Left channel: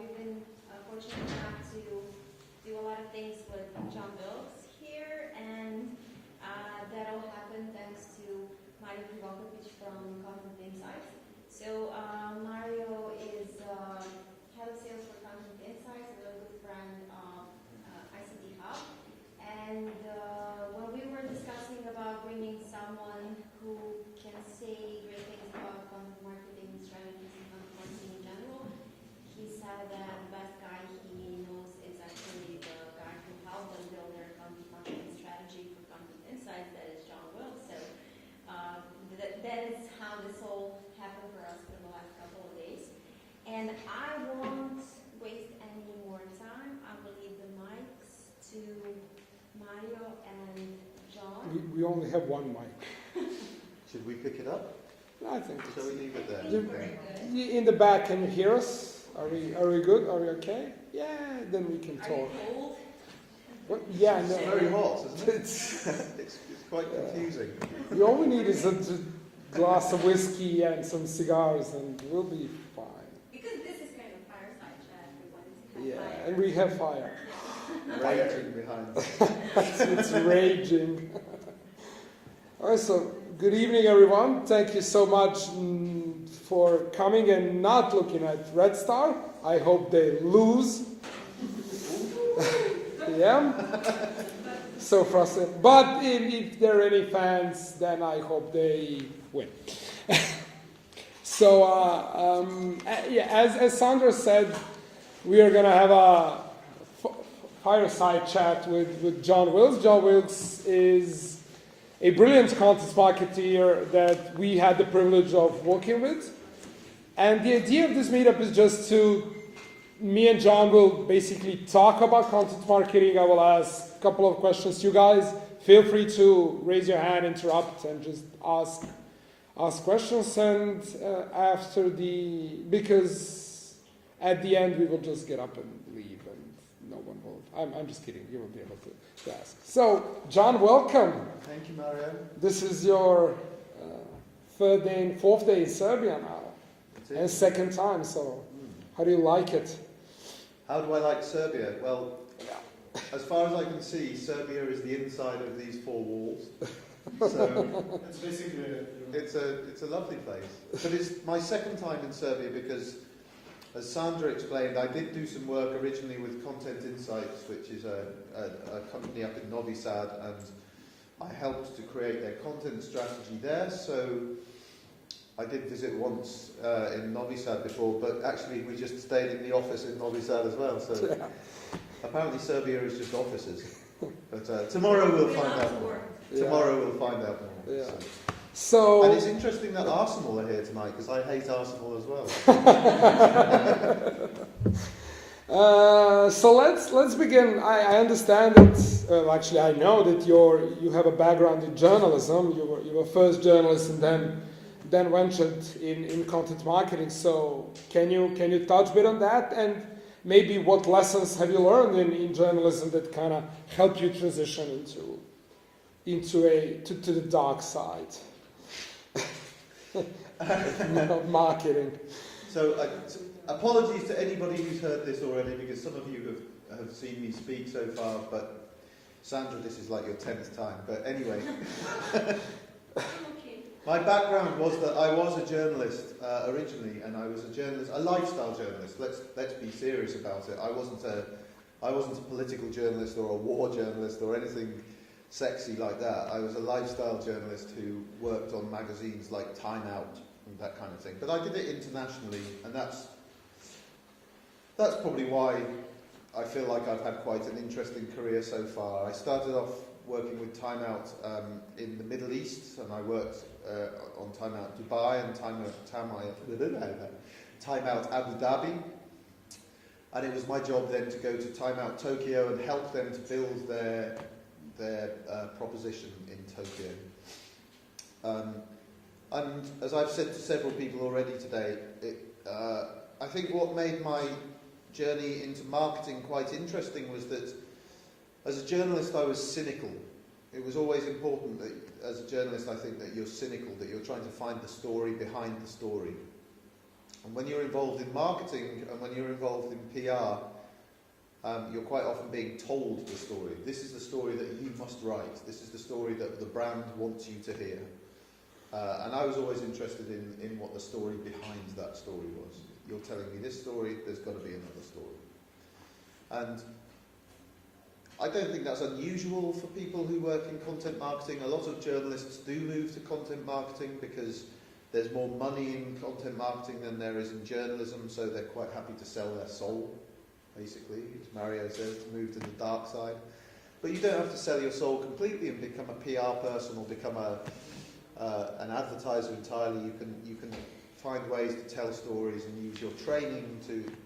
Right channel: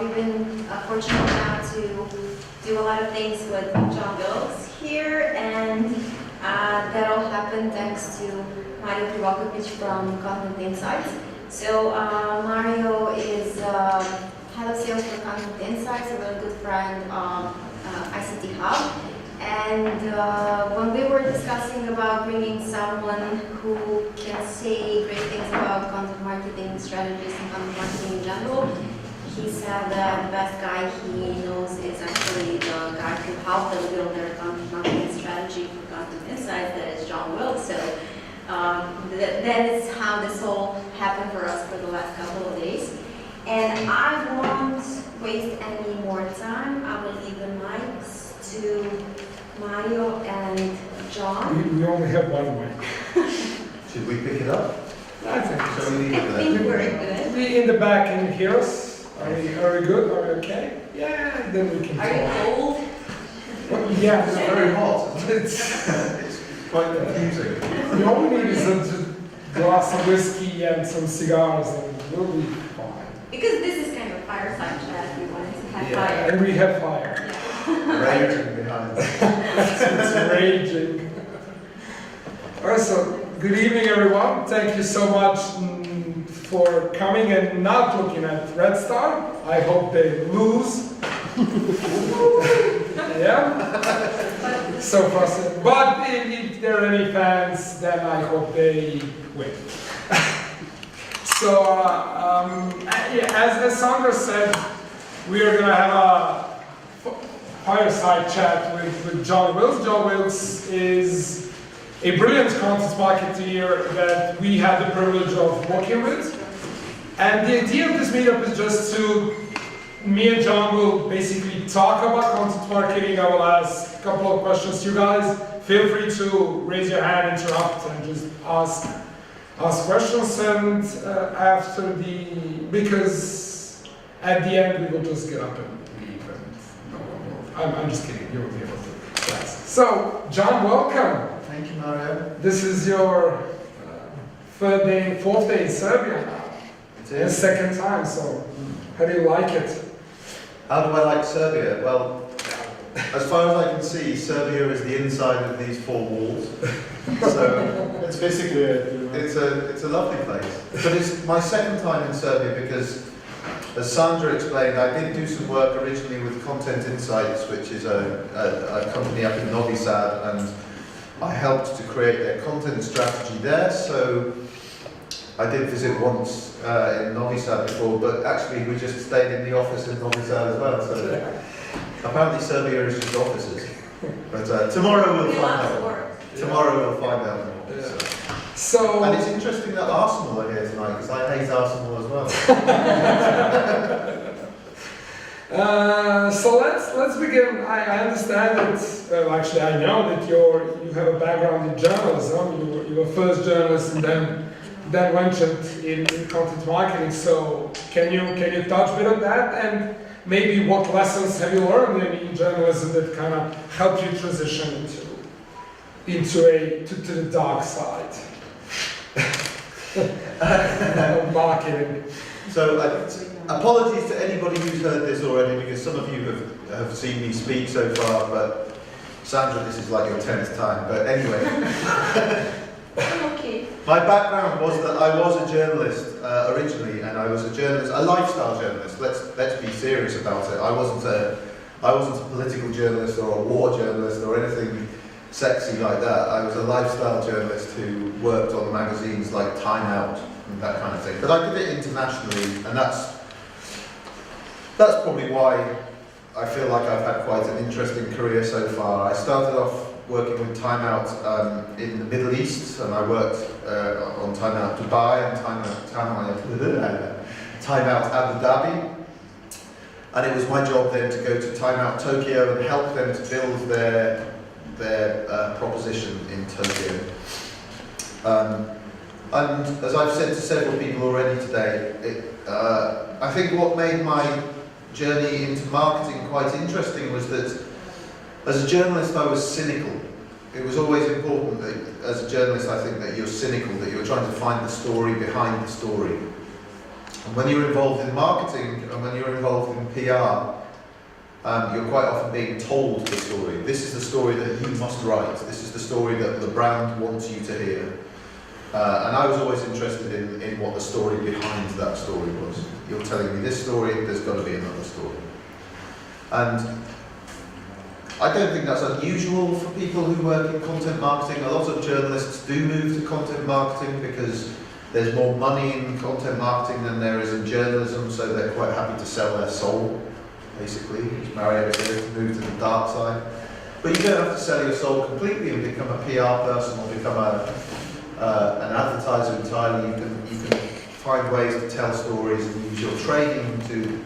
We've been fortunate now to do a lot of things with Jon Wilks here, and that all happened thanks to Mario Krivokapić from Content Insights. So Mario is head of sales for Content Insights, a really good friend of ICT Hub. And when we were discussing about bringing someone who can say great things about content marketing strategies and content marketing in general, he said that the best guy he knows is actually the guy who helped them build their content marketing strategy for Content Insights, that is Jon Wilks. So that is how this all happened for us for the last couple of days. And I won't waste any more time. I will leave the mics to Mario and Jon. We only have one mic. Should we pick it up? I think Shall so. we leave I it think there? we're good. We in the back, can you hear us? Are we good? Are we okay? Yeah, then we can Are you talk. cold? Well, yeah, It's no, very hot, isn't it? it's It's quite confusing. we all need is a glass of whiskey and some cigars, and we'll be fine. Because this is kind of fireside chat, we wanted to have Yeah. fire. And we have fire. Raging behind. It's raging. All right, so good evening, everyone. Thank you so much for coming and not looking at Red Star. I hope they lose. Yeah. So frustrated. But if there are any fans, then I hope they win. So, yeah, as Sandra said, we are going to have a fireside chat with Jon Wilks. Jon Wilks is a brilliant content marketeer that we had the privilege of working with. And the idea of this meetup is just to, me and Jon will basically talk about content marketing. I will ask a couple of questions to you guys. Feel free to raise your hand, interrupt, and just ask questions. And because at the end we will just get up and leave. And I'm just kidding. You will be able to ask. So, Jon, welcome. Thank you, Mario. This is your fourth day in Serbia now. It And is. second time, so how do you like it? How do I like Serbia? Well, as far as I can see, Serbia is the inside of these four walls. So That's basically it. it's a lovely place. But it's my second time in Serbia because, as Sandra explained, I did do some work originally with Content Insights, which is a company up in Novi Sad, and I helped to create their content strategy there. So I did visit once in Novi Sad before, but actually we just stayed in the office in Novi Sad as well. So apparently Serbia is just offices. But tomorrow we'll find Lots of out. work. Tomorrow we'll find out more. So, And it's interesting that Arsenal are here tonight because I hate Arsenal as well. so let's begin. I understand that. Actually, I know that you have a background in journalism. You were first journalist and then ventured in content marketing. So can you touch a bit on that, and maybe what lessons have you learned in journalism that kind of helped you transition to the dark side of marketing? So apologies to anybody who's heard this already because some of you have seen me speak so far, but Sandra, this is like your 10th time. But anyway, Okay. my background was that I was a journalist originally, and I was a lifestyle journalist. Let's be serious about it. I wasn't a political journalist or a war journalist or anything sexy like that. I was a lifestyle journalist who worked on magazines like Time Out and that kind of thing. But I did it internationally, and that's probably why I feel like I've had quite an interesting career so far. I started off working with Time Out in the Middle East, and I worked on Time Out Dubai and Time Out Abu Dhabi. And it was my job then to go to Time Out Tokyo and help them to build their proposition in Tokyo. And as I've said to several people already today, I think what made my journey into marketing quite interesting was that as a journalist I was cynical. It was always important that as a journalist I think that you're cynical, that you're trying to find the story behind the story. And when you're involved in marketing and when you're involved in PR, you're quite often being told the story. This is the story that you must write. This is the story that the brand wants you to hear. And I was always interested in what the story behind that story was. You're telling me this story, there's got to be another story. And I don't think that's unusual for people who work in content marketing. A lot of journalists do move to content marketing because there's more money in content marketing than there is in journalism, so they're quite happy to sell their soul, basically. Just marry everything, move to the dark side. But you don't have to sell your soul completely and become a PR person or become an advertiser entirely. You can find ways to tell stories and use your training to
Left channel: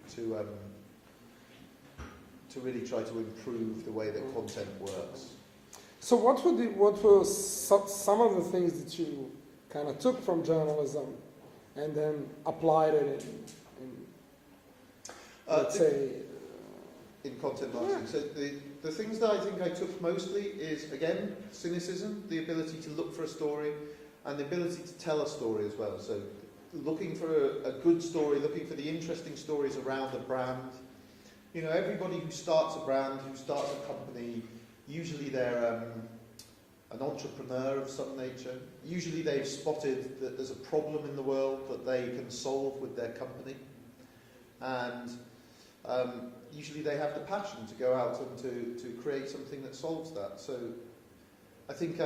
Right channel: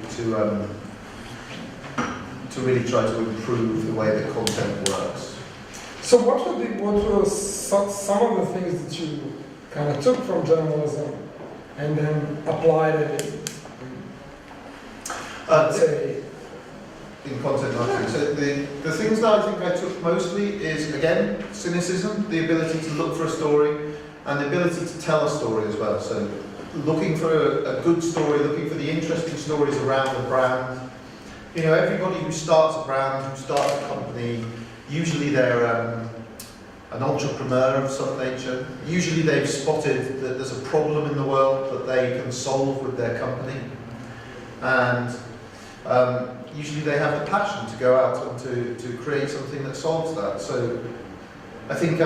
really try to improve the way that content works. So what were some of the things that you kind of took from journalism and then applied it in content marketing? So the things that I think I took mostly is, again, cynicism, the ability to look for a story, and the ability to tell a story as well. So looking for a good story, looking for the interesting stories around the brand. You know, everybody who starts a brand, who starts a company, usually they're an entrepreneur of some nature. Usually they've spotted that there's a problem in the world that they can solve with their company. And usually they have the passion to go out and to create something that solves that. So I think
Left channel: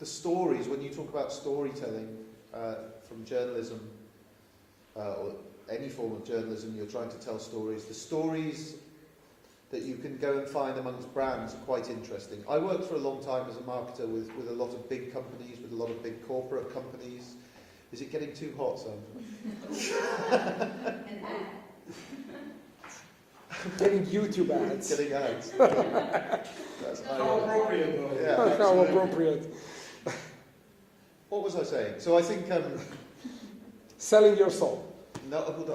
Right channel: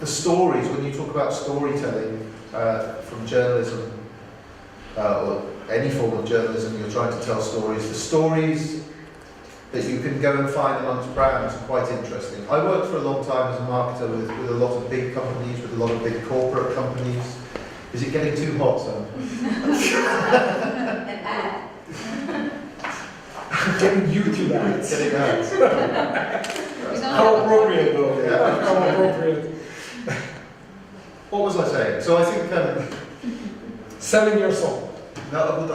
the stories, when you talk about storytelling from journalism, or any form of journalism, you're trying to tell stories. The stories that you can go and find amongst brands are quite interesting. I worked for a long time as a marketer with a lot of big companies, with a lot of big corporate companies. Is it getting too hot, Sam? An ad. Getting YouTube ads. Getting ads. How appropriate though. Yeah. How appropriate. What was I saying? So I think Selling your soul. Finding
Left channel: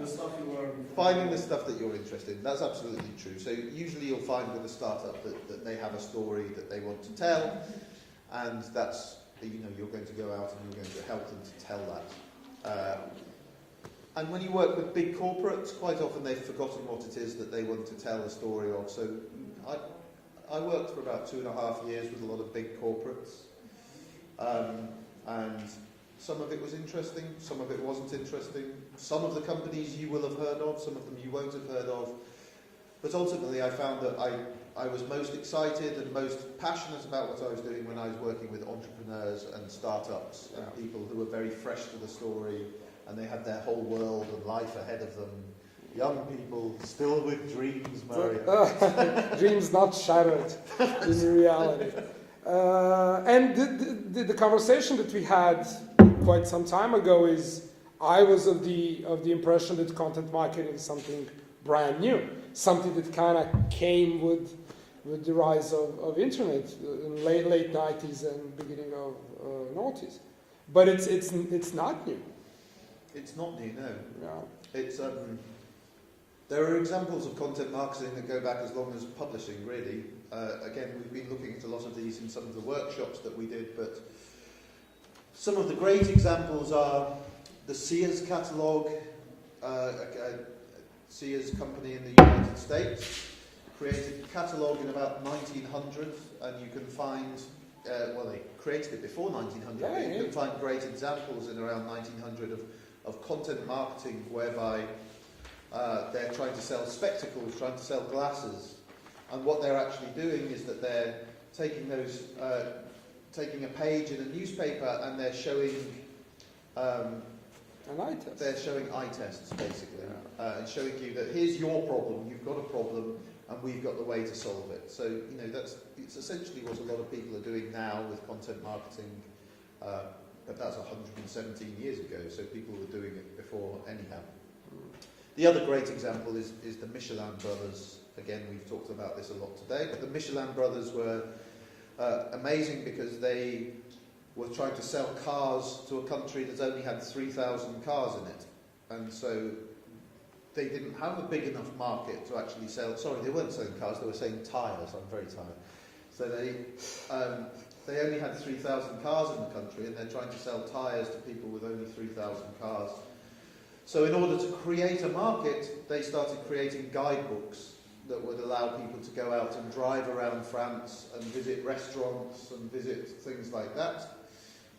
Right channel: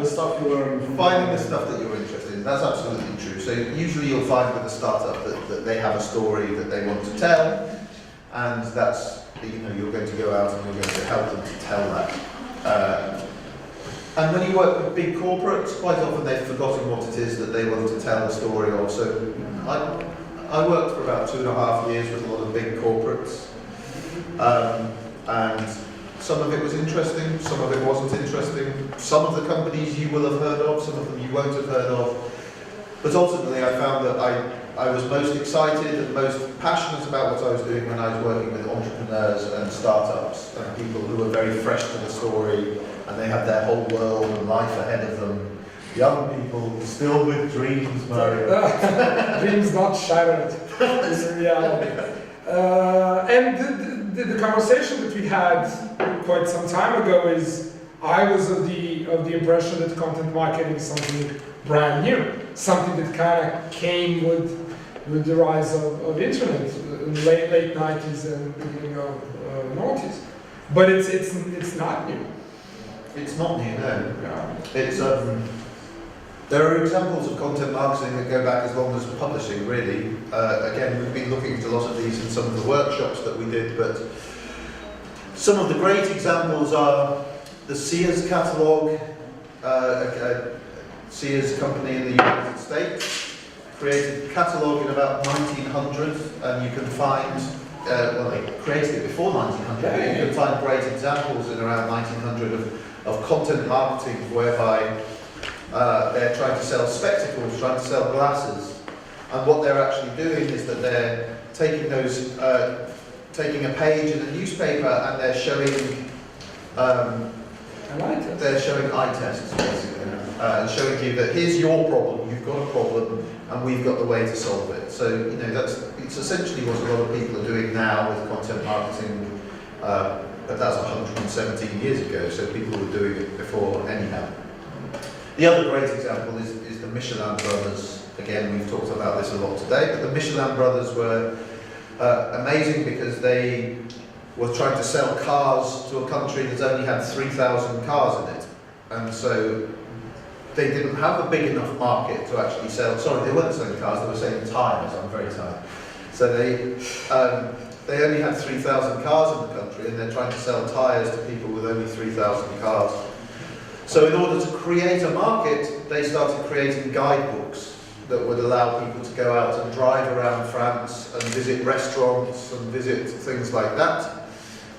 the stuff you learn. Finding the stuff that you're interested in, that's absolutely true. So usually you'll find with a startup that they have a story that they want to tell, and that's, you know, you're going to go out and you're going to help them to tell that. And when you work with big corporates, quite often they've forgotten what it is that they want to tell a story of. So I worked for about 2.5 years with a lot of big corporates, and some of it was interesting, some of it wasn't interesting. Some of the companies you will have heard of, some of them you won't have heard of. But ultimately I found that I was most excited and most passionate about what I was doing when I was working with entrepreneurs and startups and people who were very fresh to the story and they had their whole world and life ahead of them. Young people still with dreams, Mario. Dreams not shattered in reality. And the conversation that we had quite some time ago is, I was of the impression that content marketing is something brand new, something that kind of came with the rise of internet in the late 90s and beginning of 90s. But it's not new. It's not new, no. It's there are examples of content marketing that go back as long as publishing, really. Again, we've been looking at a lot of these in some of the workshops that we did, but some of the great examples are the Sears catalogue. Sears company in the United States created a catalogue in about 1900, and you can find, well, they created it before 1900, but you can find great examples in around 1900 of content marketing whereby they're trying to sell spectacles, trying to sell glasses, and what they're actually doing is that they're taking those, taking a page in a newspaper and they're showing eye tests basically, and showing you that here's your problem, you've got a problem, and we've got the way to solve it. So you know it's essentially what a lot of people are doing now with content marketing, but that's 117 years ago. So people were doing it before anyhow. The other great example is the Michelin brothers. Again, we've talked about this a lot today, but the Michelin brothers were amazing because they were trying to sell cars to a country that only had 3,000 cars in it. And so they didn't have a big enough market to actually sell, sorry, they weren't selling cars, they were selling tyres, I'm very tired. So they only had 3,000 cars in the country, and they're trying to sell tyres to people with only 3,000 cars. So in order to create a market, they started creating guidebooks that would allow people to go out and drive around France and visit restaurants and visit things like that.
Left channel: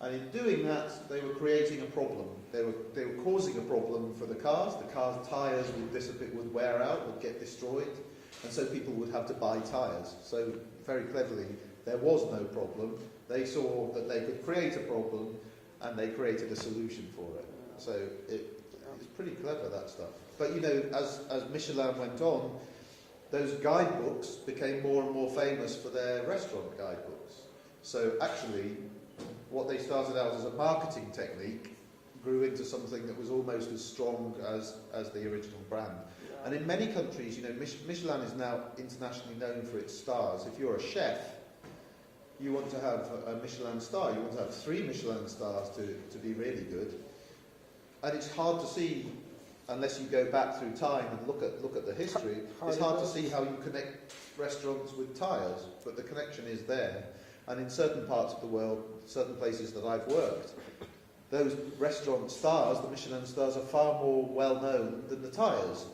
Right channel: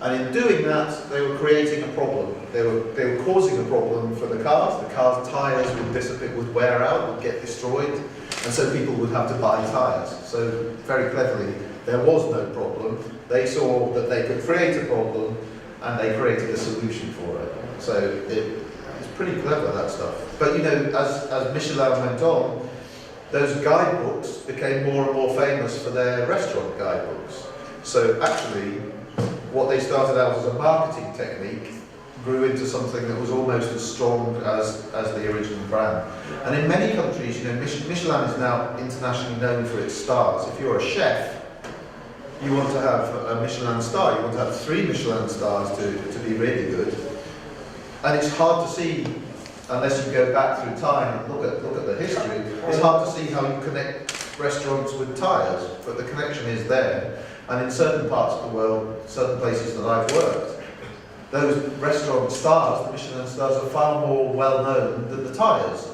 And in doing that, they were creating a problem. They were causing a problem for the cars. The car's tyres would dissipate, would wear out, would get destroyed, and so people would have to buy tyres. So very cleverly, there was no problem. They saw that they could create a problem, and they created a solution for it. So it's pretty clever, that stuff. But you know, as Michelin went on, those guidebooks became more and more famous for their restaurant guidebooks. So actually, what they started out as a marketing technique grew into something that was almost as strong as the original brand. And in many countries, you know, Michelin is now internationally known for its stars. If you're a chef, you want to have a Michelin star. You want to have 3 Michelin stars to be really good. And it's hard to see, unless you go back through time and look at the history, it's hard to see how you connect restaurants with tyres, but the connection is there. And in certain parts of the world, certain places that I've worked, those restaurant stars, the Michelin stars, are far more well known than the tyres.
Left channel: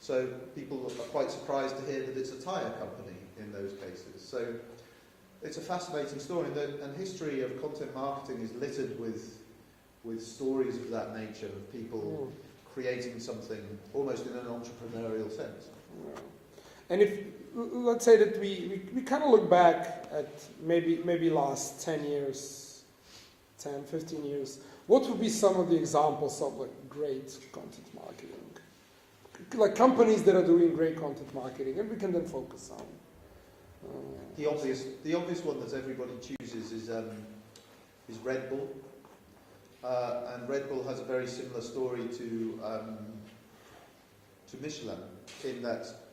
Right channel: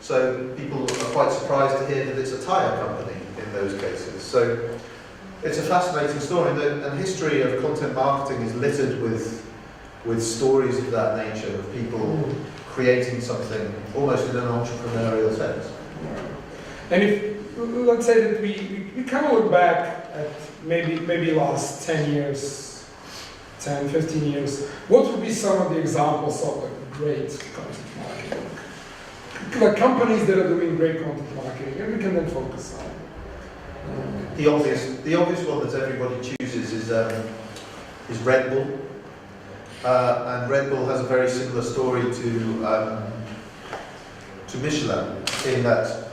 So people are quite surprised to hear that it's a tyre company in those cases. So it's a fascinating story, and the history of content marketing is littered with stories of that nature, of people creating something almost in an entrepreneurial sense. And if, let's say that we kind of look back at maybe last 10 years, 10, 15 years, what would be some of the examples of like great content marketing? Like companies that are doing great content marketing, and we can then focus on. The obvious one that everybody chooses is Red Bull. And Red Bull has a very similar story to Michelin, in that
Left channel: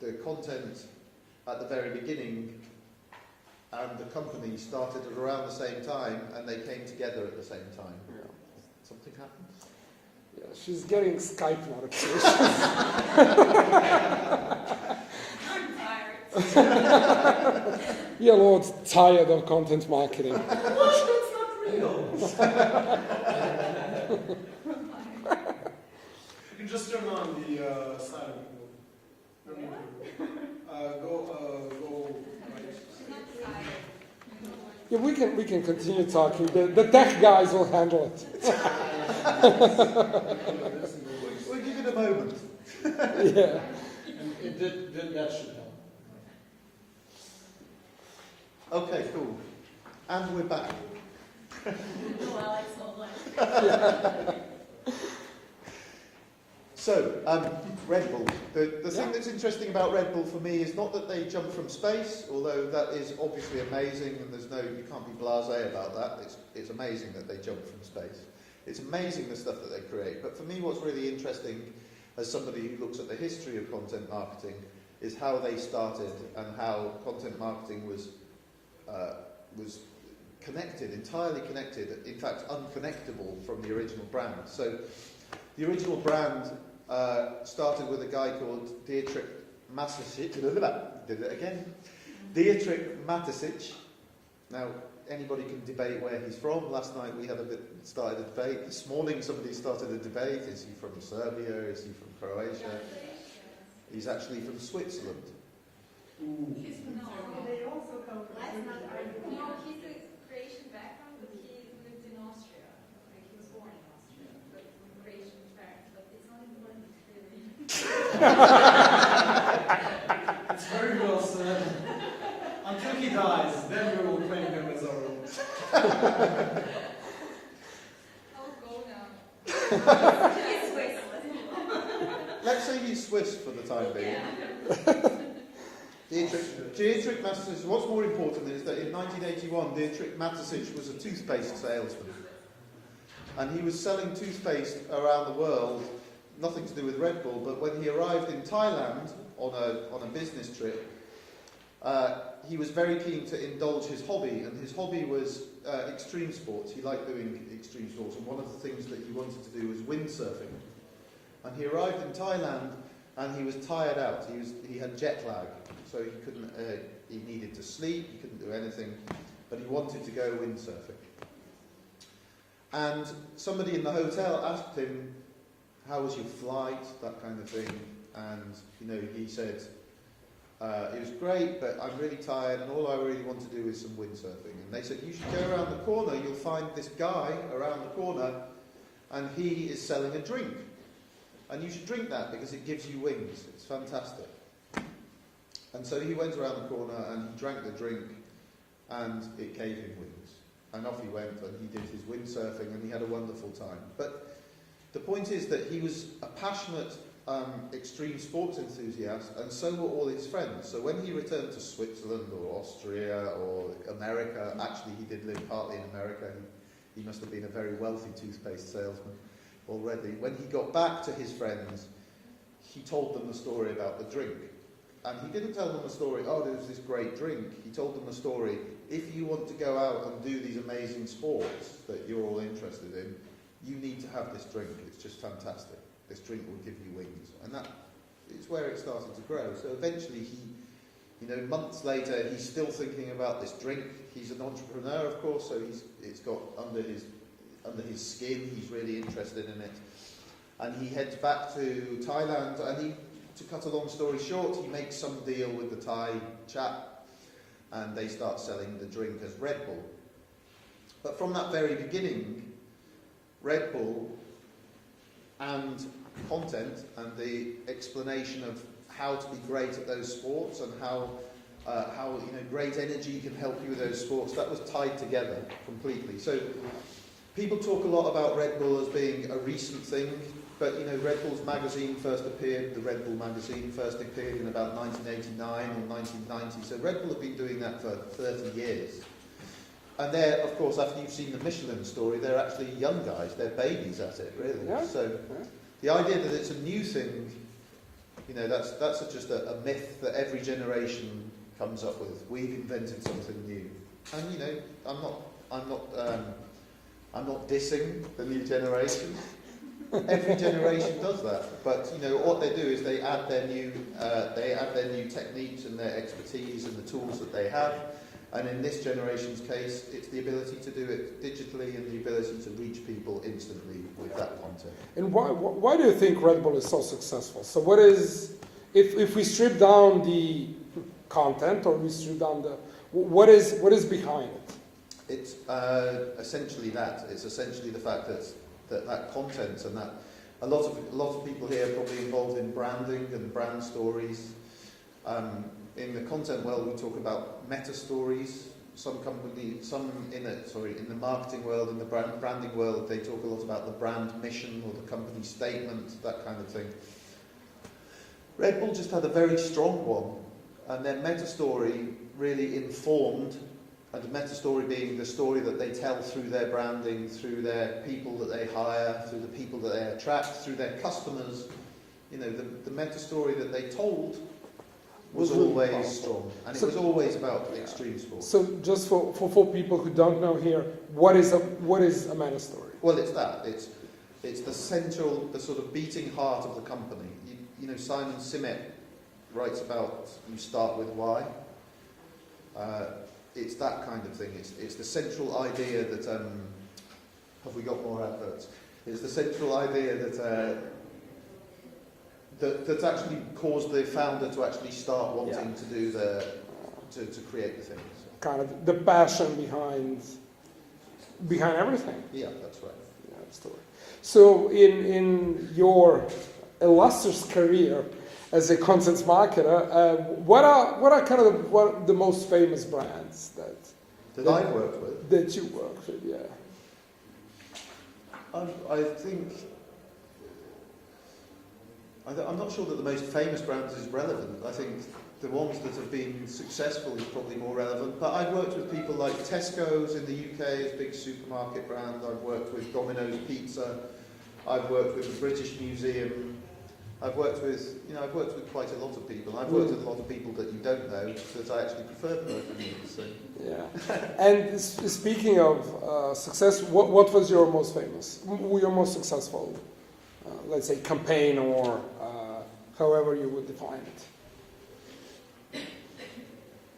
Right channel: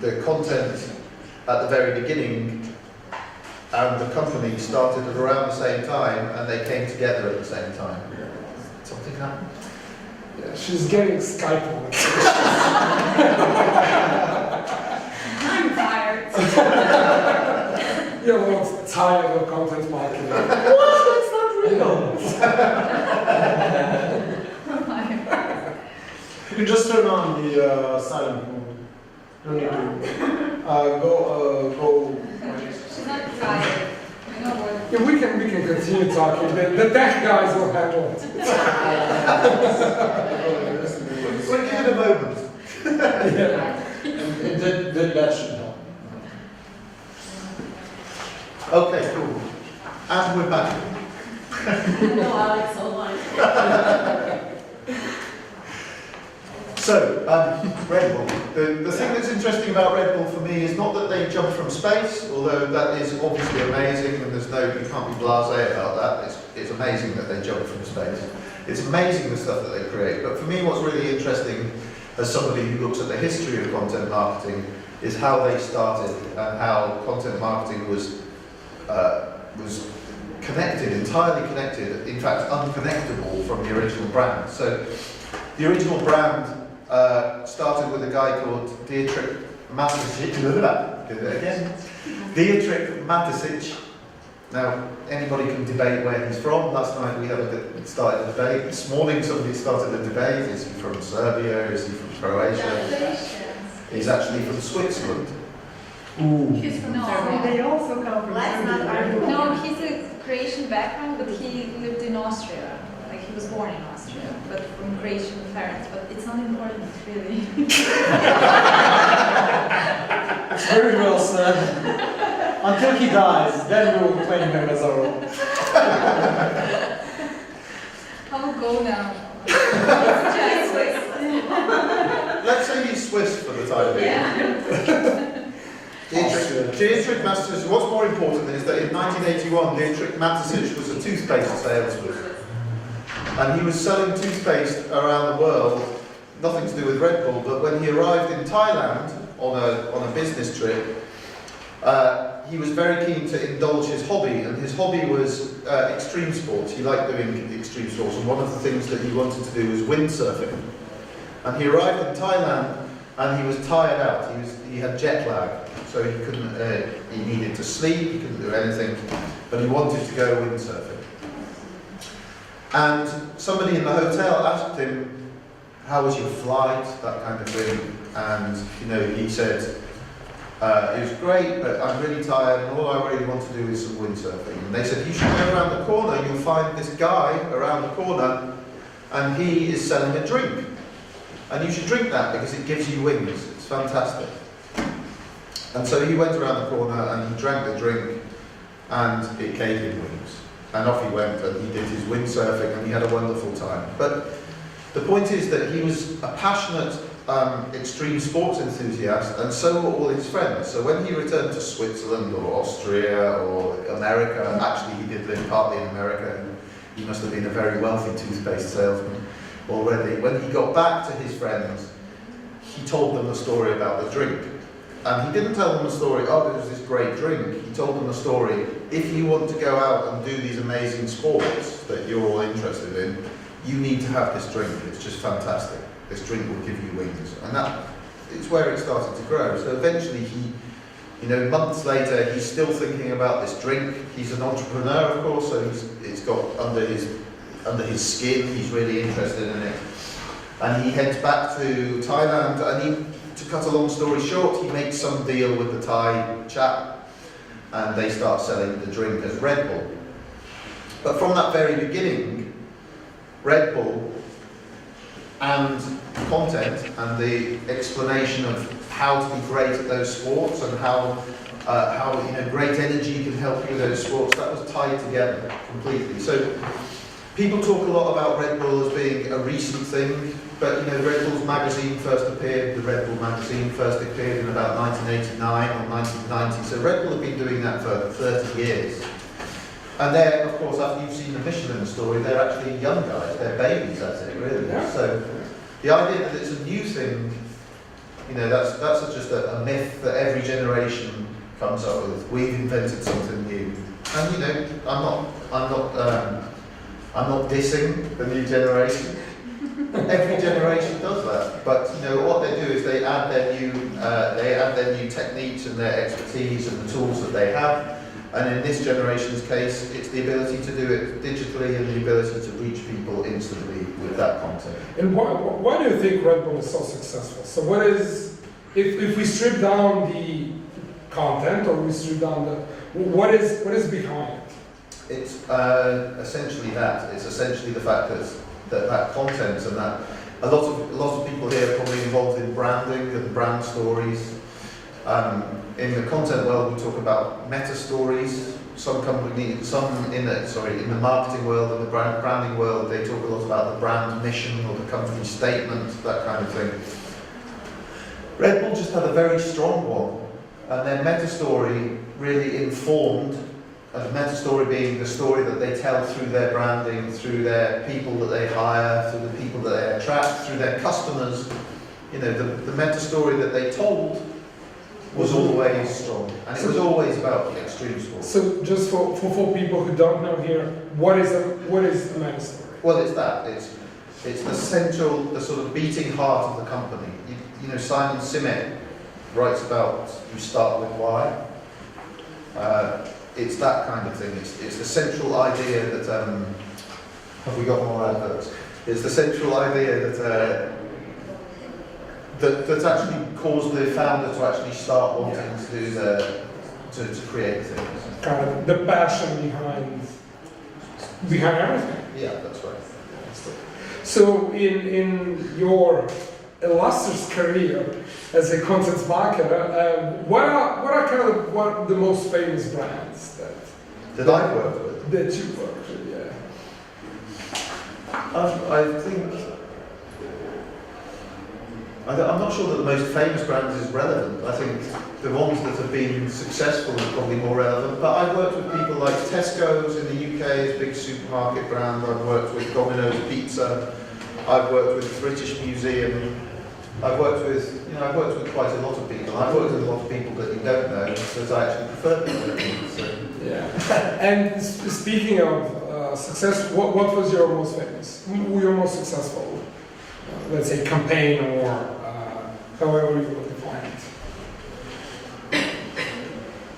the content at the very beginning and the company started at around the same time, and they came together at the same time. Something happened? Yeah, she's getting Skype on. I'm tired. Yeah, well, it's tired of content marketing. What? That's not real! You can just turn on the silent mode. No need to go. She's not tired. I know what. Yeah, we can continue talking. The tech guys will handle it. We'll give it a moment. Yeah. That should help. Okay, cool. And we're back. No, Alex, hold on. So, Red Bull. The thing that's interesting about Red Bull for me is not that they jump from space, although that is obviously amazing, and you can't be blasé about that. It's amazing that they jump from space. It's amazing the stuff that they create. But for me, what's really interesting, as somebody who looks at the history of content marketing, is how they started and how content marketing was connected, entirely connected, in fact unconnectable from the original brand. So the original brand started with a guy called Dietrich Mateschitz. Dietrich Mateschitz. Now, anybody can debate where he's from. Last night we started a debate. This morning somebody started a debate. Is he from Serbia? Is he from Croatia? He's actually from Switzerland. Ooh. He's from They also come from Let's not Serbia. argue. No, he's a Croatian background, but he lived in Austria. Like he was born in Austria, but from Croatian parents. But it's not important, really. It's very well said. Until he dies, then we will claim him as our own. I will go now. Let's say he's Swiss for the time being. Dietrich Mateschitz, what's more important is that in 1981, Dietrich Mateschitz was a toothpaste salesman. And he was selling toothpaste around the world, nothing to do with Red Bull, but when he arrived in Thailand on a business trip, he was very keen to indulge his hobby, and his hobby was extreme sports. He liked doing extreme sports, and one of the things that he wanted to do was windsurfing. And he arrived in Thailand, and he was tired out. He had jet lag, so so he couldn't. He needed to sleep. He couldn't do anything, but he wanted to go windsurfing. And somebody in the hotel asked him, "How was your flight?" That kind of thing. And he said, "It was great, but I'm really tired, and all I really want to do is some windsurfing." And they said, "You should go around the corner. You'll find this guy around the corner, and he is selling a drink. And you should drink that because it gives you wings. It's fantastic." And so he went around the corner and he drank the drink, and it gave him wings. And off he went, and he did his windsurfing, and he had a wonderful time. But the point is that he was a passionate extreme sports enthusiast, and so were all his friends. So when he returned to Switzerland or Austria or America, actually he did live partly in America, he must have been a very wealthy toothpaste salesman already. When he got back to his friends, he told them the story about the drink. And he didn't tell them the story, "Oh, there was this great drink." He told them the story, "If you want to go out and do these amazing sports that you're all interested in, you need to have this drink. It's just fantastic. This drink will give you wings." And that it's where it started to grow. So eventually months later, he's still thinking about this drink. He's an entrepreneur, of course, so it's got under his skin. He's really interested in it. And he heads back to Thailand, and to cut a long story short, he makes some deal with the Thai chap, and they start selling the drink as Red Bull. But from that very beginning, Red Bull and content and the explanation of how to be great at those sports and how great energy can help you with those sports, that was tied together completely. So people talk a lot about Red Bull as being a recent thing, but Red Bull's magazine first appeared, the Red Bull magazine first appeared in about 1989 or 1990, so Red Bull have been doing that for 30 years. And they're, of course, after you've seen the Michelin story, they're actually young guys, they're babies at it, really. Yeah. So the idea that it's a new thing, that's just a myth that every generation comes up with. We've invented something new. And I'm not dissing the new generation. Every generation does that, but what they do is they add their new techniques and their expertise and the tools that they have. And in this generation's case, it's the ability to do it digitally and the ability to reach people instantly with that content. And why do you think Red Bull is so successful? So what is, if we strip down the content, or we strip down what is behind it? It's essentially that. It's essentially the fact that content and that a lot of people here are probably involved in branding and brand stories. In the content world, we talk about meta stories. In the marketing world and the branding world, they talk a lot about the brand mission or the company statement, that kind of thing. Red Bull just had a very strong one, and their meta story really informed. And the meta story being the story that they tell through their branding, through their people that they hire, through the people that they attract, through their customers. The meta story that they told was always strong, and it was always about the extreme sport. So just for people who don't know here, what is a meta story? Well, it's that. It's the sort of beating heart of the company. Simon Sinek writes about you start with why. It's that kind of thing. It's the central idea that have we got more adverts? It's the central idea that actually caused the founder to actually start wanting to do to create things. Kind of the passion behind everything. Yeah, that's right. So in your illustrious career as a content marketer, what are kind of the most famous brands that I've worked with? That you worked with, yeah. I think I'm not sure that the most famous brands is relevant. I think the ones that have been successful are probably more relevant. But I've worked with people like Tesco's in the UK, it's a big supermarket brand. I've worked with Domino's Pizza. I've worked with the British Museum. I've worked with quite a lot of people. I've worked with a lot of people that you don't know, because I actually prefer people that you so. Yeah. And speaking of success, what was your most famous? Your most successful, let's say, campaign, or however you would define it?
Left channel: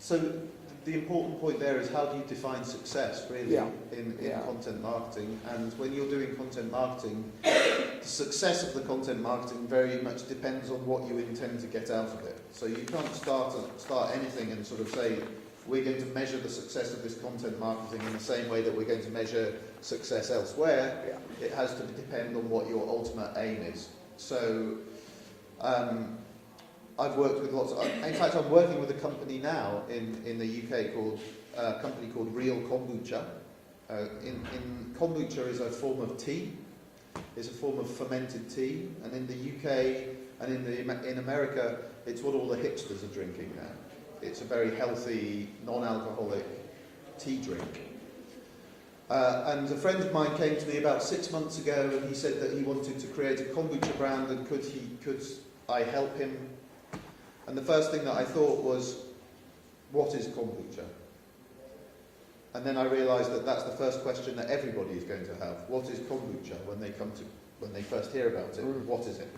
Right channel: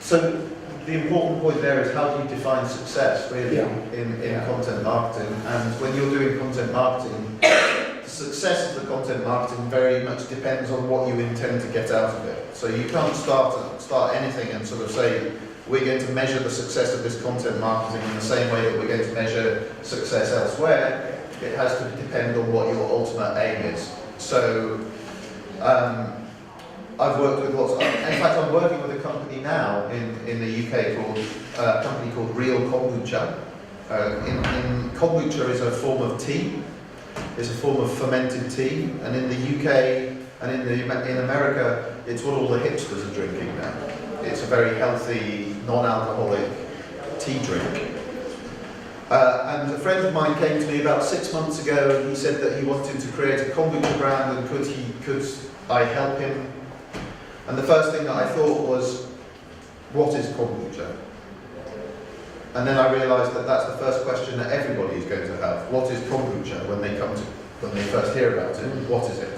So the important point there is how do you define success really in content marketing, and when you're doing content marketing, the success of the content marketing very much depends on what you intend to get out of it. So you can't start anything and sort of say we're going to measure the success of this content marketing in the same way that we're going to measure success elsewhere. It has to depend on what your ultimate aim is. So I've worked with lots of, in fact I'm working with a company now in the UK called, a company called Real Kombucha. Kombucha is a form of tea, it's a form of fermented tea, and in the UK and in America it's what all the hipsters are drinking now. It's a very healthy, non-alcoholic tea drink. And a friend of mine came to me about 6 months ago and he said that he wanted to create a kombucha brand and could I help him? And the first thing that I thought was, what is kombucha? And then I realised that that's the first question that everybody is going to have. What is kombucha when they first hear about it? What is it?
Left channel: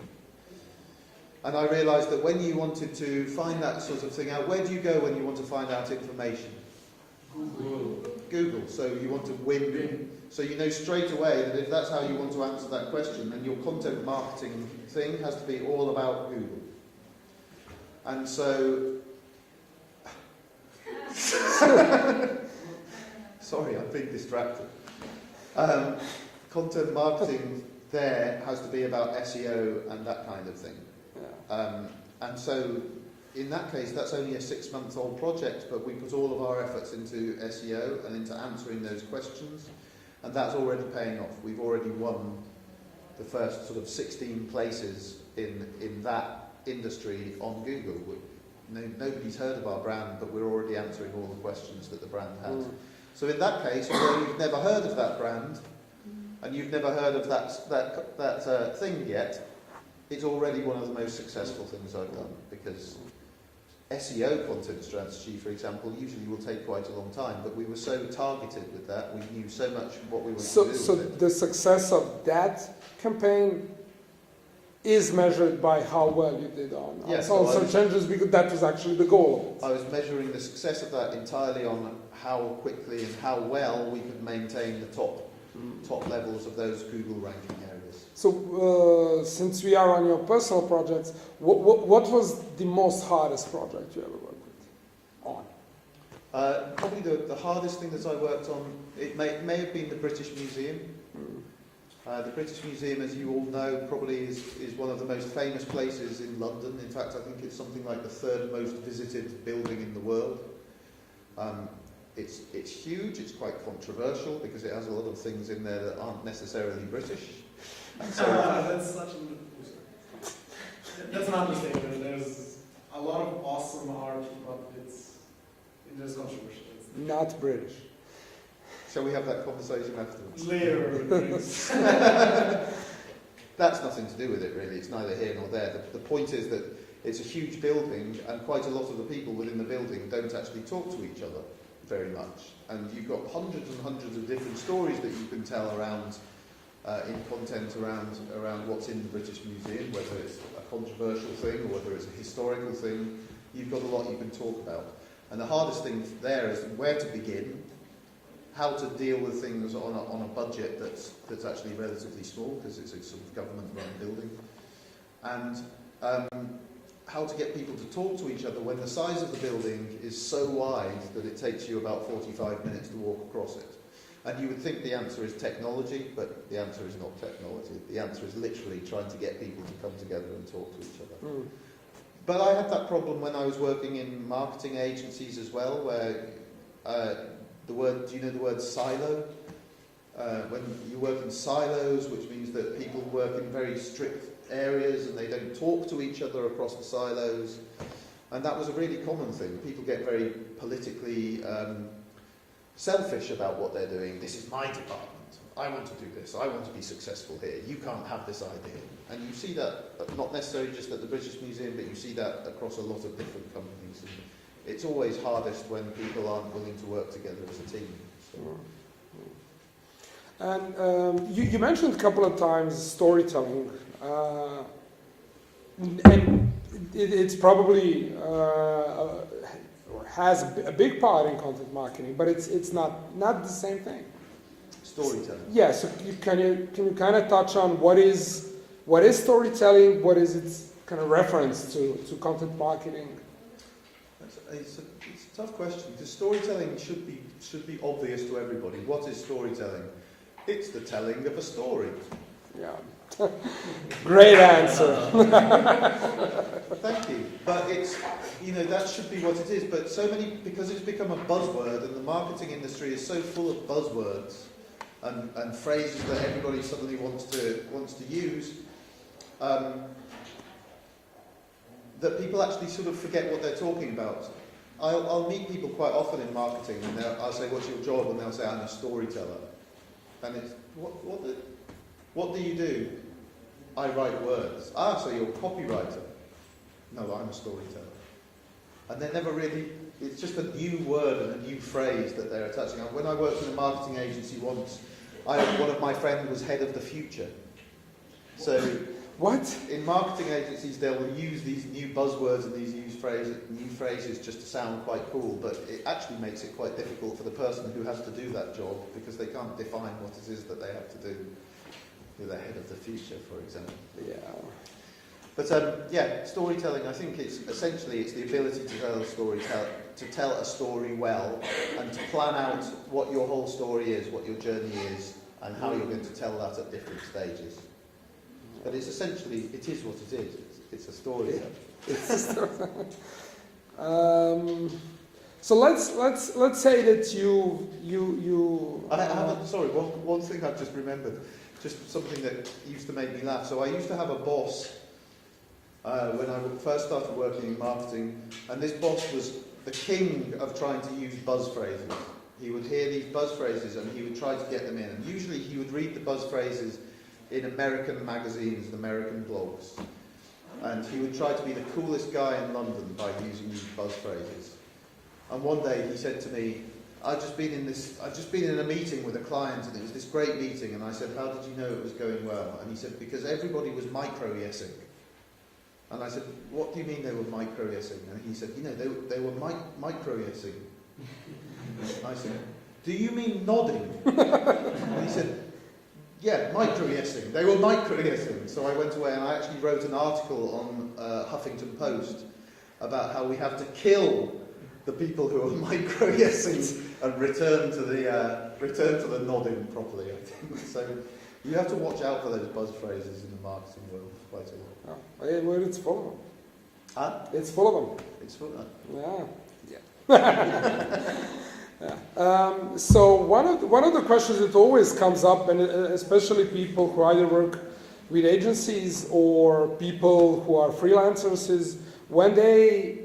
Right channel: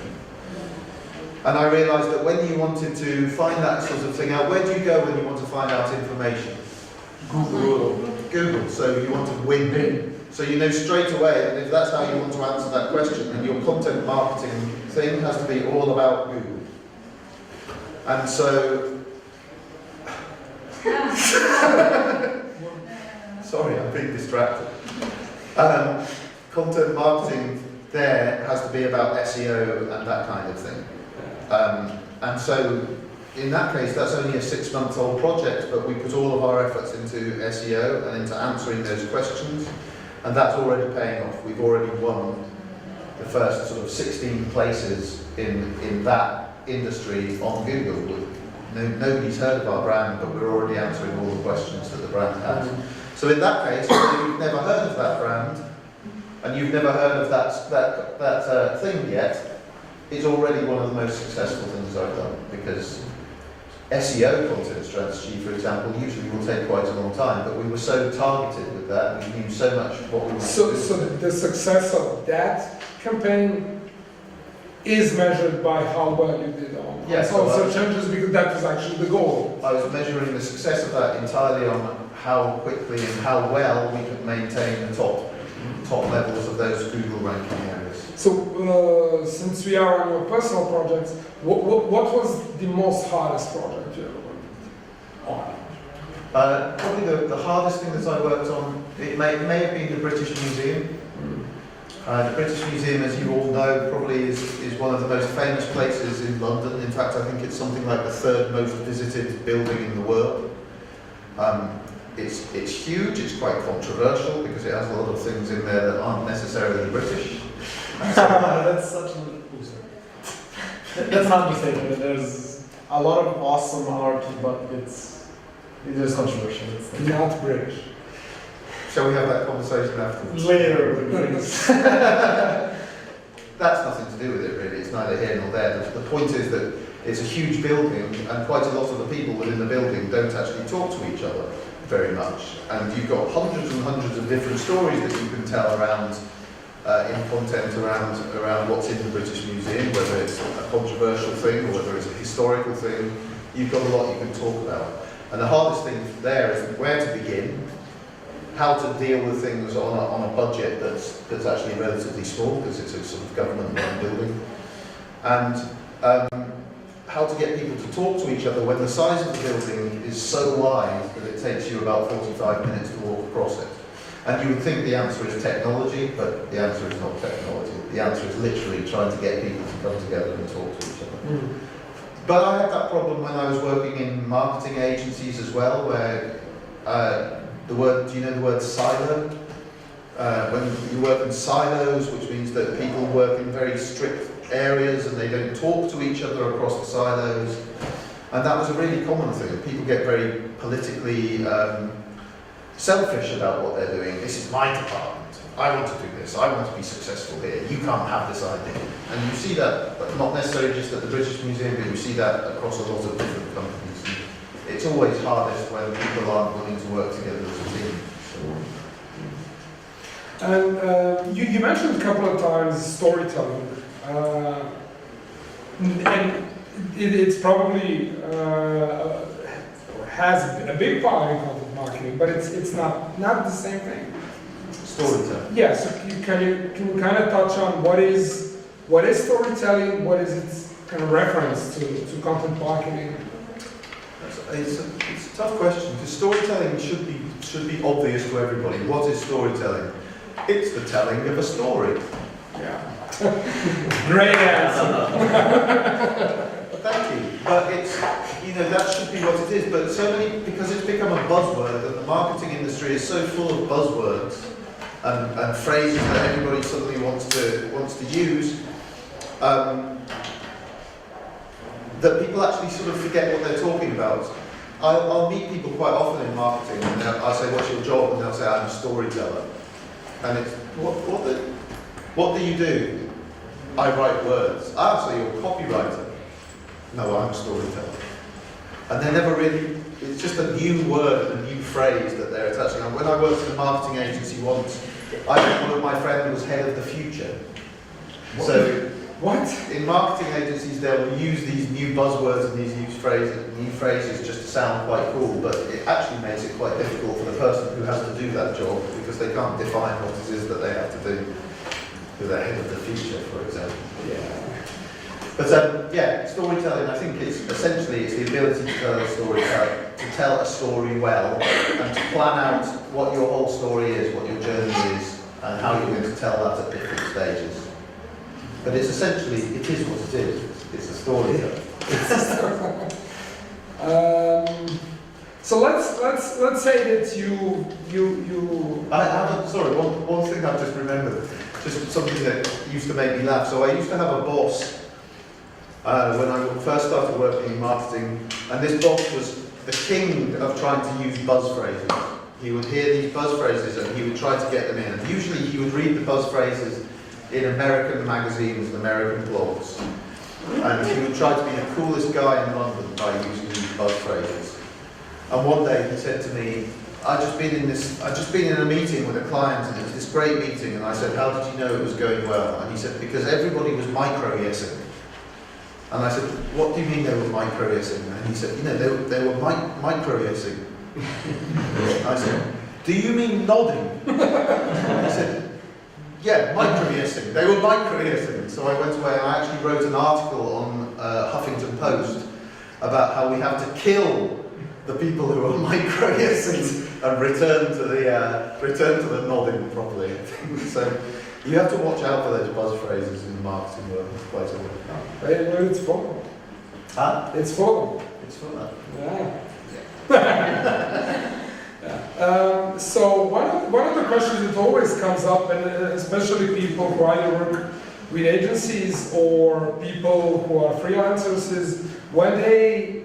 And I realised that when you wanted to find that sort of thing out, where do you go when you want to find out information? Google. So you want to win. So you know straight away that if that's how you want to answer that question, then your content marketing thing has to be all about Google. And so, sorry, I'm being distracted. Content marketing there has to be about SEO and that kind of thing. And so, in that case, that's only a 6-month-old project, but we put all of our efforts into SEO and into answering those questions, and that's already paying off. We've already won the first sort of 16 places in that industry on Google. Nobody's heard of our brand, but we're already answering all the questions that the brand has. So in that case, when you've never heard of that brand, and you've never heard of that thing yet, it's already one of the most successful things I've done, because SEO content strategy, for example, usually will take quite a long time, but we were so targeted with that, we knew so much what we wanted to do. So the success of that campaign is measured by how well you did on search engines, because that was actually the goal. I was measuring the success of that entirely on how quickly and how well we could maintain the top levels of those Google ranking areas. So since we are on your personal projects, what was the most hardest project you ever worked on? Probably the hardest thing that I worked on, it may have been the British Museum. The British Museum, as you all know, probably is one of the most famous places in London. In fact, I think it's something like the 3rd most visited building in the world. It's huge, it's quite controversial because it has a lot of things in there that aren't necessarily British. That's such an that's an understatement. There's a lot of awesome art, but it's controversial. It's Not British. Shall we have that conversation afterwards? later. That's nothing to do with it really, it's neither here nor there. The point is that it's a huge building and quite a lot of the people within the building don't actually talk to each other very much. And you've got hundreds and hundreds of different stories that you can tell around in content around what's in the British Museum, whether it's a controversial thing or whether it's a historical thing. You've got a lot you can talk about. And the hardest thing there is where to begin, how to deal with things on a budget that's actually relatively small because it's a sort of government-run building, and how to get people to talk to each other when the size of the building is so wide that it takes you about 45 minutes to walk across it. And you would think the answer is technology, but the answer is not technology. The answer is literally trying to get people to come together and talk to each other. But I had that problem when I was working in marketing agencies as well, where do you know the word silo? When you work in silos, which means that people work in very strict areas and they don't talk to each other across the silos. And that was a really common thing. People get very politically selfish about what they're doing. This is my department. I want to do this. I want to be successful here. You can't have this idea. And you see that, not necessarily just at the British Museum, but you see that across a lot of different companies. It's always hardest when people aren't willing to work together as a team. And you mentioned a couple of times storytelling. And it's probably has a big part in content marketing, but it's not the same thing. Storytelling. Yeah, so can you kind of touch on what is storytelling, what is its kind of reference to content marketing? It's a tough question, because storytelling should be obvious to everybody. What is storytelling? It's the telling of a story. Yeah. Great answer. Thank you. But it's, that should be what it is. But so many, because it's become a buzzword, and the marketing industry is so full of buzzwords and phrases that everybody suddenly wants to use, that people actually sort of forget what they're talking about. I'll meet people quite often in marketing, and I'll say, "What's your job?" And they'll say, "I'm a storyteller." And it's, what do you do? I write words. Ah, so you're a copywriter. No, I'm a storyteller. And they never really, it's just a new word and a new phrase that they're attaching on. When I worked in a marketing agency once, I had one of my friends who was head of the future. What? In marketing agencies, they'll use these new buzzwords and these new phrases just to sound quite cool, but it actually makes it quite difficult for the person who has to do that job, because they can't define what it is that they have to do with their head of the future, for example. Yeah. But yeah, storytelling, I think it's the ability to tell a story, to tell a story well, and to plan out what your whole story is, what your journey is, and how you're going to tell that at different stages. But it's essentially, it is what it is. It's a story. So let's say that you. I have sorry, one thing I've just remembered, just something that used to make me laugh. So I used to have a boss when I first started working in marketing, and this boss was the king of trying to use buzz phrases. He would hear these buzz phrases and he would try to get them in. And usually he would read the buzz phrases in American magazines and American blogs. And he would try to be the coolest guy in London by using these buzz phrases. And one day he said to me, I'd just been in a meeting with a client, and it was this great meeting, and I said, how did you know it was going well? And he said, because everybody was micro-yesing. And I said, what do you mean they were micro-yesing? And he said, they were micro-yesing. I said, do you mean nodding? He said, yeah, micro-yesing. They were micro-yesing. So I went away and I actually wrote an article on Huffington Post about how we have to kill the people who are micro-yesing and return to the nodding properly. So you have to watch out for those buzz phrases in the marketing world quite a lot. Well, it's for them. Huh? It's for them. It's for that. Yeah. Yeah. So one of the questions that always comes up, and especially people who either work with agencies or people who are freelancers, is when they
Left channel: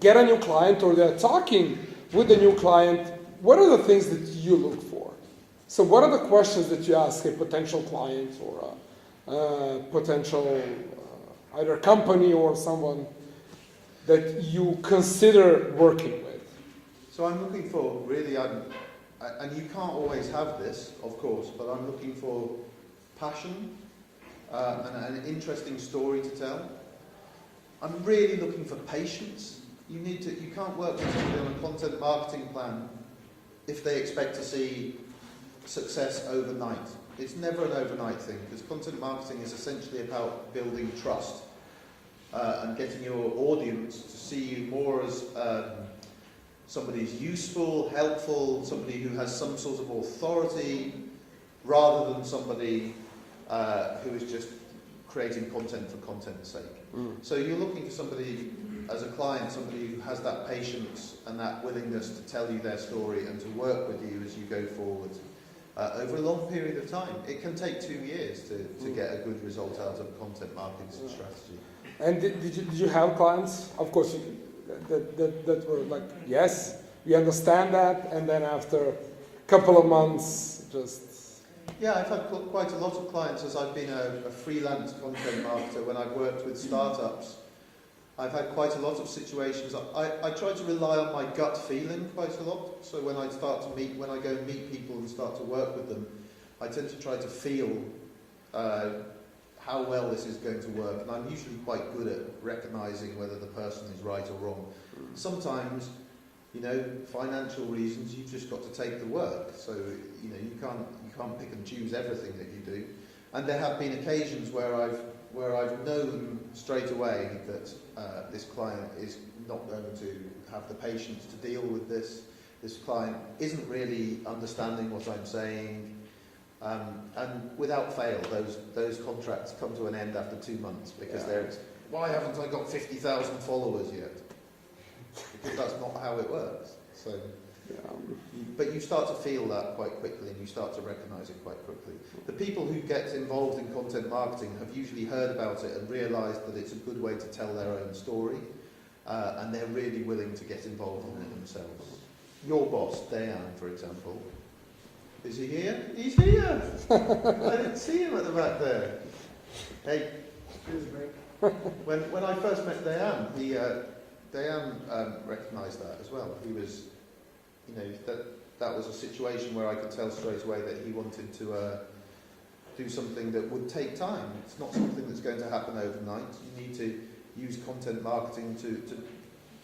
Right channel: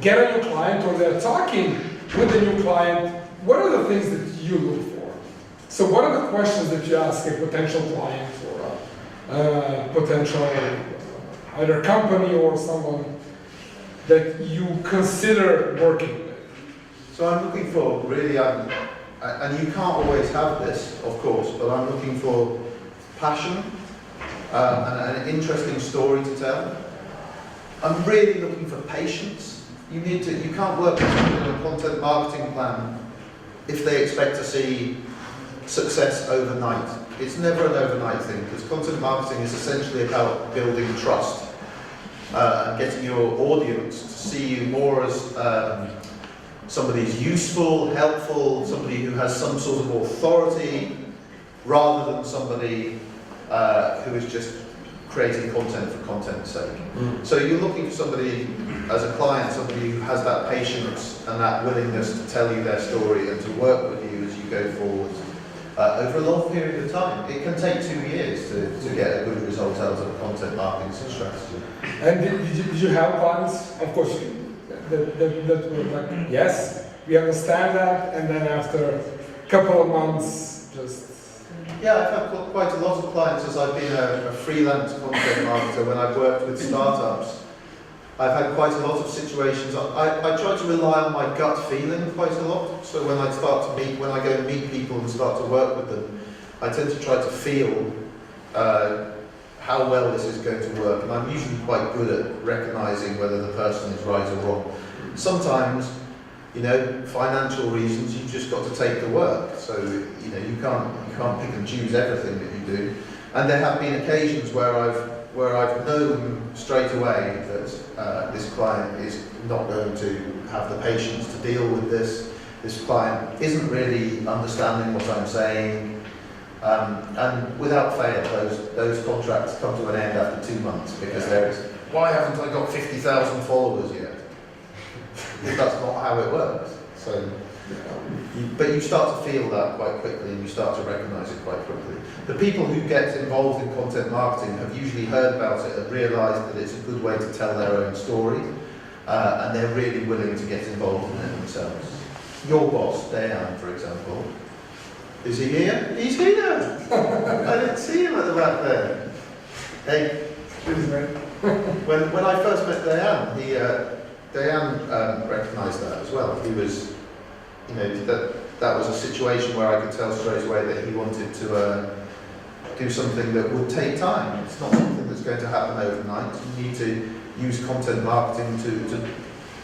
get a new client or they're talking with a new client, what are the things that you look for? So what are the questions that you ask a potential client or a potential either company or someone that you consider working with? So I'm looking for really, and you can't always have this, of course, but I'm looking for passion and an interesting story to tell. I'm really looking for patience. You can't work with someone in a content marketing plan if they expect to see success overnight. It's never an overnight thing, because content marketing is essentially about building trust and getting your audience to see you more as somebody who's useful, helpful, somebody who has some sort of authority, rather than somebody who is just creating content for content's sake. So you're looking for somebody, as a client, somebody who has that patience and that willingness to tell you their story and to work with you as you go forward over a long period of time. It can take 2 years to get a good result out of a content marketing strategy. And did you have clients, of course, that were like, yes, we understand that, and then after a couple of months, just... Yeah, I've had quite a lot of clients as I've been a freelance content marketer. When I've worked with startups, I've had quite a lot of situations. I try to rely on my gut feeling quite a lot. So when I go and meet people and start to work with them, I tend to try to feel how well this is going to work. And I'm usually quite good at recognising whether the person is right or wrong. sometimes, you know, financial reasons, you've just got to take the work. So, you know, you can't pick and choose everything that you do. And there have been occasions where I've known straight away that this client is not going to have the patience to deal with this. This client isn't really understanding what I'm saying. And without fail, those contracts come to an end after 2 months because there is, why haven't I got 50,000 followers yet? Because that's not how it works. So, but you start to feel that quite quickly, and you start to recognise it quite quickly. The people who get involved in content marketing have usually heard about it and realised that it's a good way to tell their own story, and they're really willing to get involved in it themselves. Your boss, Dan, for example, is he here? He's here! I didn't see him at the back there. Hey, when I first met Dan, Dan recognised that as well. He was, you know, that was a situation where I could tell straight away that he wanted to do something that would take time. It's not something that's going to happen overnight. You need to use content marketing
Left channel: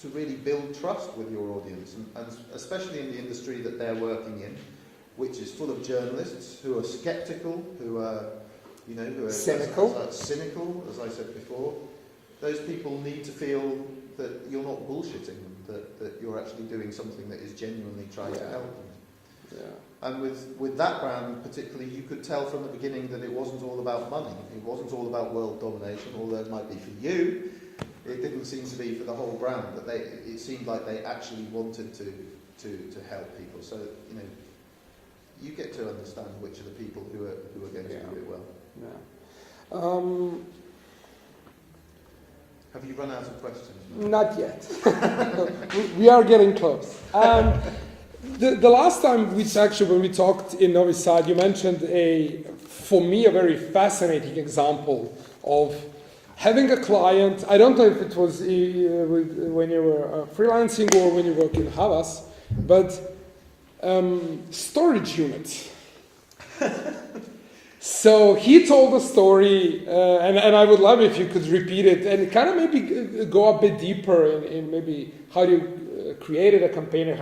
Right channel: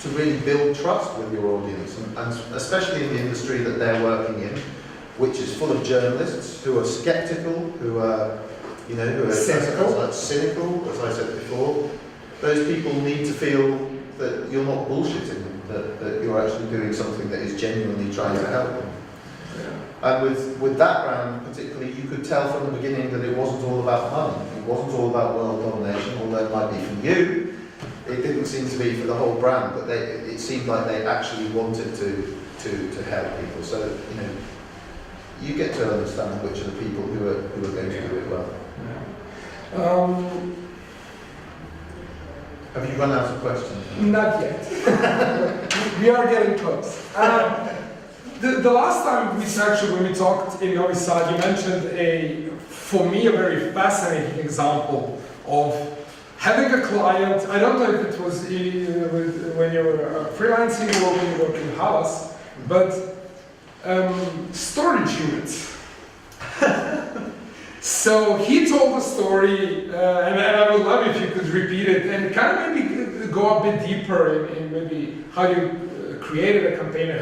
to really build trust with your audience, and especially in the industry that they're working in, which is full of journalists who are sceptical, who are, you know, who are cynical, as I said before. Those people need to feel that you're not bullshitting them, that you're actually doing something that is genuinely trying to help them. And with that brand particularly, you could tell from the beginning that it wasn't all about money. It wasn't all about world domination, although it might be for you. It didn't seem to be for the whole brand, but it seemed like they actually wanted to help people. So, you know, you get to understand which are the people who are going to do it well. Have you run out of questions? Not yet. We are getting close. The last time when we talked in Novi Sad, you mentioned for me, a very fascinating example of having a client. I don't know if it was when you were freelancing or when you worked in Havas, but storage units. So he told a story, and I would love if you could repeat it and kind of maybe go a bit deeper in maybe how you created a campaign and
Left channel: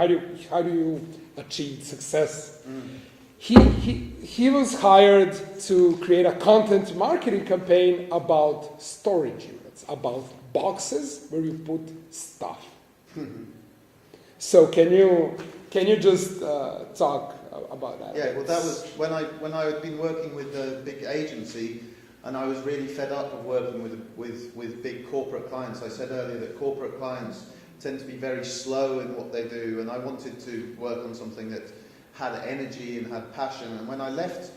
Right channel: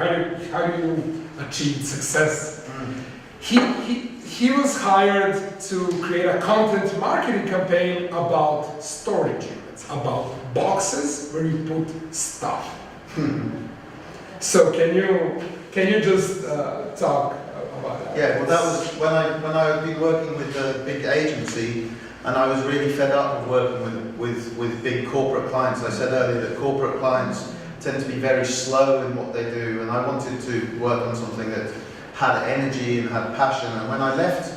how do you achieve success. He was hired to create a content marketing campaign about storage units, about boxes where you put stuff. So can you just talk about that? Yeah, well, that was when I had been working with a big agency, and I was really fed up of working with big corporate clients. I said earlier that corporate clients tend to be very slow in what they do, and I wanted to work on something that had energy and had passion. And when I left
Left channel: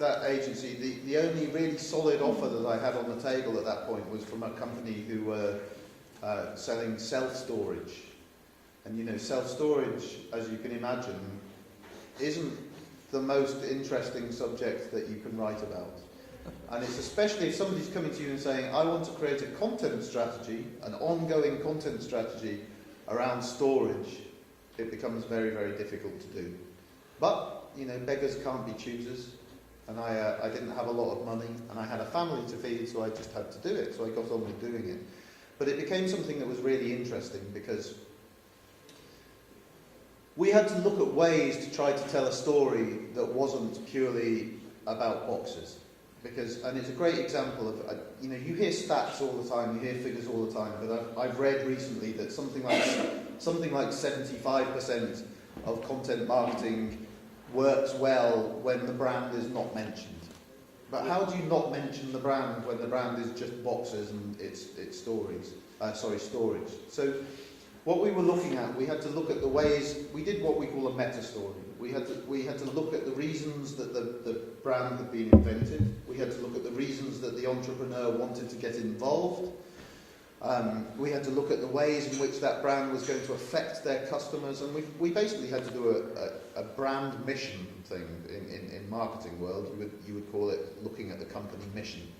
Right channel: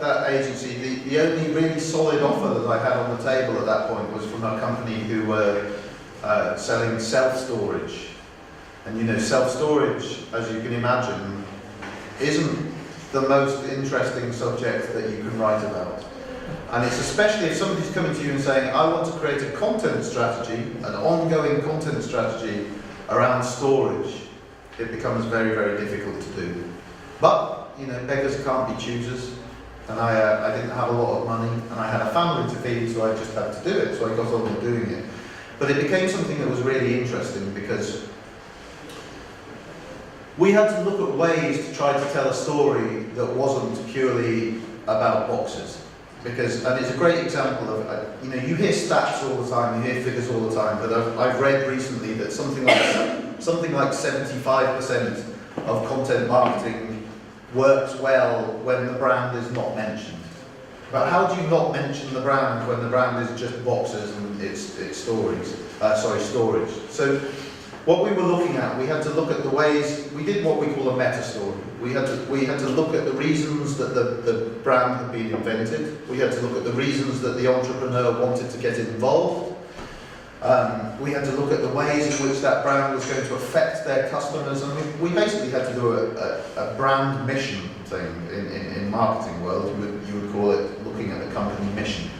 that agency, the only really solid offer that I had on the table at that point was from a company who were selling self-storage. And you know, self-storage, as you can imagine, isn't the most interesting subject that you can write about. And it's especially if somebody's coming to you and saying, I want to create a content strategy, an ongoing content strategy around storage, it becomes very, very difficult to do. But, you know, beggars can't be choosers, and I didn't have a lot of money, and I had a family to feed, so I just had to do it, so I got on with doing it. But it became something that was really interesting because we had to look at ways to try to tell a story that wasn't purely about boxes. And it's a great example of, you know, you hear stats all the time, you hear figures all the time, but I've read recently that something like 75% of content marketing works well when the brand is not mentioned. But how do you not mention the brand when the brand is just boxes and it's storage? So what we were looking at, we had to look at the ways, we did what we call a meta story. We had to look at the reasons that the brand had been invented. We had to look at the reasons that the entrepreneur wanted to get involved. We had to look at the ways in which that brand was going to affect their customers, and we basically had to do a brand mission thing in marketing world. You would call it looking at the company mission.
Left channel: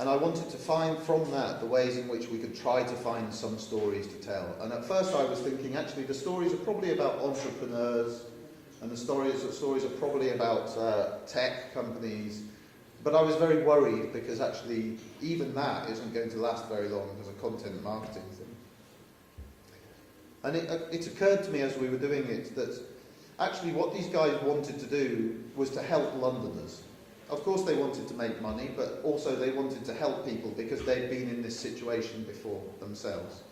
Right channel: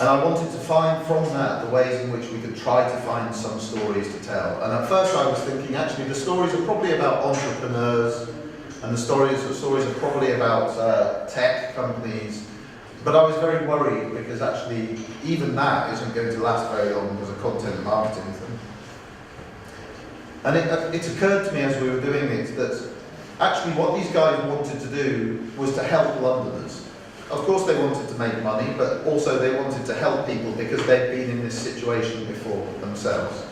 And I wanted to find from that the ways in which we could try to find some stories to tell. And at first I was thinking, actually, the stories are probably about entrepreneurs, and the stories are probably about tech companies. But I was very worried because actually even that isn't going to last very long as a content marketing thing. And it occurred to me as we were doing it that actually what these guys wanted to do was to help Londoners. Of course they wanted to make money, but also they wanted to help people because they'd been in this situation before themselves.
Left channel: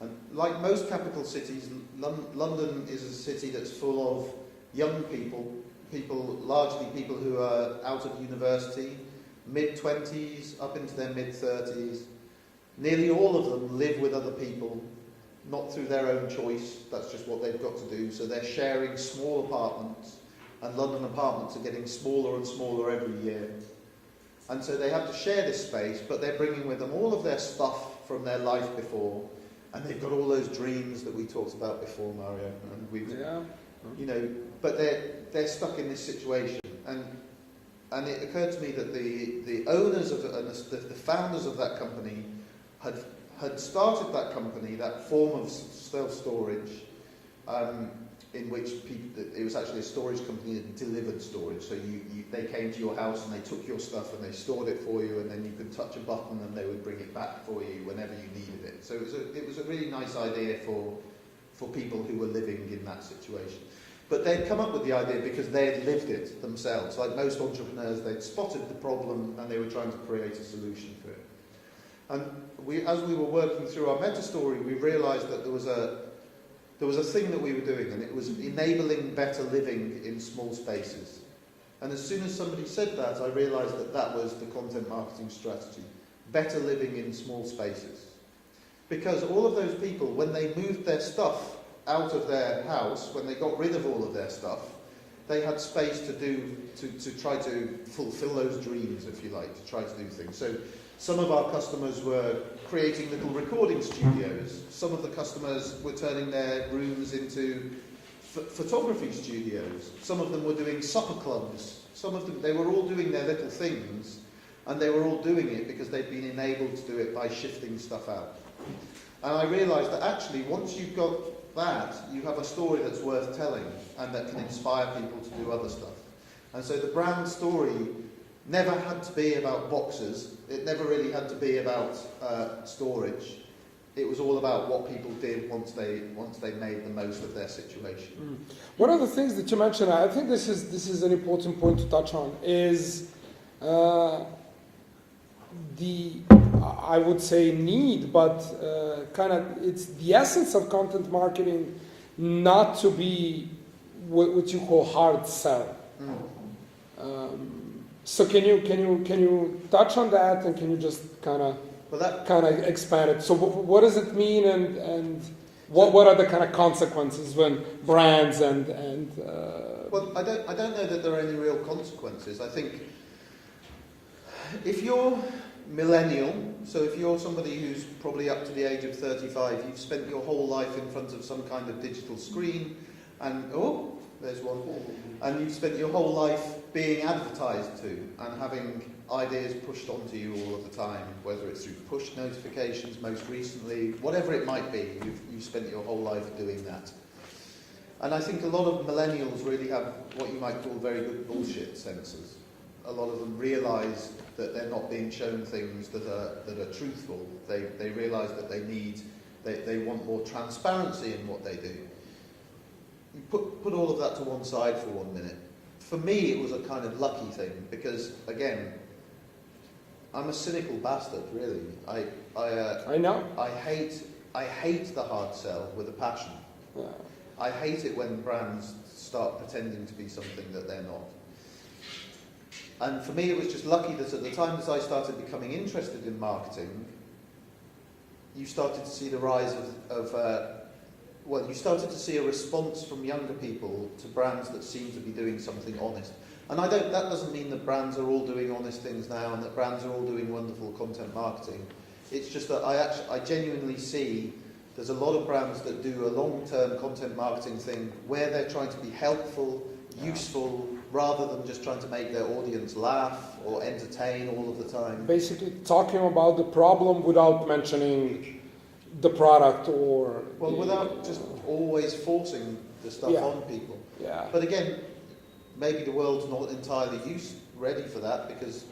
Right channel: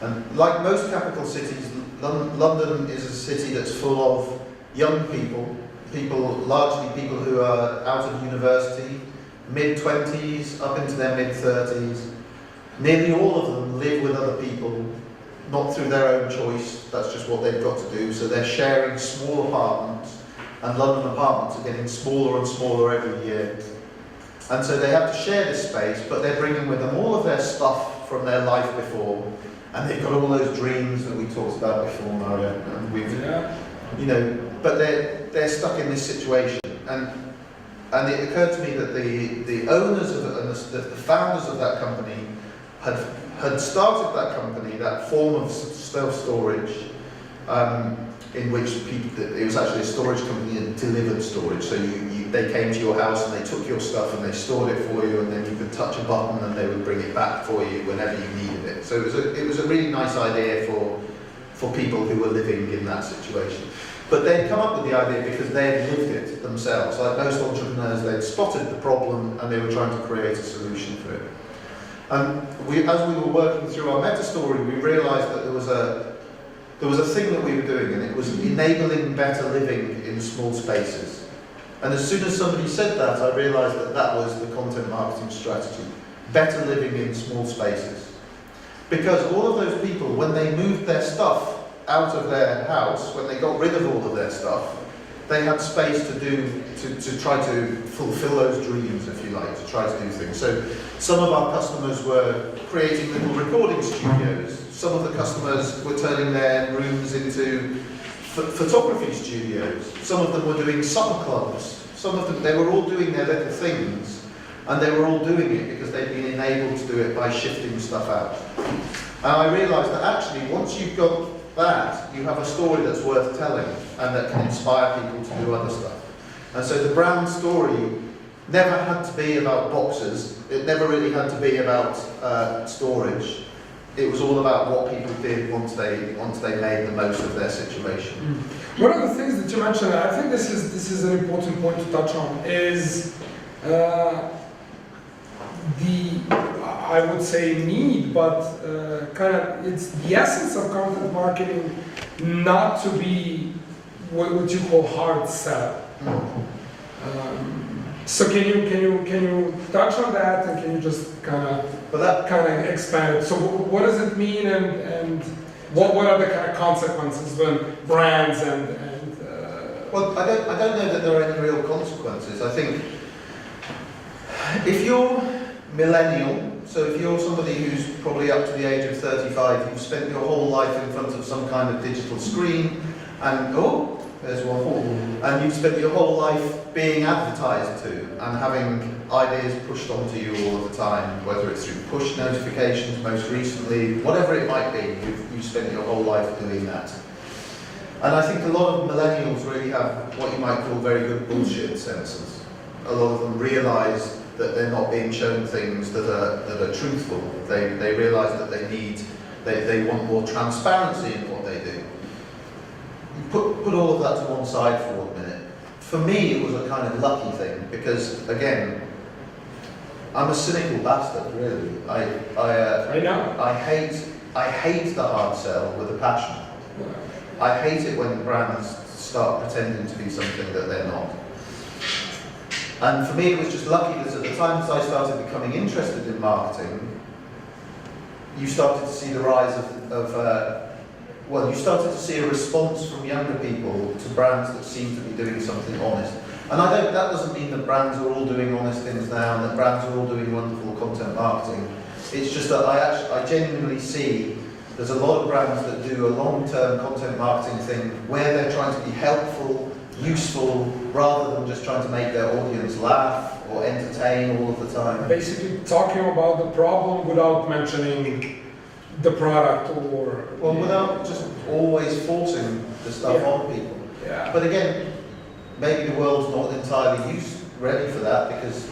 And like most capital cities, London is a city that's full of young people, largely people who are out of university, mid-20s, up into their mid-30s. Nearly all of them live with other people, not through their own choice, that's just what they've got to do. So they're sharing small apartments, and London apartments are getting smaller and smaller every year. And so they have to share this space, but they're bringing with them all of their stuff from their life before, and they've got all those dreams that we talked about before, Mario. And we've, you know, but they're stuck in this situation. And it occurred to me that the owners of the founders of that company had started that company, that form of self-storage, in which it was actually a storage company that delivered storage. So they came to your house and they took your stuff and they stored it for you, and then you could touch a button and they would bring it back for you whenever you needed it. So it was a really nice idea for people who were living in that situation. But they'd come up with the idea because they had lived it themselves. Like most entrepreneurs, they'd spotted the problem and they were trying to create a solution for it. And as we were working through our meta story, we realised that there was a thing that we were doing, and it was enabling better living in small spaces. And as soon as somebody said that, I realised that that was the content marketing strategy. Better living in small spaces. Because all of those people, when they moved their stuff out of their house, when they got rid of all of their stuff, they had space to try to fulfill those dreams, if you like, to try to do things. So some of our customers were creating little recording studios. Some of the customers were turning their rooms into photography studios. Some of them were doing supper clubs. Some of them, they were all doing their little things, and they were all doing it because they'd been enabled to do it by shifting stuff out. And I realised that actually, once you've got that, you have a story that's worth telling and that can inspire people to do other stuff. And so the brand story never had to be about boxes. It never really had to be about storage. It was all about what people did once they made the most of their situation. One of the things that you mentioned, I think this is an important point to touch on, is I would say need, but kind of it's the essence of content marketing not to be what you call hard sell. So can you touch on that, and can you just kind of expand it? So what does it mean, and what are the kind of consequences when brands and Well, I don't know that there are any real consequences. I think if you're millennial, so if you're somebody who's probably up to the age of 35, you've spent your whole life in front of some kind of digital screen, and there's one, and you've spent your whole life being advertised to and having ideas pushed onto you all of the time, whether it's through push notifications most recently, whatever it might be, you've spent your whole life doing that. And I think a lot of millennials really have what you might call very good bullshit senses. A lot of them realise that they're not being shown things that are truthful. They realise that they want more transparency in what they do. Put all of that to one side for 1 minute. For me, it was a kind of lucky thing because, again, I'm a cynical bastard, really. I know. I hate the hard sell with a passion. I hate it when brands start pretending to be something that they're not. And for me, it was just lucky that at the time that I started becoming interested in marketing, you started to see the rise you started to see a response from younger people to brands that seem to be doing something honest. And that doesn't mean that brands are all doing honest things now and that brands are all doing wonderful content marketing. It's just that I genuinely see there's a lot of brands that do a long-term content marketing thing where they're trying to be helpful, useful, rather than just trying to make their audience laugh or entertain all of the time. Basically talking about the problem without mentioning the product or... Well, without just always forcing the stuff on people. Yeah. But again, maybe the world's not entirely ready for that because,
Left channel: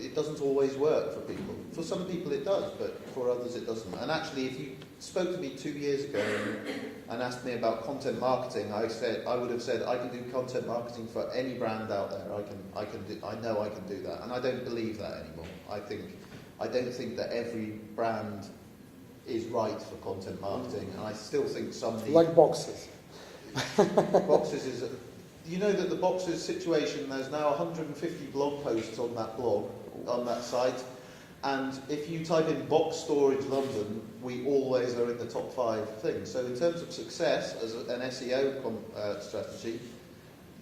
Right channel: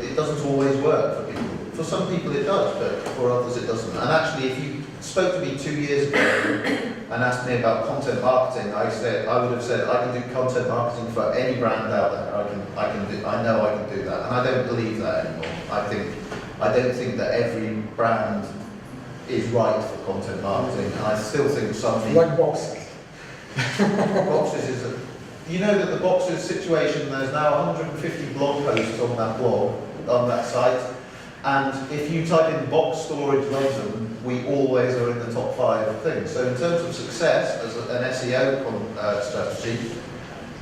it doesn't always work for people. For some people it does, but for others it doesn't. And actually, if you spoke to me 2 years ago and asked me about content marketing, I would have said I can do content marketing for any brand out there. I know I can do that, and I don't believe that anymore. I don't think that every brand is right for content marketing, and I still think some people Like boxes. boxes is a. You know that the boxes situation, there's now 150 blog posts on that blog, on that site, and if you type in box storage London, we always are in the top 5 things. So in terms of success as an SEO strategy,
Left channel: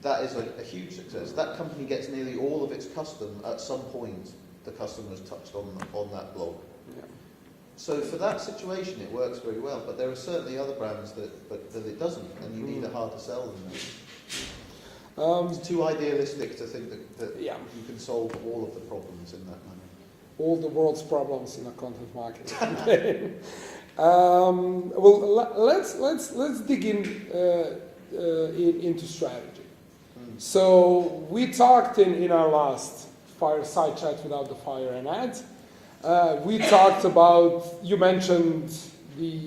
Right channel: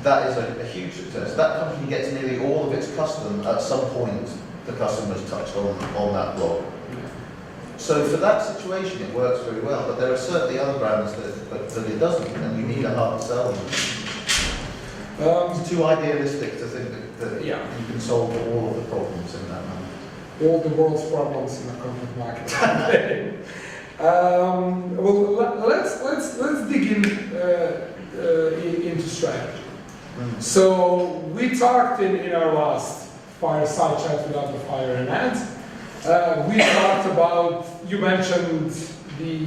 that is a huge success. That company gets nearly all of its custom at some point. The customers touched on that blog. So for that situation, it works very well. But there are certainly other brands that it doesn't, and you need a hard sell. It's too idealistic to think that Yeah. you can solve all of the problems in that manner. All the world's problems in the content marketing. Well, let's dig into strategy. So we talked in our last fireside chat without the fire in hand. We talked about, you mentioned the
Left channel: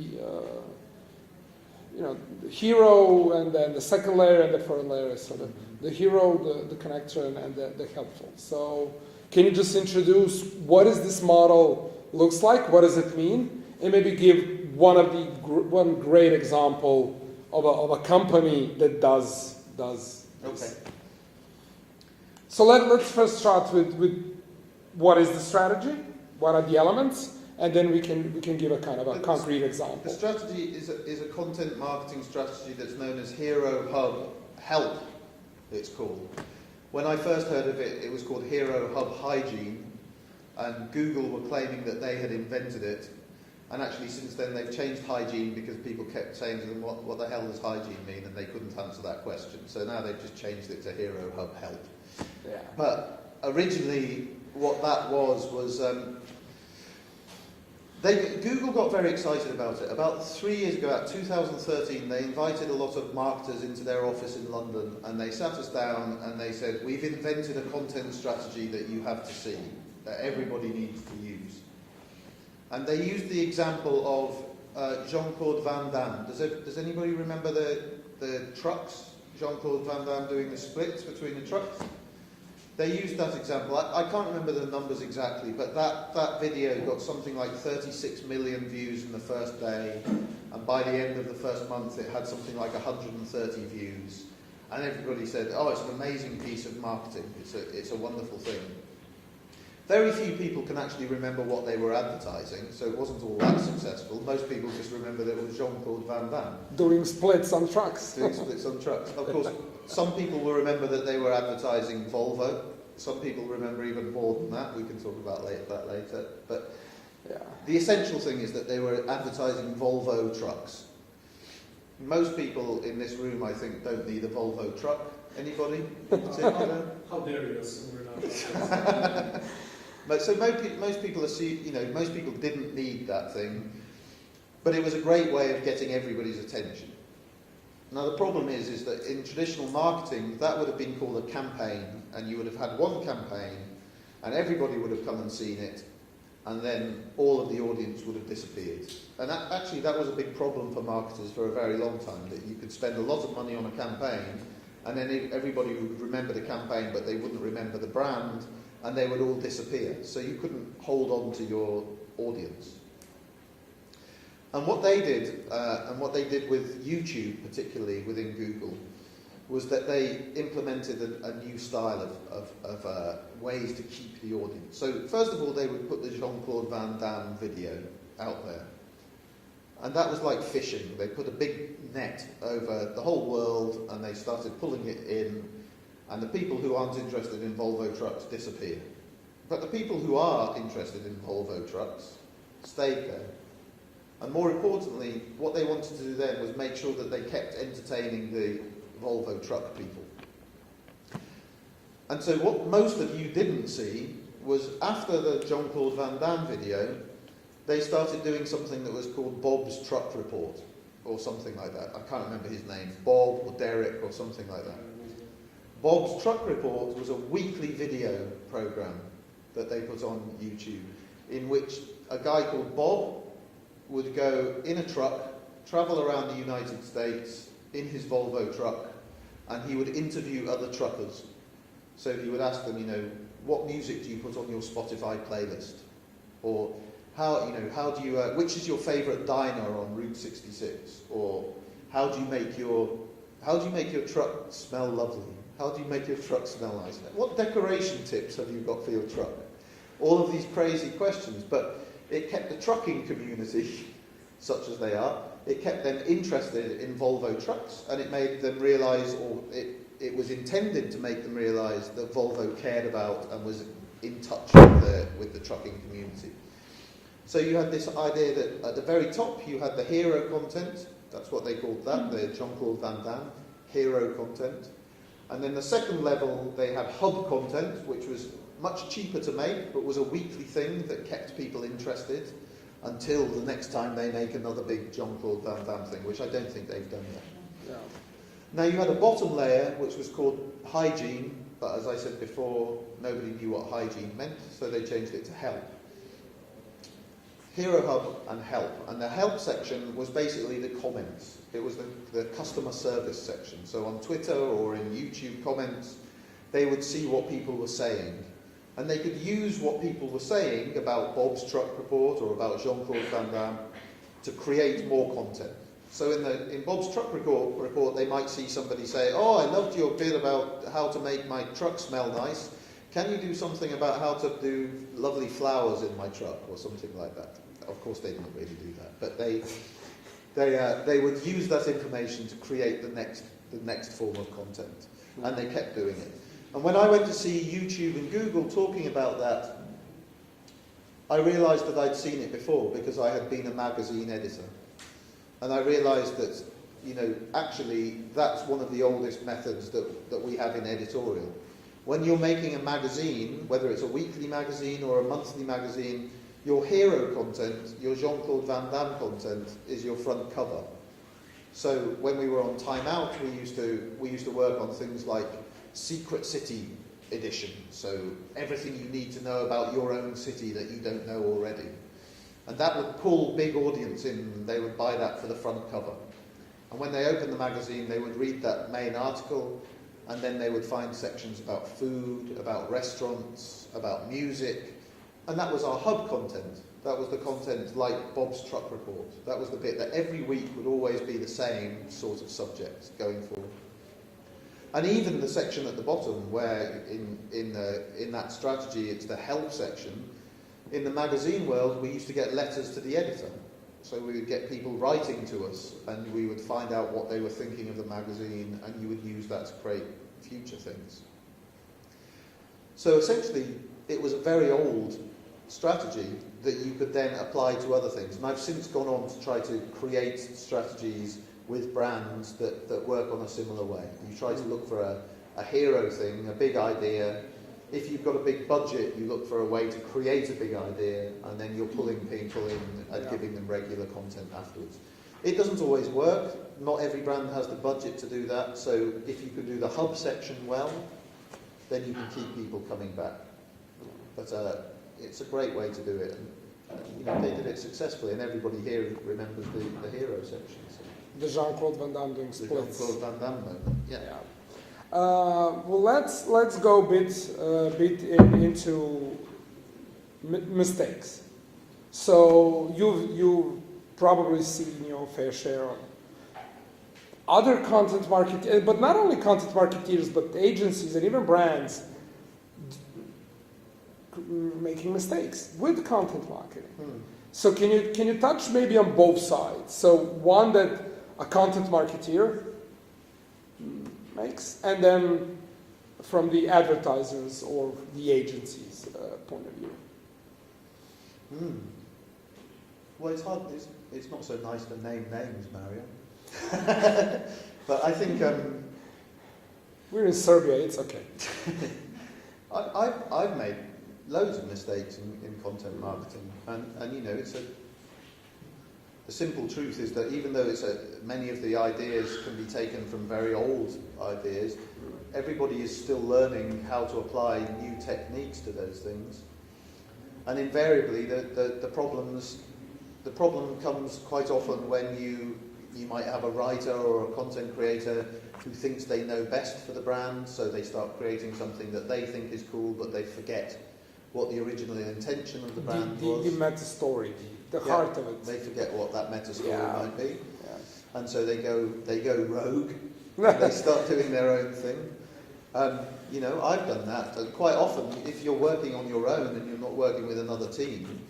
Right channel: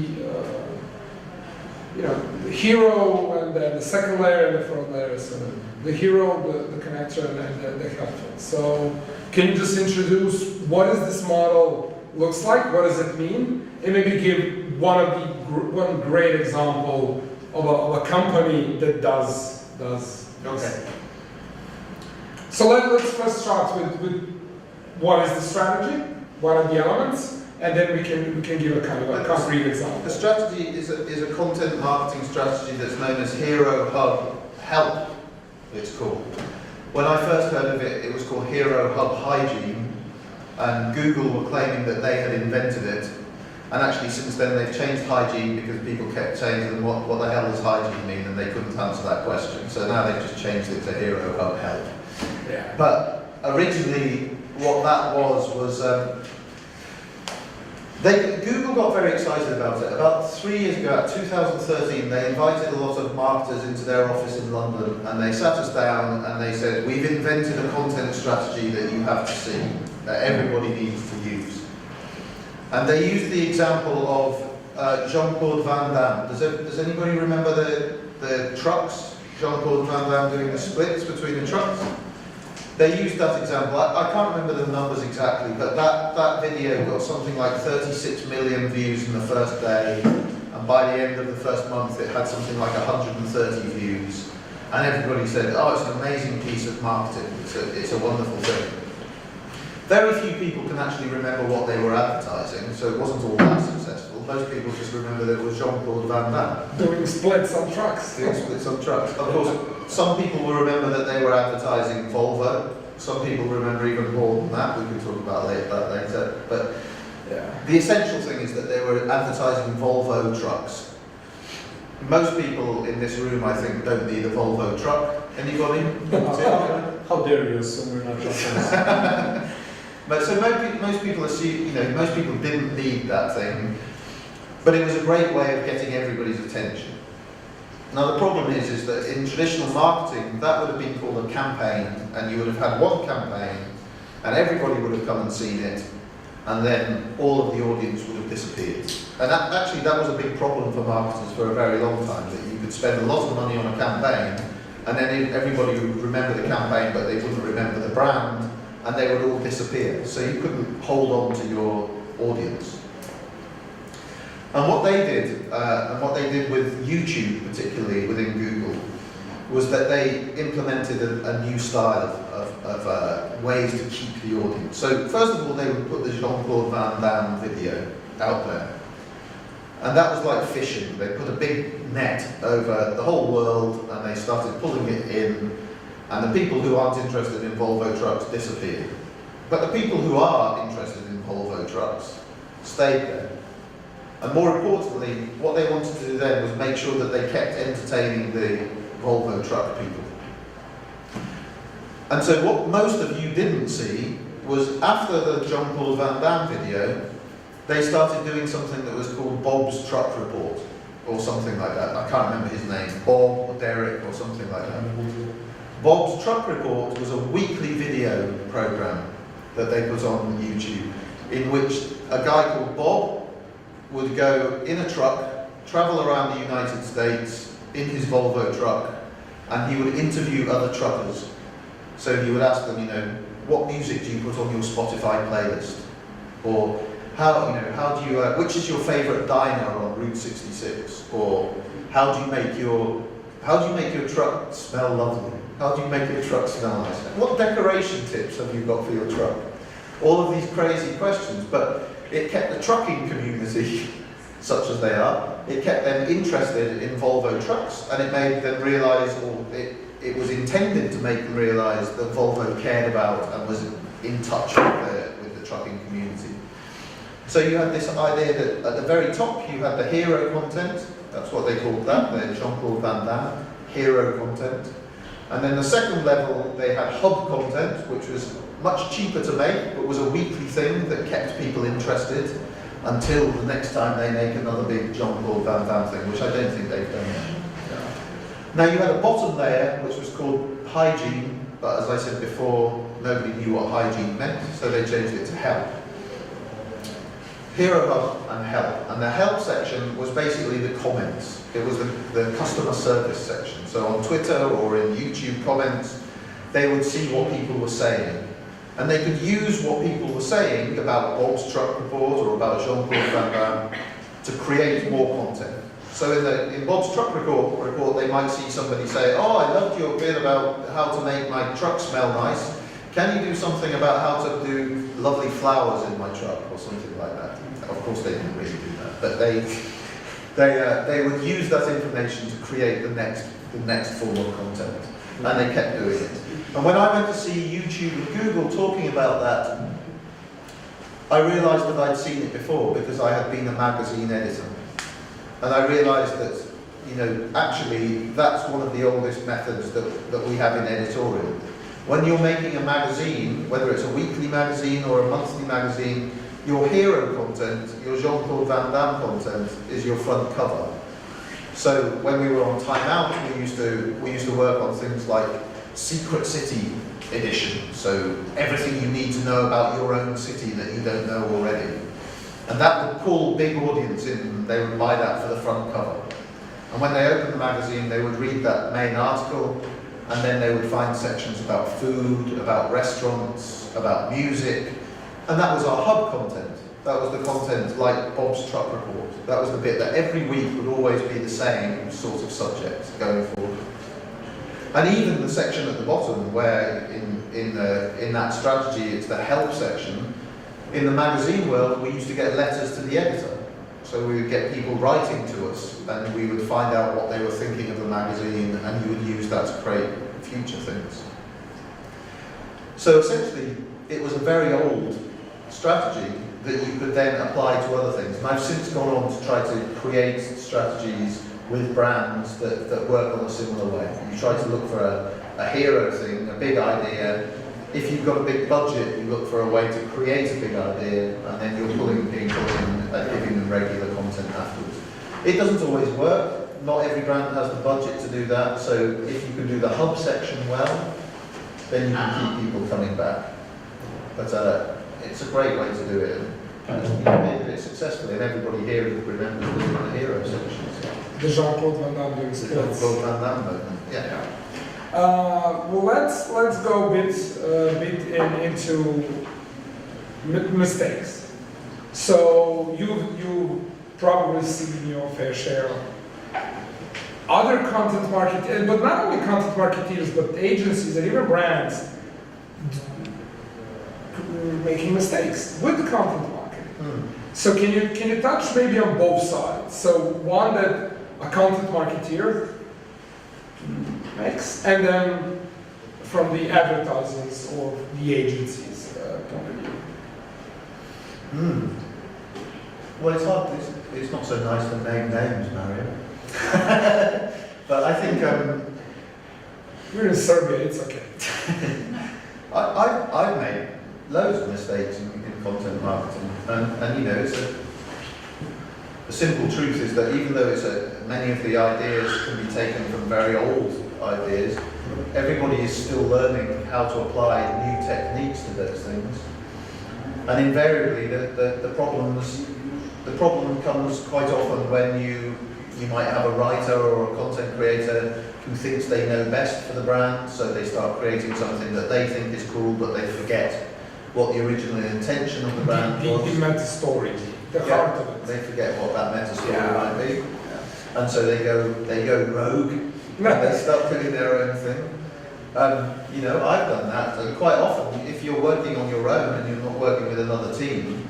the hero, and then the second layer and the third layer. So the hero, the connector, and the helpful. So can you just introduce what is this model looks like? What does it mean? And maybe give one great example of a company that does this. Okay. So let's first start with what is the strategy, what are the elements, and then we can give a kind of a concrete example. A strategy is a content marketing strategy that's known as Hero Hub Help, it's called. When I first heard of it, it was called Hero Hub Hygiene, and Google were claiming that they had invented it. And actually, since then, they've changed hygiene because people kept saying to them, what the hell does hygiene mean? And they couldn't answer that question. So now they've just changed it to Hero Hub Help. Yeah. But originally, what that was Google got very excited about it. About 3 years ago, 2013, they invited a lot of marketers into their office in London, and they sat us down and they said, we've invented a content strategy that you have to see, that everybody needs to use. And they used the example of Jean-Claude Van Damme. Does anybody remember the trucks? Jean-Claude Van Damme doing the splits between the trucks? They used that example. I can't remember the numbers exactly, but that video got something like 36 million views in the first day, and by the end of the first month it had something like 130 views. And everybody said, oh, it's an amazing piece of marketing, it's a wonderful thing. Very few people can actually remember what they were advertising, so it wasn't all that successful. Most people just remember that it was Jean-Claude Van Damme. Doing splits on trucks. Doing splits on trucks. Of course, some people will remember that they were advertising Volvo. Some people remember even more than that. We can talk about that later. But the essential thing is that they were advertising Volvo trucks. Most people in this room, I think, don't need a Volvo truck. Anybody? How dare you assume we're not truckers? But so most people assume, most people didn't need that thing, but it was a great way of getting everybody's attention. Now the problem is that in traditional marketing, that would have been called a campaign, and you would have had one campaign, and everybody would have come and seen it, and then all of the audience would have disappeared. And that was a big problem for marketers for a very long time, that you could spend a lot of money on a campaign, and then everybody would remember the campaign, but they wouldn't remember the brand, and they would all disappear. So you couldn't hold on to your audience. And what they did with YouTube, particularly within Google, was that they implemented a new style of ways to keep the audience. So first of all, they would put the Jean-Claude Van Damme video out there. And that was like fishing. They put a big net over the whole world, and they started pulling it in, and the people who aren't interested in Volvo trucks disappeared. But the people who are interested in Volvo trucks stayed there. And more importantly, what they wanted to do then was make sure that they kept entertaining the Volvo truck people. And so what most of you didn't see was after the Jean-Claude Van Damme video, they started doing something that was called Bob's Truck Report, or something like that. I can't remember his name, Bob or Derek or something like that. Bob's Truck Report was a weekly video program that they put on YouTube, in which a guy called Bob would go in a truck, travel around the United States in his Volvo truck, and he would interview other truckers. So he would ask them, what music do you put on your Spotify playlist? Or how do you, which is your favourite diner on Route 66? Or how do you make your truck smell lovely? How do you make your truck smell nice? What decoration tips have you got for your truck? All of these crazy questions, but it kept the trucking community, such as they are, it kept them interested in Volvo trucks, and it made them realise, or it was intended to make them realise that Volvo cared about and was in touch with the trucking community. So you had this idea that at the very top you had the hero content, that's what they called that, the Jean-Claude Van Damme, hero content. And then the second level, they had hub content, which was much cheaper to make, but was a weekly thing that kept people interested until the next time they make another big Jean-Claude Van Damme thing, which I don't think they've done yet. Now you had a bottom layer, which was called hygiene, but as I said before, nobody knew what hygiene meant, so they changed it to help. Hero Hub and help. And the help section was basically the comments. It was the customer service section. So on Twitter or in YouTube comments, they would see what people were saying. And they could use what people were saying about Bob's truck report or about Jean-Claude Van Damme to create more content. So in Bob's truck report, they might see somebody say, oh, I loved your bit about how to make my truck smell nice. Can you do something about how to do lovely flowers in my truck or something like that? Of course they didn't really do that, but they would use that information to create the next form of content, and they kept doing it. And when I went to see YouTube and Google talking about that, I realised that I'd seen it before because I had been a magazine editor, and I realised that actually that's one of the oldest methods that we have in editorial. When you're making a magazine, whether it's a weekly magazine or a monthly magazine, your hero content, your Jean-Claude Van Damme content, is your front cover. So when we were on Time Out, we used to work on things like Secret City edition. So everything you need to know about your own city that you don't know already. And that would pull big audience in, and they would buy that for the front cover. And when they opened the magazine, they would read that main article, and then they would find sections about food, about restaurants, about music. And that was our hub content. That was the content like Bob's truck report. That was the bit that every week would always be the same sort of subject going forward. And even the section at the bottom where in that strategy it's the help section, in the magazine world we used to get letters to the editor. So we would get people writing to us and we would find out what they were thinking of the magazine, and you would use that to create future things. So essentially it was a very old strategy that you could then apply to other things. And I've since gone on to try to create strategies with brands that work on a similar way. You try to look for a hero thing, a big idea. If you've got a big budget, you look for a way to create a big idea, and then you're pulling people in and giving them regular content afterwards. It doesn't always work. Not every brand has the budget to do that, so if you can do the hub section well, then you can keep people coming back. But it's a great way to do it, and you did it successfully, and everybody here remembers the hero section. The Jean-Claude Van Damme The Jean-Claude Van Damme moment. Yeah. Well, let's go a bit into mistakes. So you probably see your fair share of other content marketeers, but not only content marketeers, but agencies and even brands making mistakes with the content marketing. So can you touch maybe on both sides? So one that a content marketeer makes, and then from the advertisers or the agencies point of view. Well, it's hard. It's not so nice to name names, Mario. But I think you're in Serbia. It's okay. I've made loads of mistakes in content marketing, and it's the simple truth is that even though many of the ideas can be taken from very old ideas, everybody is still learning how to apply new techniques to those things. And invariably, the problem comes quite often when you you might have a writer or a content creator who thinks they know best for the brand, so they start creating something that they think is cool, but they forget what the original intention of the brand was. The meta story, the heart of it. They forget what that meta story Yeah. might be, and so they go rogue. And they start doing their own thing. You know, I've done that. And quite often, if you're working on your own and you're not working with another team,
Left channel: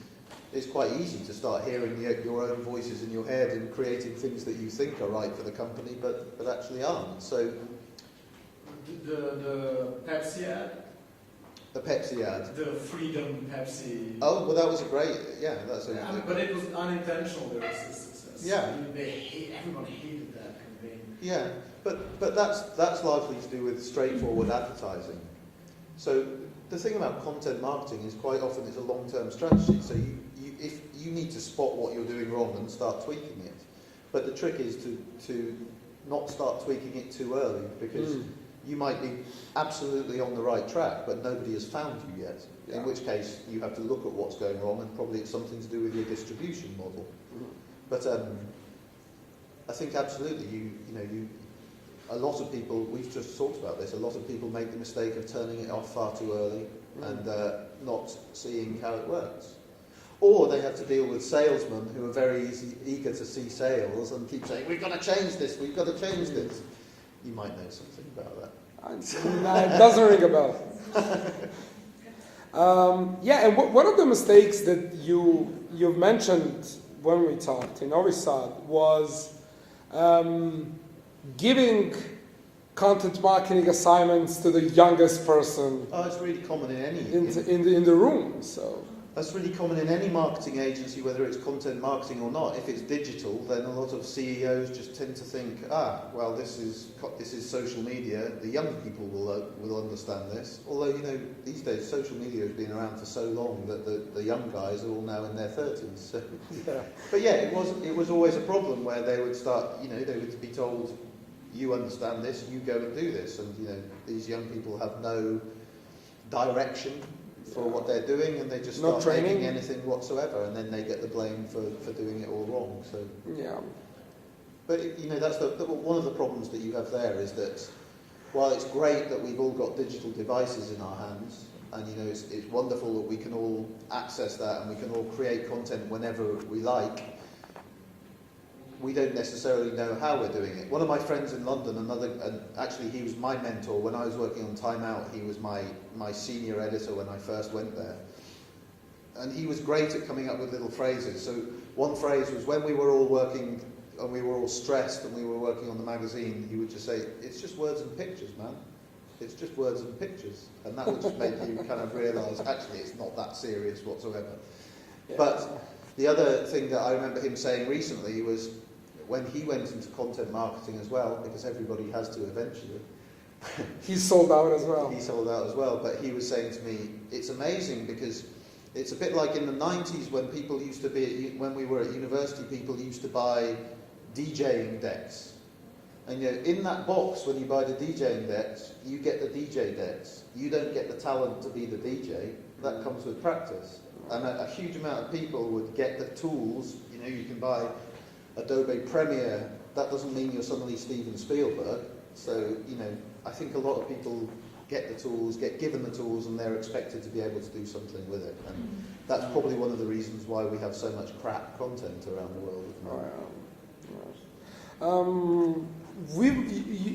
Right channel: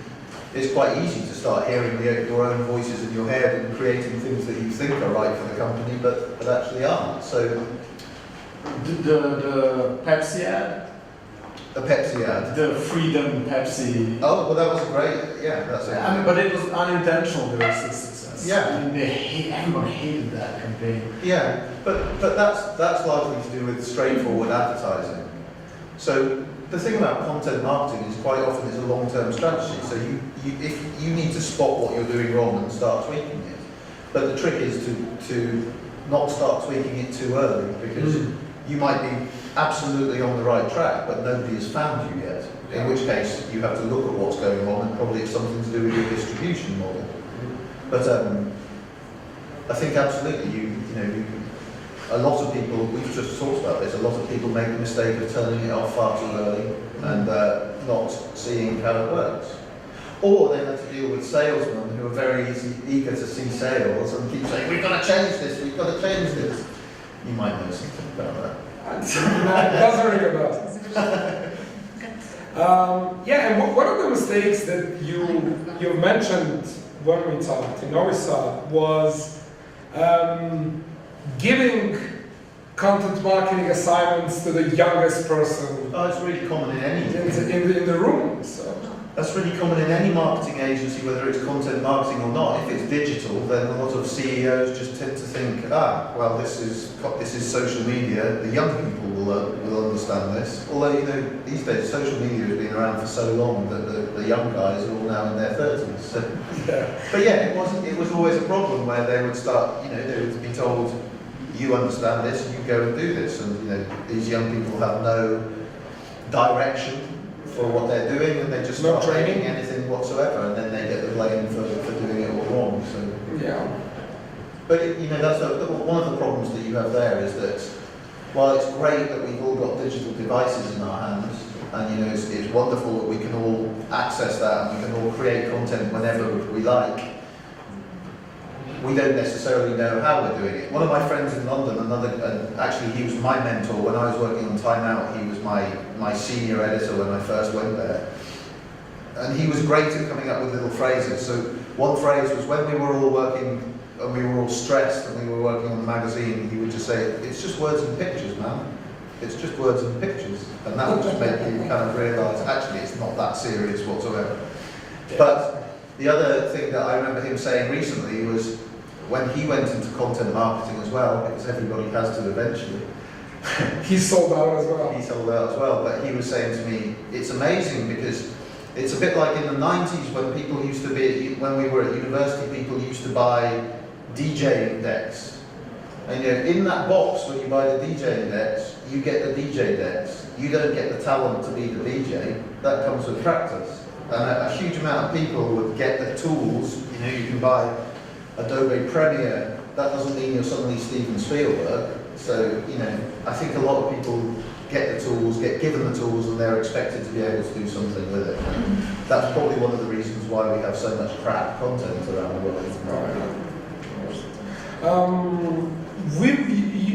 it's quite easy to start hearing your own voices in your head and creating things that you think are right for the company, but actually aren't. So The Pepsi ad? the Pepsi ad. The Freedom Pepsi. Oh, well, that was great. Yeah, that's it. I mean, but it was unintentional. There was a success. Yeah. I mean, everyone hated that campaign. Yeah, but that's largely to do with straightforward advertising. So the thing about content marketing is quite often it's a long-term strategy. So if you need to spot what you're doing wrong and start tweaking it. But the trick is to not start tweaking it too early, because you might be absolutely on the right track, but nobody has found you yet. In which case you have to look at what's going on, and probably it's something to do with your distribution model. But I think absolutely, a lot of people, we've just talked about this, a lot of people make the mistake of turning it off far too early and not seeing how it works. Or they have to deal with salesmen who are very eager to see sales and keep saying, we've got to change this, we've got to change this. You might know something about that. It doesn't ring a bell. Yeah, and one of the mistakes that you've mentioned when we talked in Novi Sad was giving content marketing assignments to the youngest person Oh, it's really common in any. in the room. So That's really common in any marketing agency, whether it's content marketing or not. If it's digital, then a lot of CEOs just tend to think, well, this is social media. The young people will understand this. Although, these days social media has been around for so long that the young guys are all now in their 30s. So. yeah. But yeah, it was always a problem where they would start, they would be told, you understand this, you go and do this, and these young people have no direction for what they're doing, and they just start making anything whatsoever, and then they get the blame for doing it all wrong. So Yeah. but that's one of the problems that you have there is that while it's great that we've all got digital devices in our hands, and it's wonderful that we can all access that and we can all create content whenever we like, we don't necessarily know how we're doing it. One of my friends in London, actually he was my mentor when I was working on Time Out. He was my senior editor when I first went there. And he was great at coming up with little phrases. So one phrase was when we were all working and we were all stressed and we were working on the magazine, he would just say, it's just words and pictures, man. It's just words and pictures. And that would just make you kind of realise, actually, it's not that serious whatsoever. Yeah. But the other thing that I remember him saying recently was, when he went into content marketing as well, because everybody has to eventually. He sold out as well. He sold out as well, but he was saying to me, it's amazing because it's a bit like in the 90s when people used to be, when we were at university, people used to buy DJ decks. And in that box, when you buy the DJ decks, you get the DJ decks. You don't get the talent to be the DJ. That comes with practice. And a huge amount of people would get the tools. You can buy Adobe Premiere. That doesn't mean you're suddenly Steven Spielberg. So, I think a lot of people get the tools, get given the tools, and they're expected to be able to do something with it. And that's probably one of the reasons why we have so much crap content around the world.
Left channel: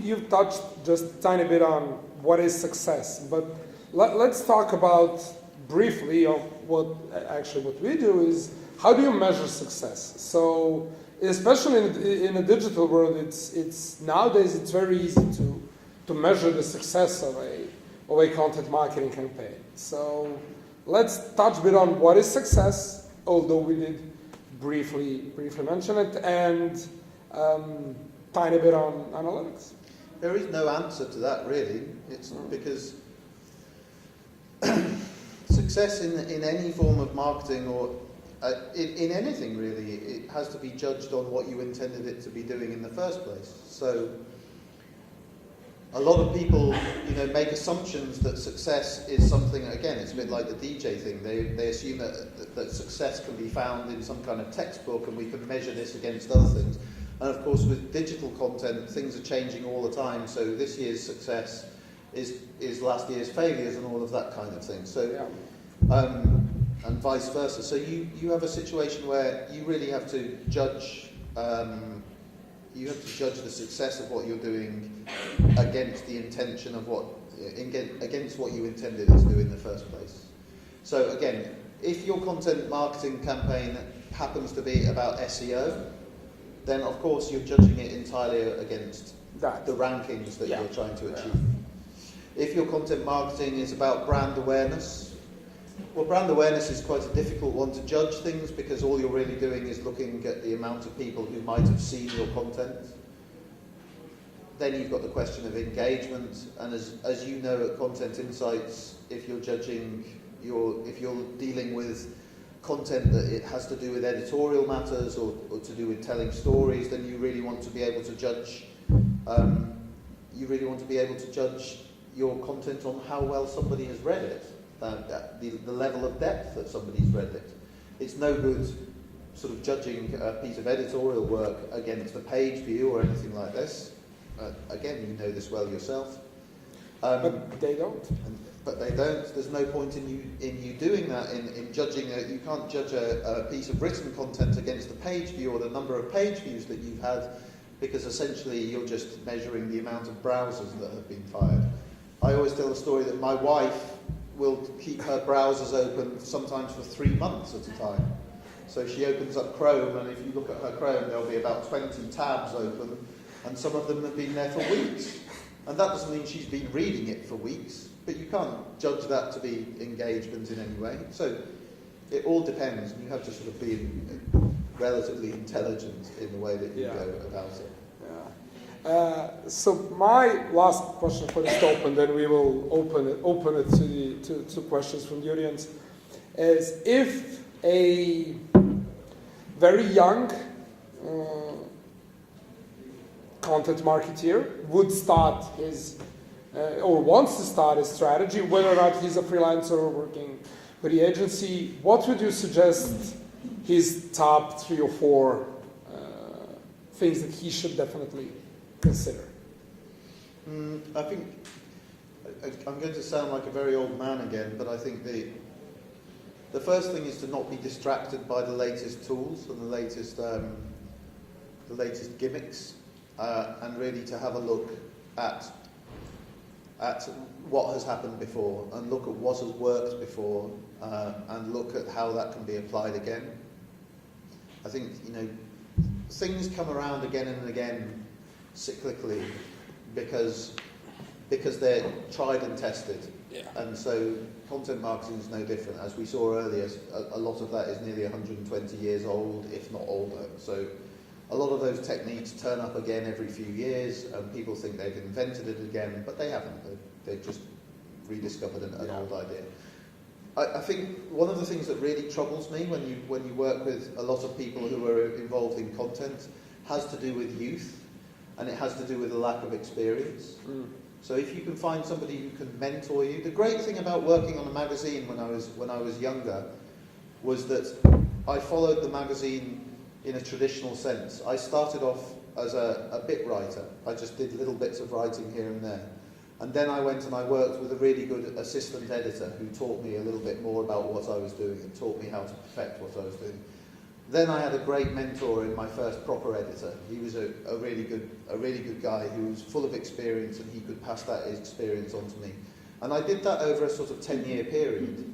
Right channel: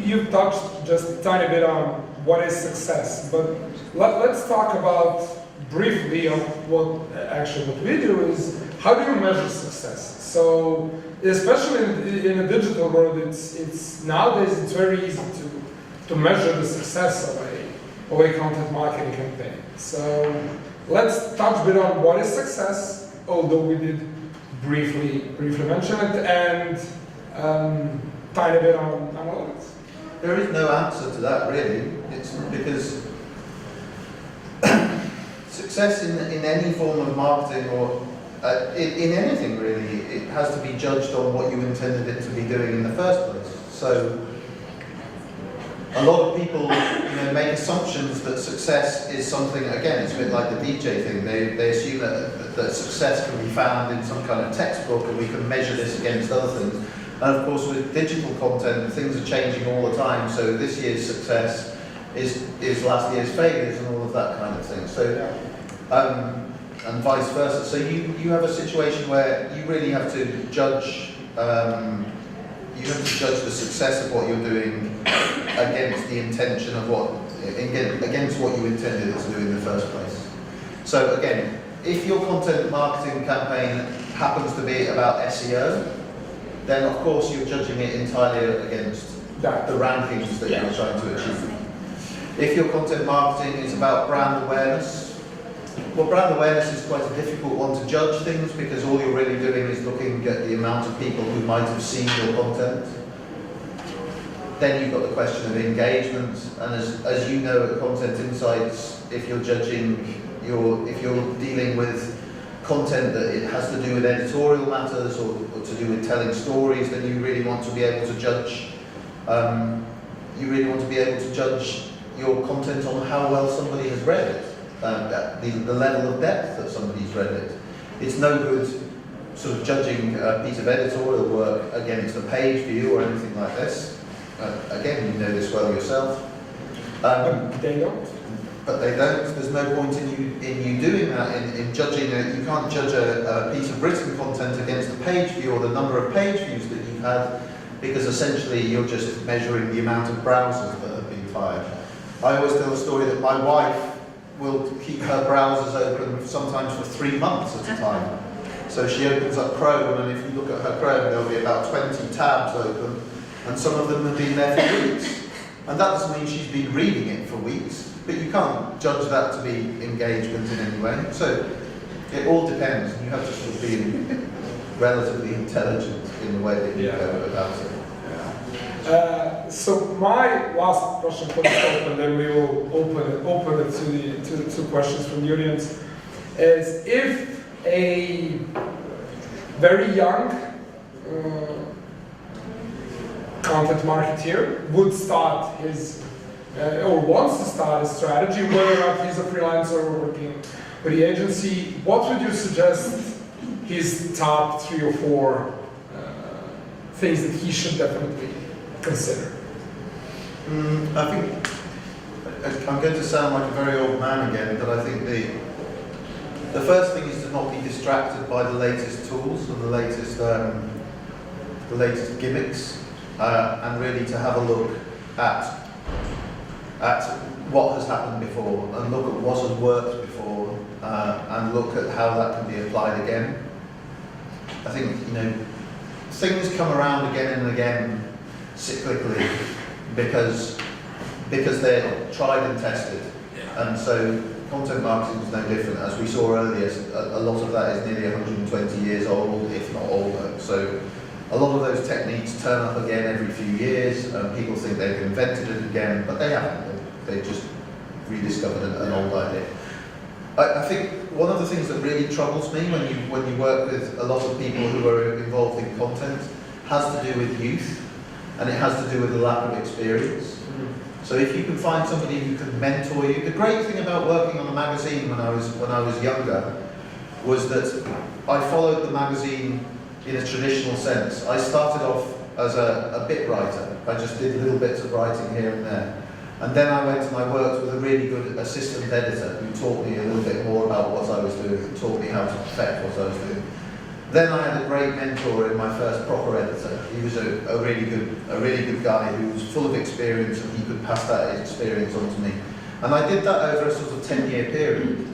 You've touched just a tiny bit on what is success, but let's talk about briefly of what we do is, how do you measure success? So, especially in a digital world, it's nowadays it's very easy to measure the success of a content marketing campaign. So let's touch a bit on what is success, although we did briefly mention it, and tiny bit on analytics. There is no answer to that really. It's because success in any form of marketing or in anything really, it has to be judged on what you intended it to be doing in the first place. So a lot of people make assumptions that success is something, again, it's a bit like the DJ thing. They assume that success can be found in some kind of textbook and we can measure this against other things. And of course, with digital content, things are changing all the time. So this year's success is last year's failures and all of that kind of thing. So, and vice versa. So you have a situation where you really have to judge. You have to judge the success of what you're doing against the intention of against what you intended to do in the first place. So again, if your content marketing campaign happens to be about SEO, then of course you're judging it entirely against the rankings that you're trying to achieve. If your content marketing is about brand awareness, well, brand awareness is quite a difficult one to judge things because all you're really doing is looking at the amount of people who might have seen your content. Then you've got the question of engagement, and as you know at Content Insights, if you're dealing with content that it has to do with editorial matters or to do with telling stories, then you really want to be able to judge. Your content on how well somebody has read it. The level of depth that somebody's read it. It's no good sort of judging a piece of editorial work against a page view or anything like this. Again, you know this well yourself. But they don't. But they don't. There's no point in you doing that, in judging it. You can't judge a piece of written content against the page view or the number of page views that you've had, because essentially you're just measuring the amount of browsers that have been fired. I always tell the story that my wife will keep her browsers open sometimes for 3 months at a time. So she opens up Chrome, and if you look at her Chrome, there'll be about 20 tabs open, and some of them have been there for weeks. And that doesn't mean she's been reading it for weeks, but you can't judge that to be engagement in any way. So it all depends, and you have to sort of be relatively intelligent in the way that you go about it. So my last question for the talk, and then we will open it to questions from the audience, is if a very young content marketeer would start his or wants to start a strategy, whether or not he's a freelancer or working with the agency, what would you suggest his top 3 or 4 things that he should definitely consider? I think I'm going to sound like a very old man again, but I think the first thing is to not be distracted by the latest tools and the latest gimmicks, and really to have a look at what has happened before, and look at what has worked before, and look at how that can be applied again. I think things come around again and again cyclically because they're tried and tested, and so content marketing is no different. As we saw earlier, a lot of that is nearly 120 years old, if not older. So a lot of those techniques turn up again every few years, and people think they've invented it again, but they haven't. They've just rediscovered an old idea. I think one of the things that really troubles me when you work with a lot of people who are involved in content has to do with youth, and it has to do with the lack of experience. So if you can find somebody who can mentor you, the great thing about working on a magazine when I was younger was that I followed the magazine in a traditional sense. I started off as a bit writer. I just did little bits of writing here and there. And then I went and I worked with a really good assistant editor who taught me a little bit more about what I was doing, and taught me how to perfect what I was doing. Then I had a great mentor in my first proper editor. He was a really good guy who was full of experience, and he could pass that experience on to me. And I did that over a sort of 10-year period.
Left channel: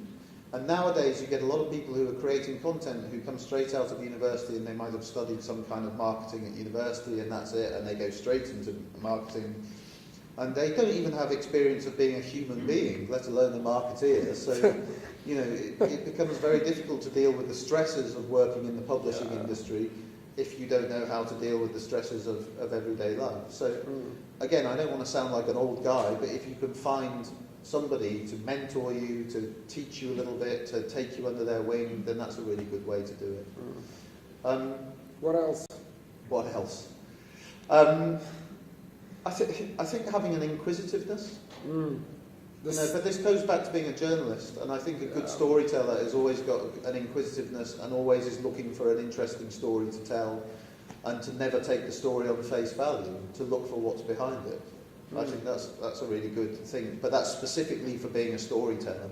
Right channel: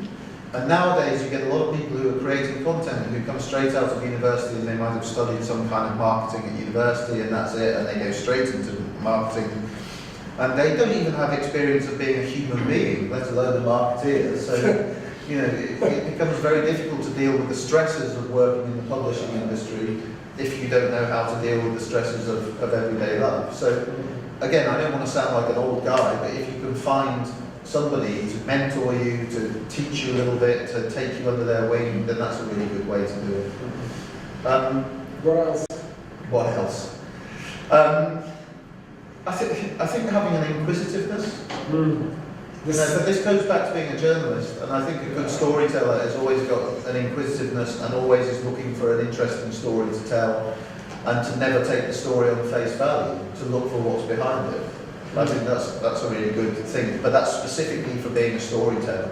And nowadays you get a lot of people who are creating content who come straight out of university, and they might have studied some kind of marketing at university, and that's it, and they go straight into marketing. And they don't even have experience of being a human being, let alone a marketeer. So, it becomes very difficult to deal with the stresses of working in the publishing industry if you don't know how to deal with the stresses of everyday life. So, again, I don't want to sound like an old guy, but if you can find somebody to mentor you, to teach you a little bit, to take you under their wing, then that's a really good way to do it. What else? What else? I think having an inquisitiveness. But this goes back to being a journalist, and I think a good storyteller has always got an inquisitiveness and always is looking for an interesting story to tell. and to never take the story on face value, to look for what's behind it. I think that's a really good thing, but that's specifically for being a storyteller,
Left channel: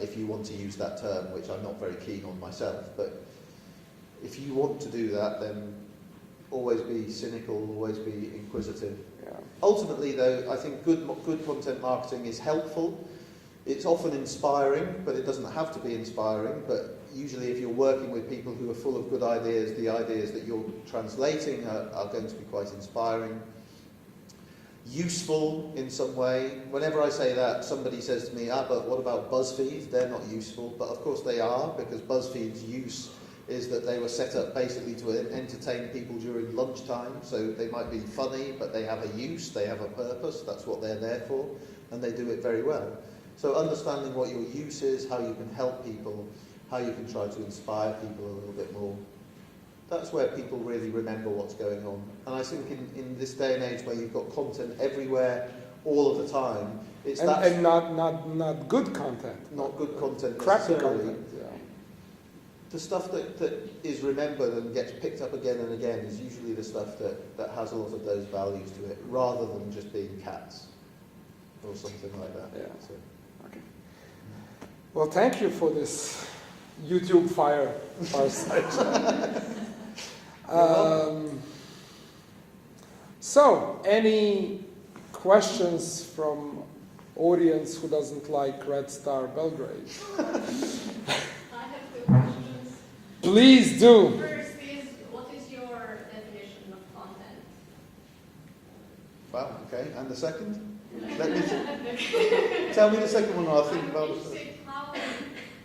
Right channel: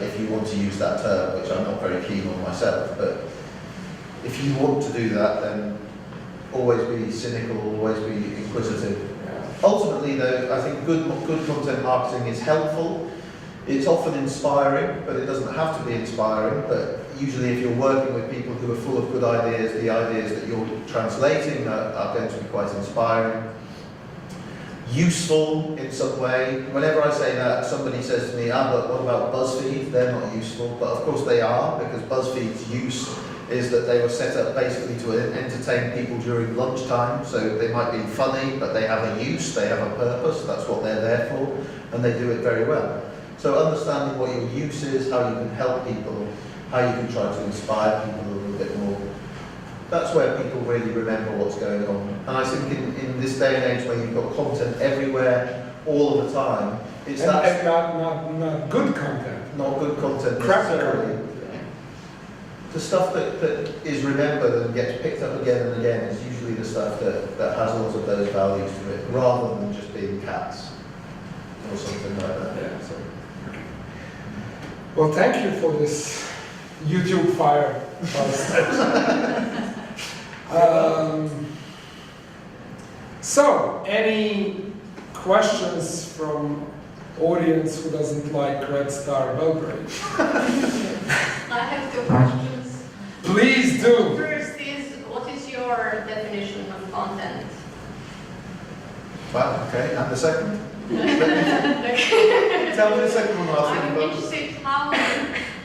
if you want to use that term, which I'm not very keen on myself, but if you want to do that, then always be cynical, always be inquisitive. Ultimately though, I think good content marketing is helpful. It's often inspiring, but it doesn't have to be inspiring, but usually if you're working with people who are full of good ideas, the ideas that you're translating are going to be quite inspiring. Useful in some way. Whenever I say that, somebody says to me, but what about BuzzFeed? They're not useful, but of course they are, because BuzzFeed's use is that they were set up basically to entertain people during lunchtime, so they might be funny, but they have a use, they have a purpose, that's what they're there for, and they do it very well. So understanding what your use is, how you can help people, how you can try to inspire people a little bit more, that's where people really remember what's going on. And I think in this day and age where you've got content everywhere, all of the time, it's and not good content. Not good content Crappy necessarily. content. The stuff that is remembered and gets picked up again and again is usually the stuff that has lots of those values to it, rather than just being cats or something like that. Yeah. So. Well, thank you for this YouTube fire. So, any questions from audience who doesn't like Red Star Belgrade? I have two questions. Please do. First is, what is your definition of content? Wow, okay, and the second? Okay. Tell me the second one, I'll think I'm about interested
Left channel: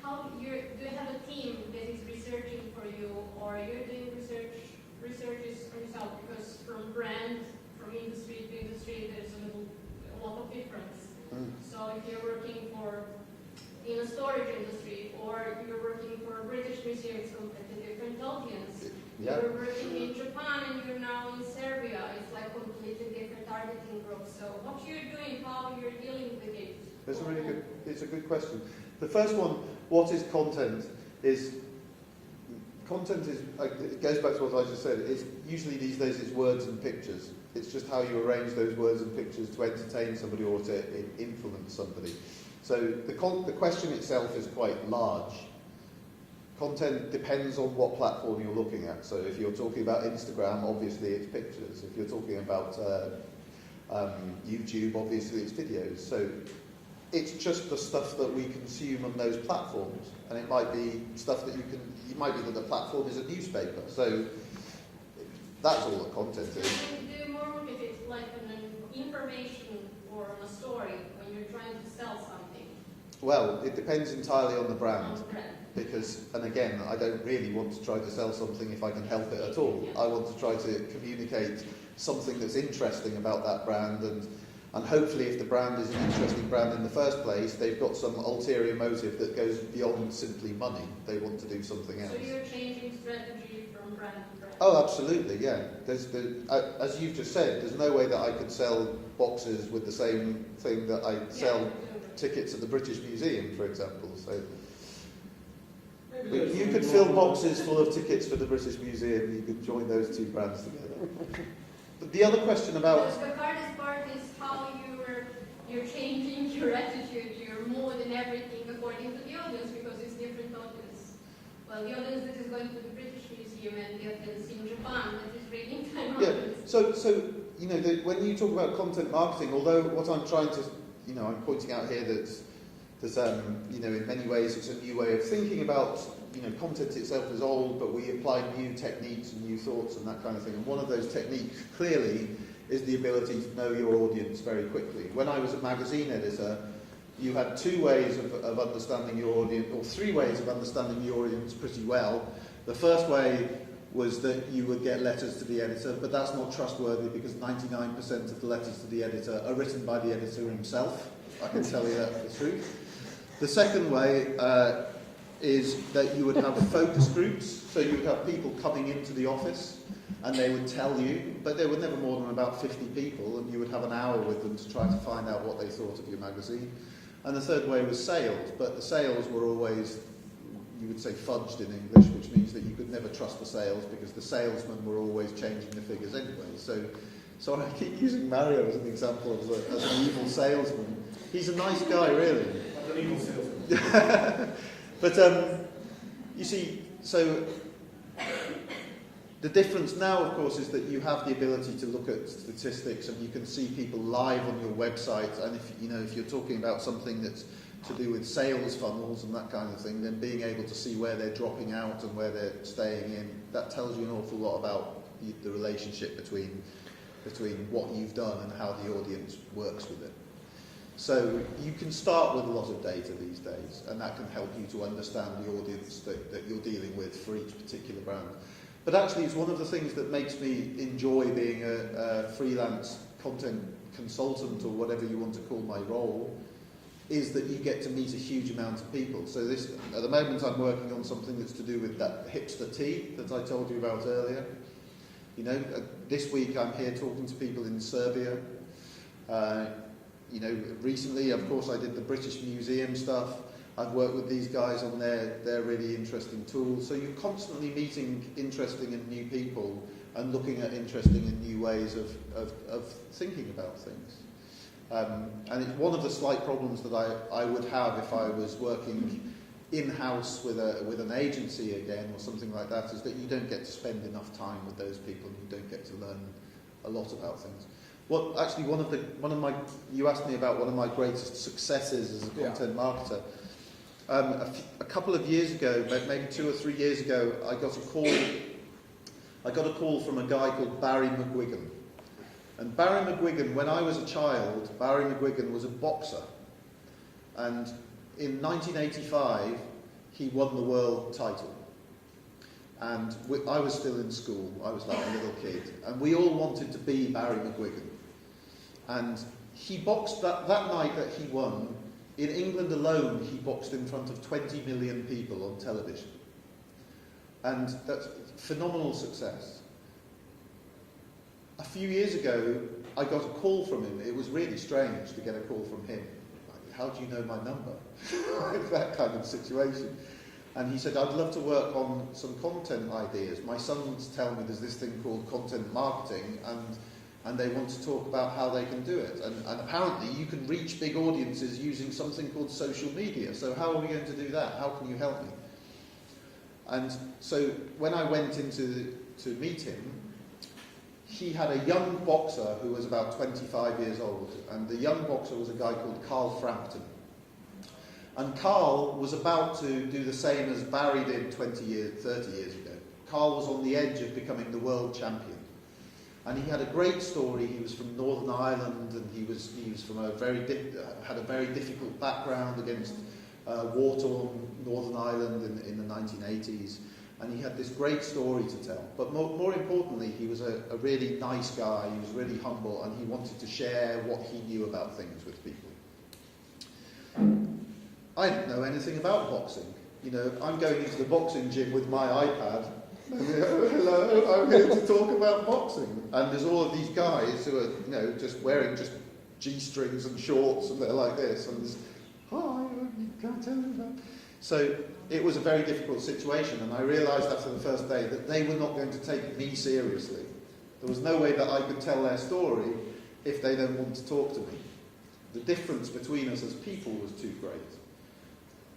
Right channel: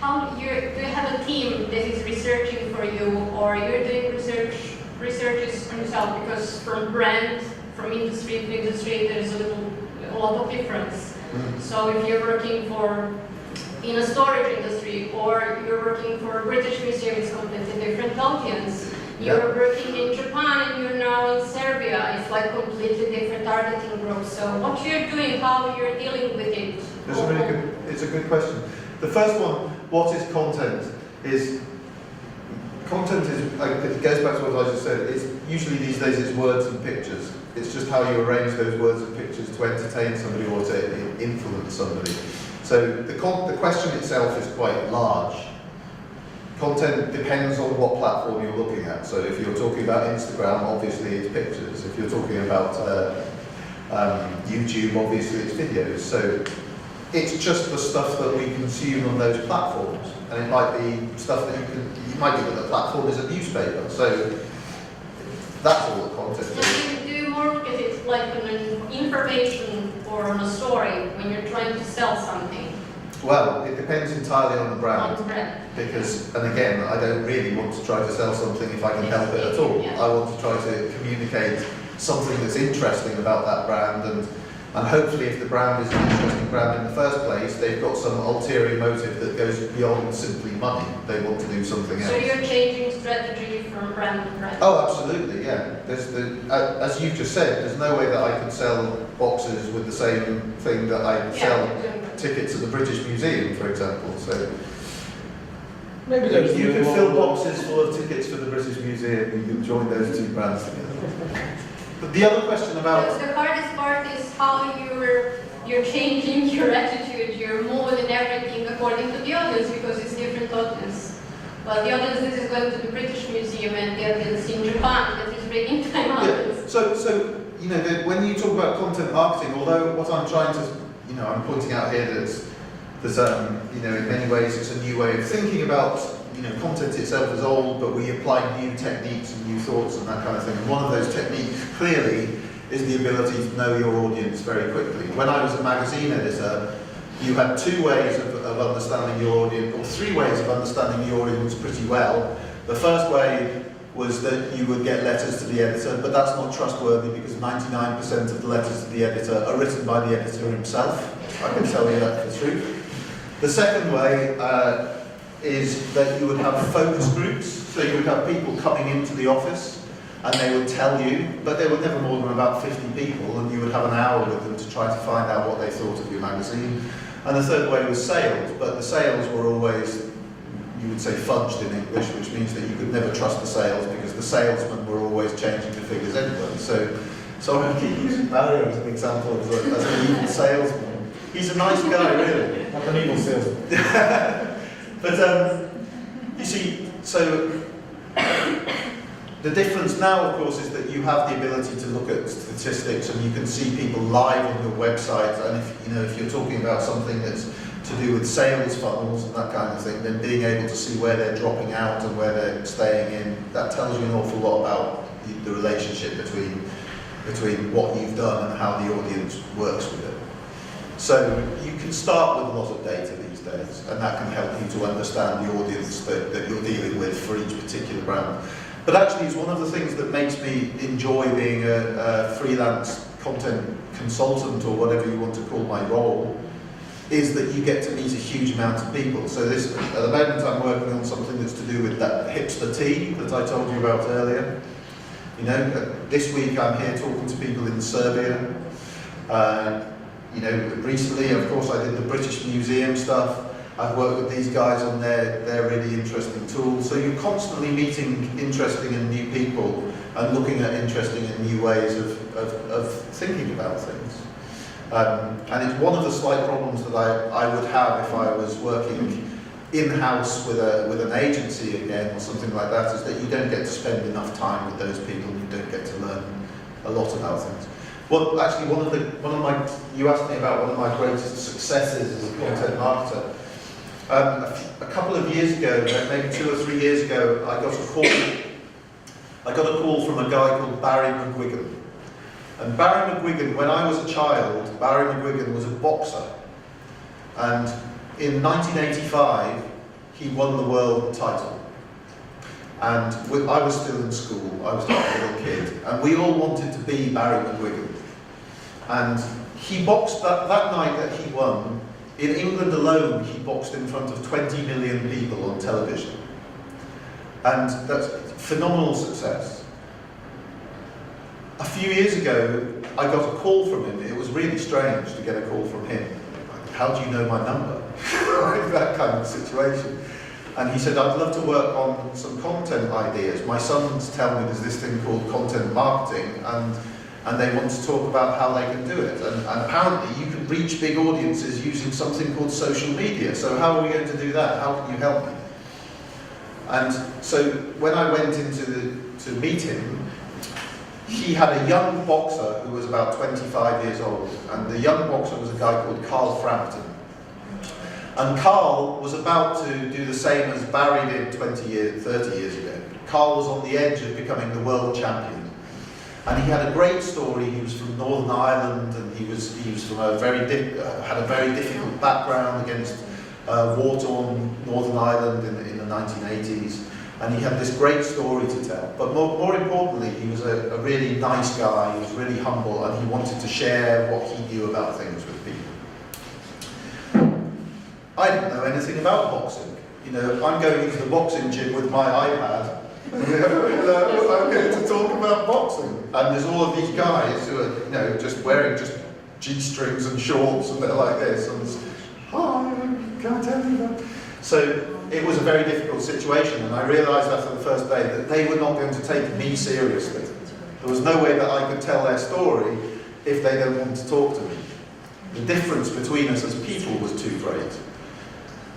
how do you have a team that is researching for you, or you're doing researches on yourself, because from brand, from industry to industry, there's a lot of difference. So if you're working in a storage industry, or you're working for a British museum, it's completely different audience. You're working in Japan and you're now in Serbia, it's like completely different targeting group. So what you're doing, how you're dealing with it? It's a good question. The first one, what is content? Content is, it goes back to what I just said, it's usually these days it's words and pictures. It's just how you arrange those words and pictures to entertain somebody or to influence somebody. So the question itself is quite large. Content depends on what platform you're looking at. So if you're talking about Instagram, obviously it's pictures. If you're talking about YouTube, obviously it's videos. So it's just the stuff that we consume on those platforms. And it might be stuff that it might be that the platform is a newspaper. So that's all the content is. So you do more look at it like an information or on a story when you're trying to sell something? Well, it depends entirely on the brand. On the brand. Because, and again, I don't really want to try to sell something if I can help it at all. Yeah. I want to try to communicate something that's interesting about that brand, and hopefully if the brand is an interesting brand in the first place, they've got some ulterior motive that goes beyond simply money. They want to do something else. So you're changing strategy from brand to brand? Oh, absolutely, yeah. As you've just said, there's no way that I can sell boxes with the same thing that I sell tickets at the British Museum, for example. So Maybe you could fill boxes full of tickets for the British Museum. You can join those two brands together. But the other question about The hardest part is how you're changing your attitude. You're moving everything according to the audience, because it's different audience. Well, the audience that is going to the British Museum and the audience in Japan that is reading time audience. So you know, when you talk about content marketing, although what I'm trying to, I'm pointing out here that there's in many ways it's a new way of thinking about, content itself is old, but we apply new techniques and new thoughts and that kind of thing. And one of those techniques, clearly, is the ability to know your audience very quickly. When I was a magazine editor, you had two ways of understanding your audience, or three ways of understanding your audience pretty well. The first way was that you would get letters to the editor, but that's not trustworthy because 99% of the letters to the editor are written by the editor himself. I can tell you that for truth. The second way is that you would have focus groups, so you would have people coming into the office and they would tell you, but they were never more than about 50 people, and you would have an hour with them to try to find out what they thought of your magazine. And the third way was sales, but the sales were always, you would say, fudged in English, which means that you could would never trust the sales because the salesmen were always changing the figures anyway. So I keep using Mario as an example as an evil salesman. He's a nice guy, really. Not an evil salesman. But you see, so the difference now, of course, is that you have the ability to look at statistics and you can see people live on your website. And if you're talking about something that's to do with sales funnels and that kind of thing, then being able to see where they're dropping out and where they're staying in, that tells you an awful lot about the relationship between what you've done and how the audience works with it. So you can start with a lot of data these days, and that can help you to understand the audience that you're dealing with for each particular brand. But actually, it's one of the things that makes me enjoy being a freelance content consultant, or whatever you want to call my role, is that you get to meet a huge amount of people. So at the moment I'm working on something that's to do with that hipster tea that I told you about earlier. This week I'm here talking to people in Serbia. Recently, of course, I did the British Museum stuff. I've worked with these guys on their really interesting tools. So you're constantly meeting interesting and new people and looking at interesting and new ways of thinking about things. And it's one of the slight problems that I would have if I was working in-house with an agency again or something like that, is that you don't get to spend enough time with those people and you don't get to learn a lot about things. Well, actually, you asked me about one of my greatest successes as a content marketer. A couple of years ago, maybe 2 or 3 years ago, I got a call from a guy called Barry McGuigan. And Barry McGuigan, when I was a child, Barry McGuigan was a boxer. And in 1985, he won the world title. And I was still in school, I was not a little kid, and we all wanted to be Barry McGuigan. And he boxed that night that he won. In England alone, he boxed in front of 20 million people on television. And that's phenomenal success. A few years ago, I got a call from him. It was really strange to get a call from him. How do you know my number? That kind of situation. And he said, I'd love to work on some content ideas. My sons tell me there's this thing called content marketing, and they want to talk about how they can do it. And apparently you can reach big audiences using something called social media. So how are we going to do that? How can you help me? And so when I went to meet him, he had a young boxer who was about 25 years old. And the young boxer was a guy called Carl Frampton. And Carl was about to do the same as Barry did 30 years ago. Carl was on the edge of becoming the world champion. And he had a great story. He was from Northern Ireland, and he was from had a very difficult background against war-torn Northern Ireland in the 1980s. And he had this great story to tell. But more importantly, he was a really nice guy. He was really humble, and he wanted to share what he knew about things with people. I didn't know anything about boxing. I'm going into the boxing gym with my iPad. I'm here to talk about boxing. And there's all of these guys who are, just wearing just G-strings and shorts, and they're like this. And it's, hi, can I tell you that? So it was a very difficult situation, and I realised after the first day that they were not going to take me seriously. There was no way that I could tell their story if they don't want to talk to me. The difference between us as people was too great.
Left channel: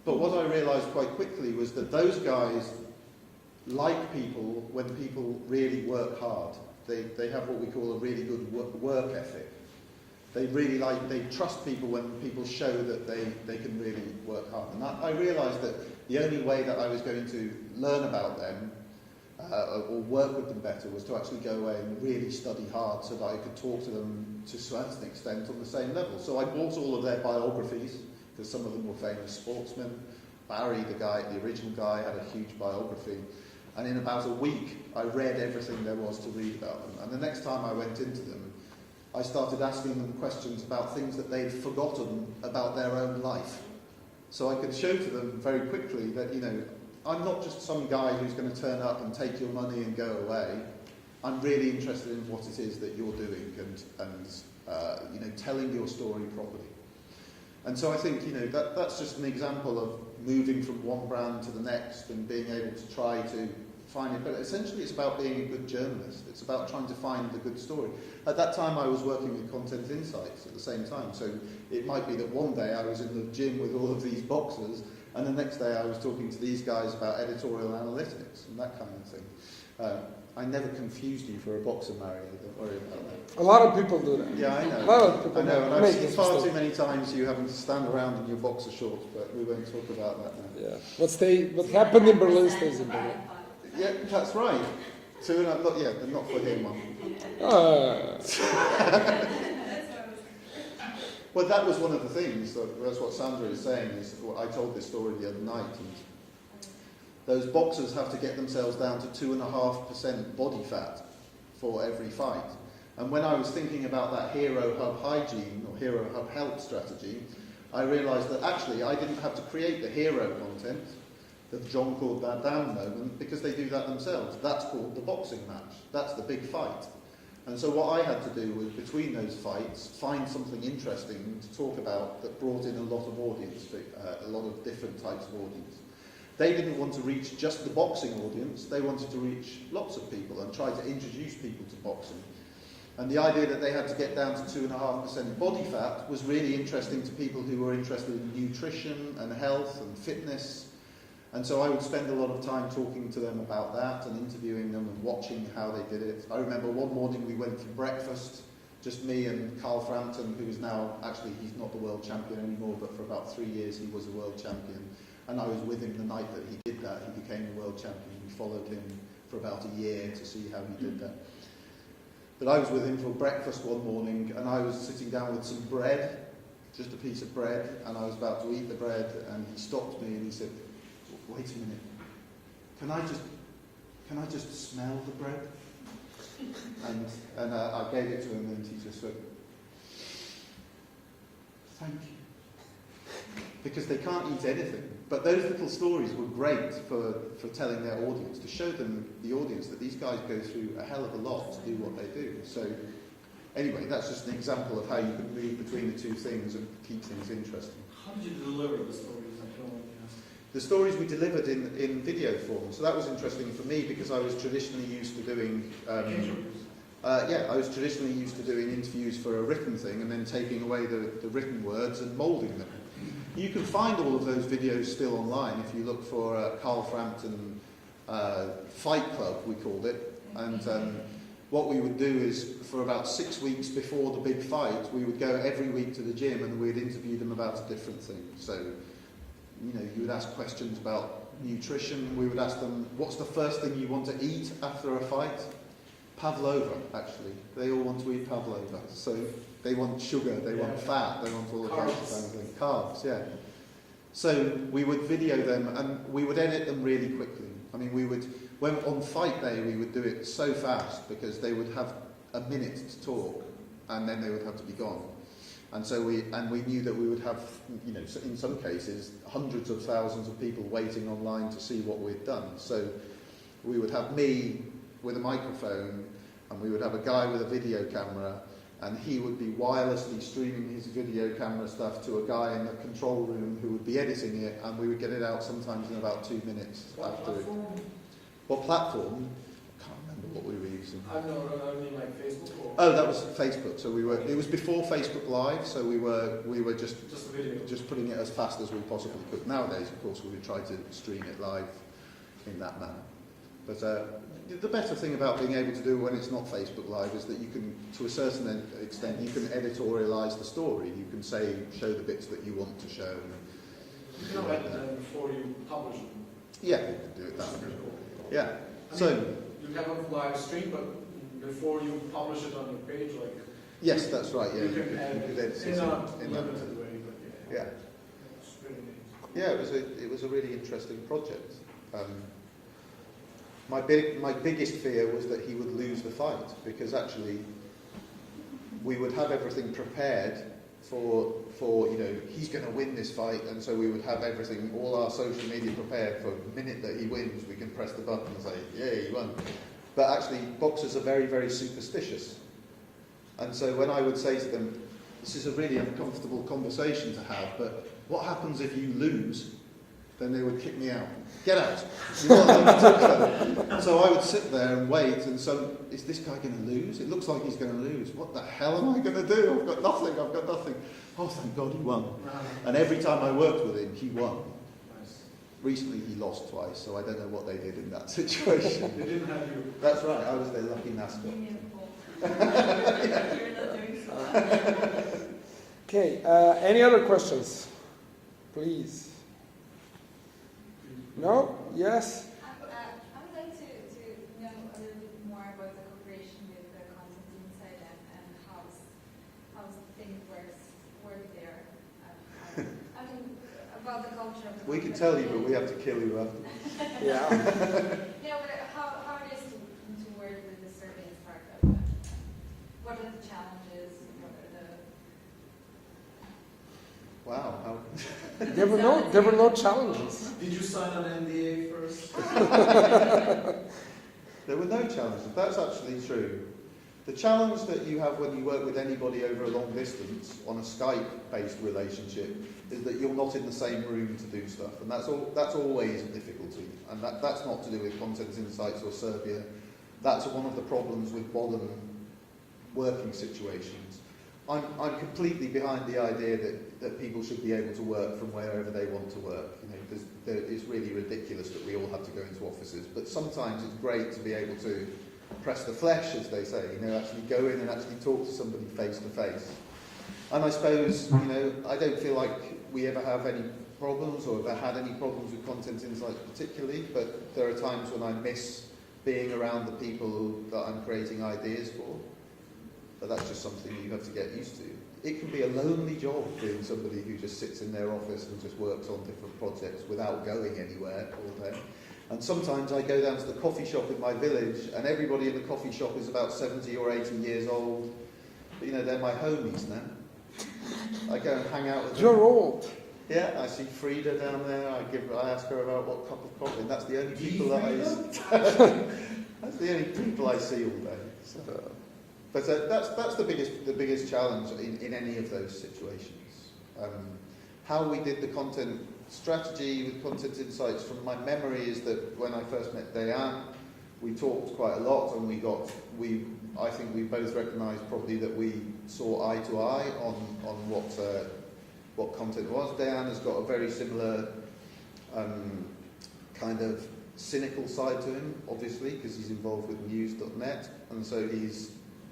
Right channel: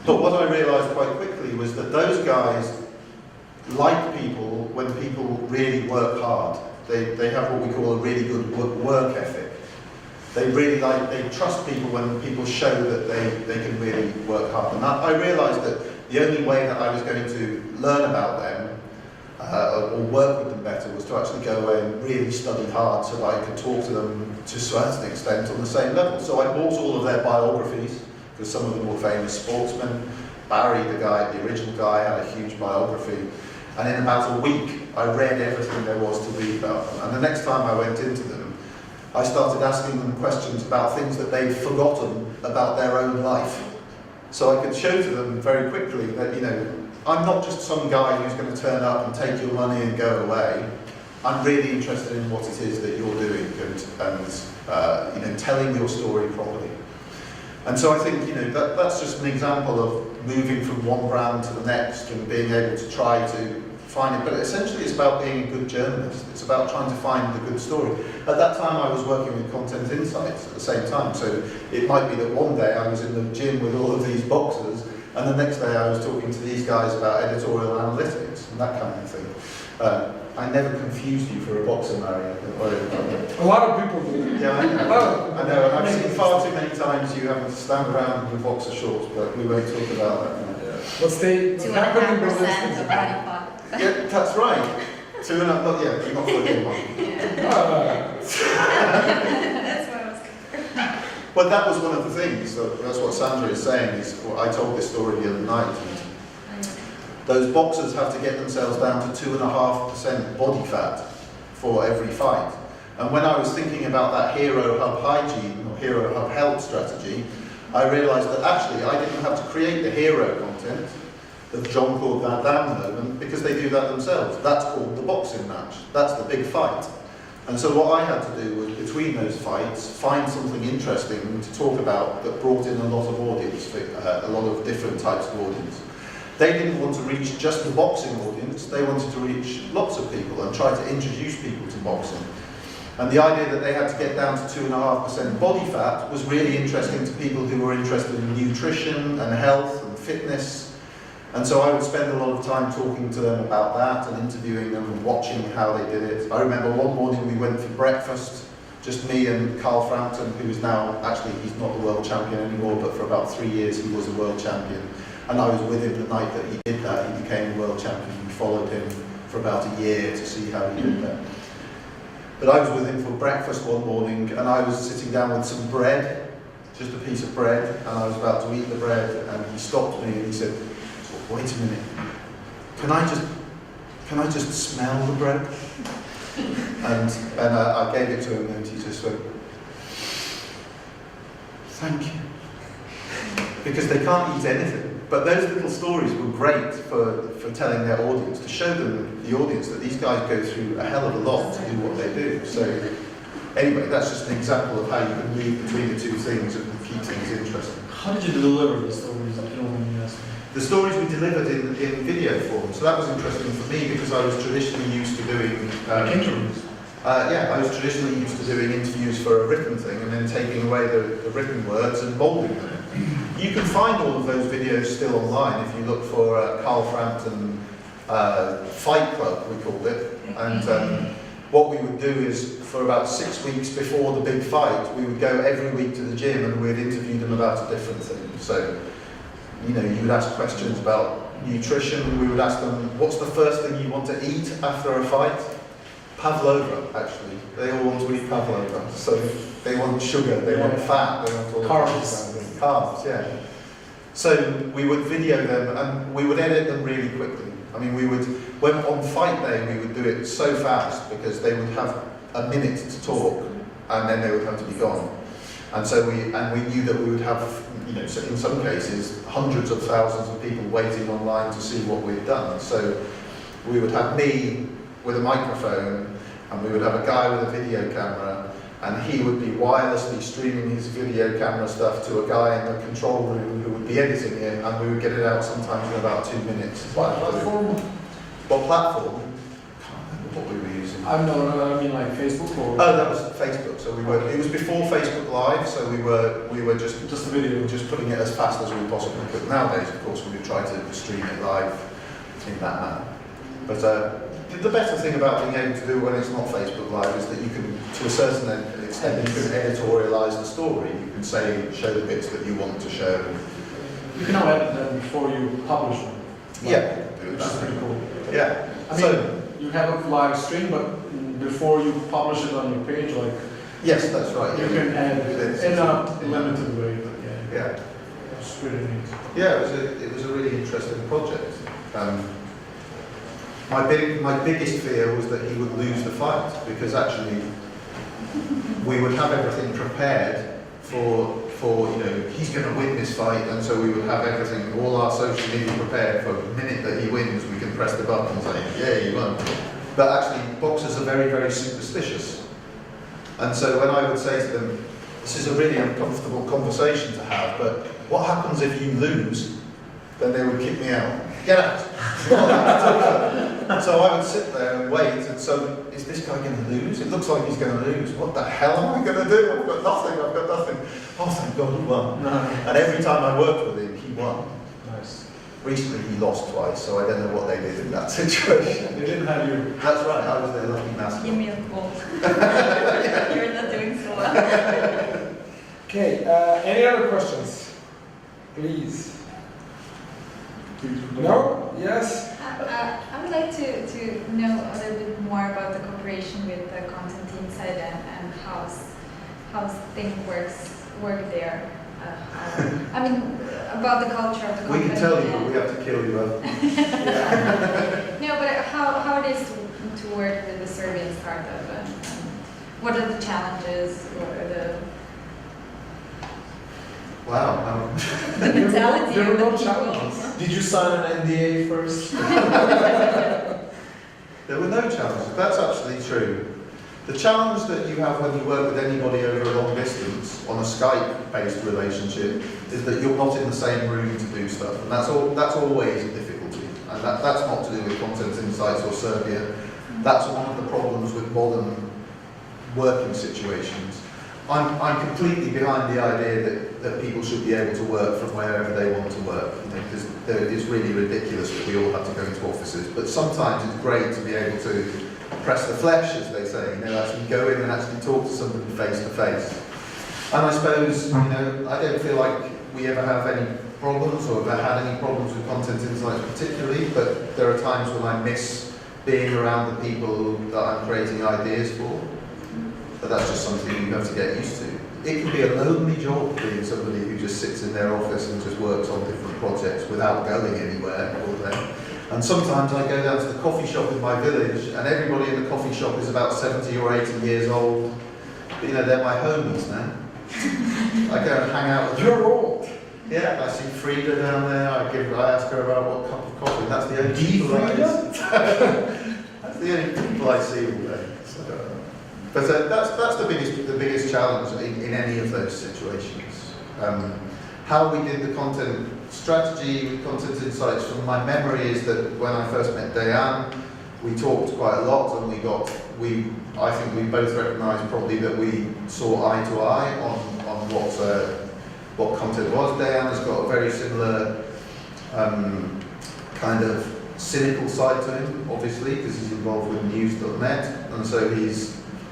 But what I realised quite quickly was that those guys like people when people really work hard. They have what we call a really good work ethic. They trust people when people show that they can really work hard. And I realised that the only way that I was going to learn about them or work with them better was to actually go away and really study hard so that I could talk to them to a certain extent on the same level. So I bought all of their biographies, because some of them were famous sportsmen. Barry, the original guy, had a huge biography. And in about a week, I read everything there was to read about them. And the next time I went into them, I started asking them questions about things that they'd forgotten about their own life. So I could show to them very quickly that, I'm not just some guy who's going to turn up and take your money and go away. I'm really interested in what it is that you're doing and telling your story properly. And so I think, that's just an example of moving from one brand to the next and being able to try to find it, but essentially it's about being a good journalist. It's about trying to find the good story. At that time I was working with Content Insights at the same time, so it might be that one day I was in the gym with all of these boxers, and the next day I was talking to these guys about editorial analytics and that kind of thing. I never confused you for a boxer, Mario. A lot of people do. Yeah, I know. A lot of people I know, and I've seen far too many times you having to stand around in your boxer shorts, but we won't talk about that now. What happened in Berlin 2.5% stays of in body Berlin. fat. Yeah, that's right. 2.5, not yet, you're not fully in one. That's what I was. But that was one of the things, that's what Sandra is saying, is well, I told this story the other night. And those boxers have to get themselves down to 2.5% body fat for every fight. And when I was thinking about that Hero Hub hygiene or Hero Hub health strategy, I realised that actually I didn't have to create the hero content, the John called that down moment, because they do that themselves. That's called the boxing match. That's the big fight. And so what I had to do was, between those fights, find something interesting to talk about that brought in a lot of audience, a lot of different types of audience. They didn't want to reach just the boxing audience, they wanted to reach lots of people and try to introduce people to boxing. And the idea that they had to get down to 2.5% body fat was really interesting to people who were interested in nutrition and health and fitness. And so I would spend a lot of time talking to them about that and interviewing them and watching how they did it. I remember one morning we went for breakfast, just me and Carl Frampton, who is now, actually he's not the world champion anymore, but for about 3 years he was a world champion. And I was with him the night that he did that. He became a world champion. We followed him for about a year to see how he did that. But I was with him for breakfast one morning, and I was sitting down with some bread, just a piece of bread, and I was about to eat the bread, and he stopped me and he said, "Wait a minute, can I just smell the bread?" And I gave it to him, and he just went, "Thank you." Because they can't eat anything. But those little stories were great for telling their audience, to show them, the audience, that these guys go through a hell of a lot to do what they do. So anyway, that's just an example of how you can move between the two things and keep things interesting. How did you deliver the stories? I don't want to ask. The stories we delivered in video form, so that was interesting for me because I was traditionally used to doing Interviews. I was traditionally used to doing interviews for a written thing and then taking away the written words and moulding them. You can find all of those videos still online if you look for Carl Frampton Fight Club, we called it. And what we would do is, for about 6 weeks before the big fight, we would go every week to the gym and we'd interview them about a different thing. So, you know, you would ask questions about nutrition. We would ask them, what's the first thing you want to eat after a fight? Pavlova, actually. They all want to eat pavlova. So they want sugar, they want fat, they want all Carbs. Carbs, yeah. So we would video them and we would edit them really quickly. I mean, when on fight day, we would do it so fast because they would have a minute to talk and then they would have to be gone. And so we knew that we would have, you know, so in some cases, hundreds of thousands of people waiting online to see what we'd done. So we would have me with a microphone, and we would have a guy with a video camera, and he would be wirelessly streaming his video camera stuff to a guy in the control room who would be editing it, and we would get it out sometimes in about 2 minutes. What platform? What platform? I can't remember what we were using. I mean like Facebook or? Oh, that was Facebook. So it was before Facebook Live, so we were just Just a video. just putting it as fast as we possibly could. Nowadays, of course, we would try to stream it live in that manner. But the better thing about being able to do it when it's not Facebook Live is that you can, to a certain extent, you can editorialise the story. You can show the bits that you want to show. You can now edit them before you publish them. Yeah, Which is pretty cool. yeah. I mean, you have a live stream, but before you publish it on your page, like, Yes, that's right. you can edit it in a limited way. But Yeah. It's pretty neat. Yeah, it was a really interesting project. My biggest fear was that he would lose the fight, because actually we would have everything prepared for you know, he's going to win this fight, and so we would have everything, all our social media prepared for the minute that he wins. We can press the button and say, yeah, he won. But actually, boxers are very, very superstitious, and so when I would say to them, this is a really uncomfortable conversation to have, but what happens if you lose? then they would kick me out. Get out! You want them to talk. So I would sit there and wait, and so, is this guy going to lose? It looks like he's going to lose. What the hell am I going to do? I've got nothing. Oh, thank God he won. No. And every time I worked with him, he won. Nice. Recently he lost twice, so I don't know what they did in that situation. They didn't have you. That's right, I was their lucky mascot. Give me a call. You're not doing so well. Okay, any other questions? Please. No? Yes? I would like to know a little bit more about the cooperation with the content inside and how things work there. I mean, about the culture of the We company. can tell you, but we have to kill you. No, but how it is to work with the Serbian startup and what are the challenges? What are the Wow. There were no challenges. Did you sign an NDA first? There were no challenges. That's absolutely true. The challenge that you have when you work with anybody over a long distance on a Skype-based relationship is that you're not in the same room to do stuff, and that's always a difficulty. And that's not to do with Content Insights or Serbia. That's one of the problems with modern working situations. I'm completely behind the idea that people should be able to work from wherever they want to work. It's really ridiculous that we all have to go into offices, but sometimes it's great to be able to press the flesh, as they say, actually go in and actually talk to somebody face to face. And I suppose, I don't feel like we ever have any problems or have had any problems with Content Insights particularly, but there are times when I miss being around the people that I'm creating ideas for. But that's just something you have to get used to. It can be a lonely job being somebody who just sits in their office and just works on different projects without going anywhere all day. And sometimes I go down to the coffee shop in my village and everybody in the coffee shop is about 70 or 80 years old. But, they're my homies now. I go and hang out with them. You're old. Yeah, I see Frida down there. I ask her about what cup of coffee. That's the only people that's the only people I see all day. So, but that's the biggest challenge in any of those situations. How we did the content strategy with Content Insights, from my memory, is that when I first met Diane, we talked quite a lot, and I think we both recognised probably that we saw eye to eye on what content was. Diane has got a very similar kind of cynical side to him, obviously, because he's involved with news.net, and so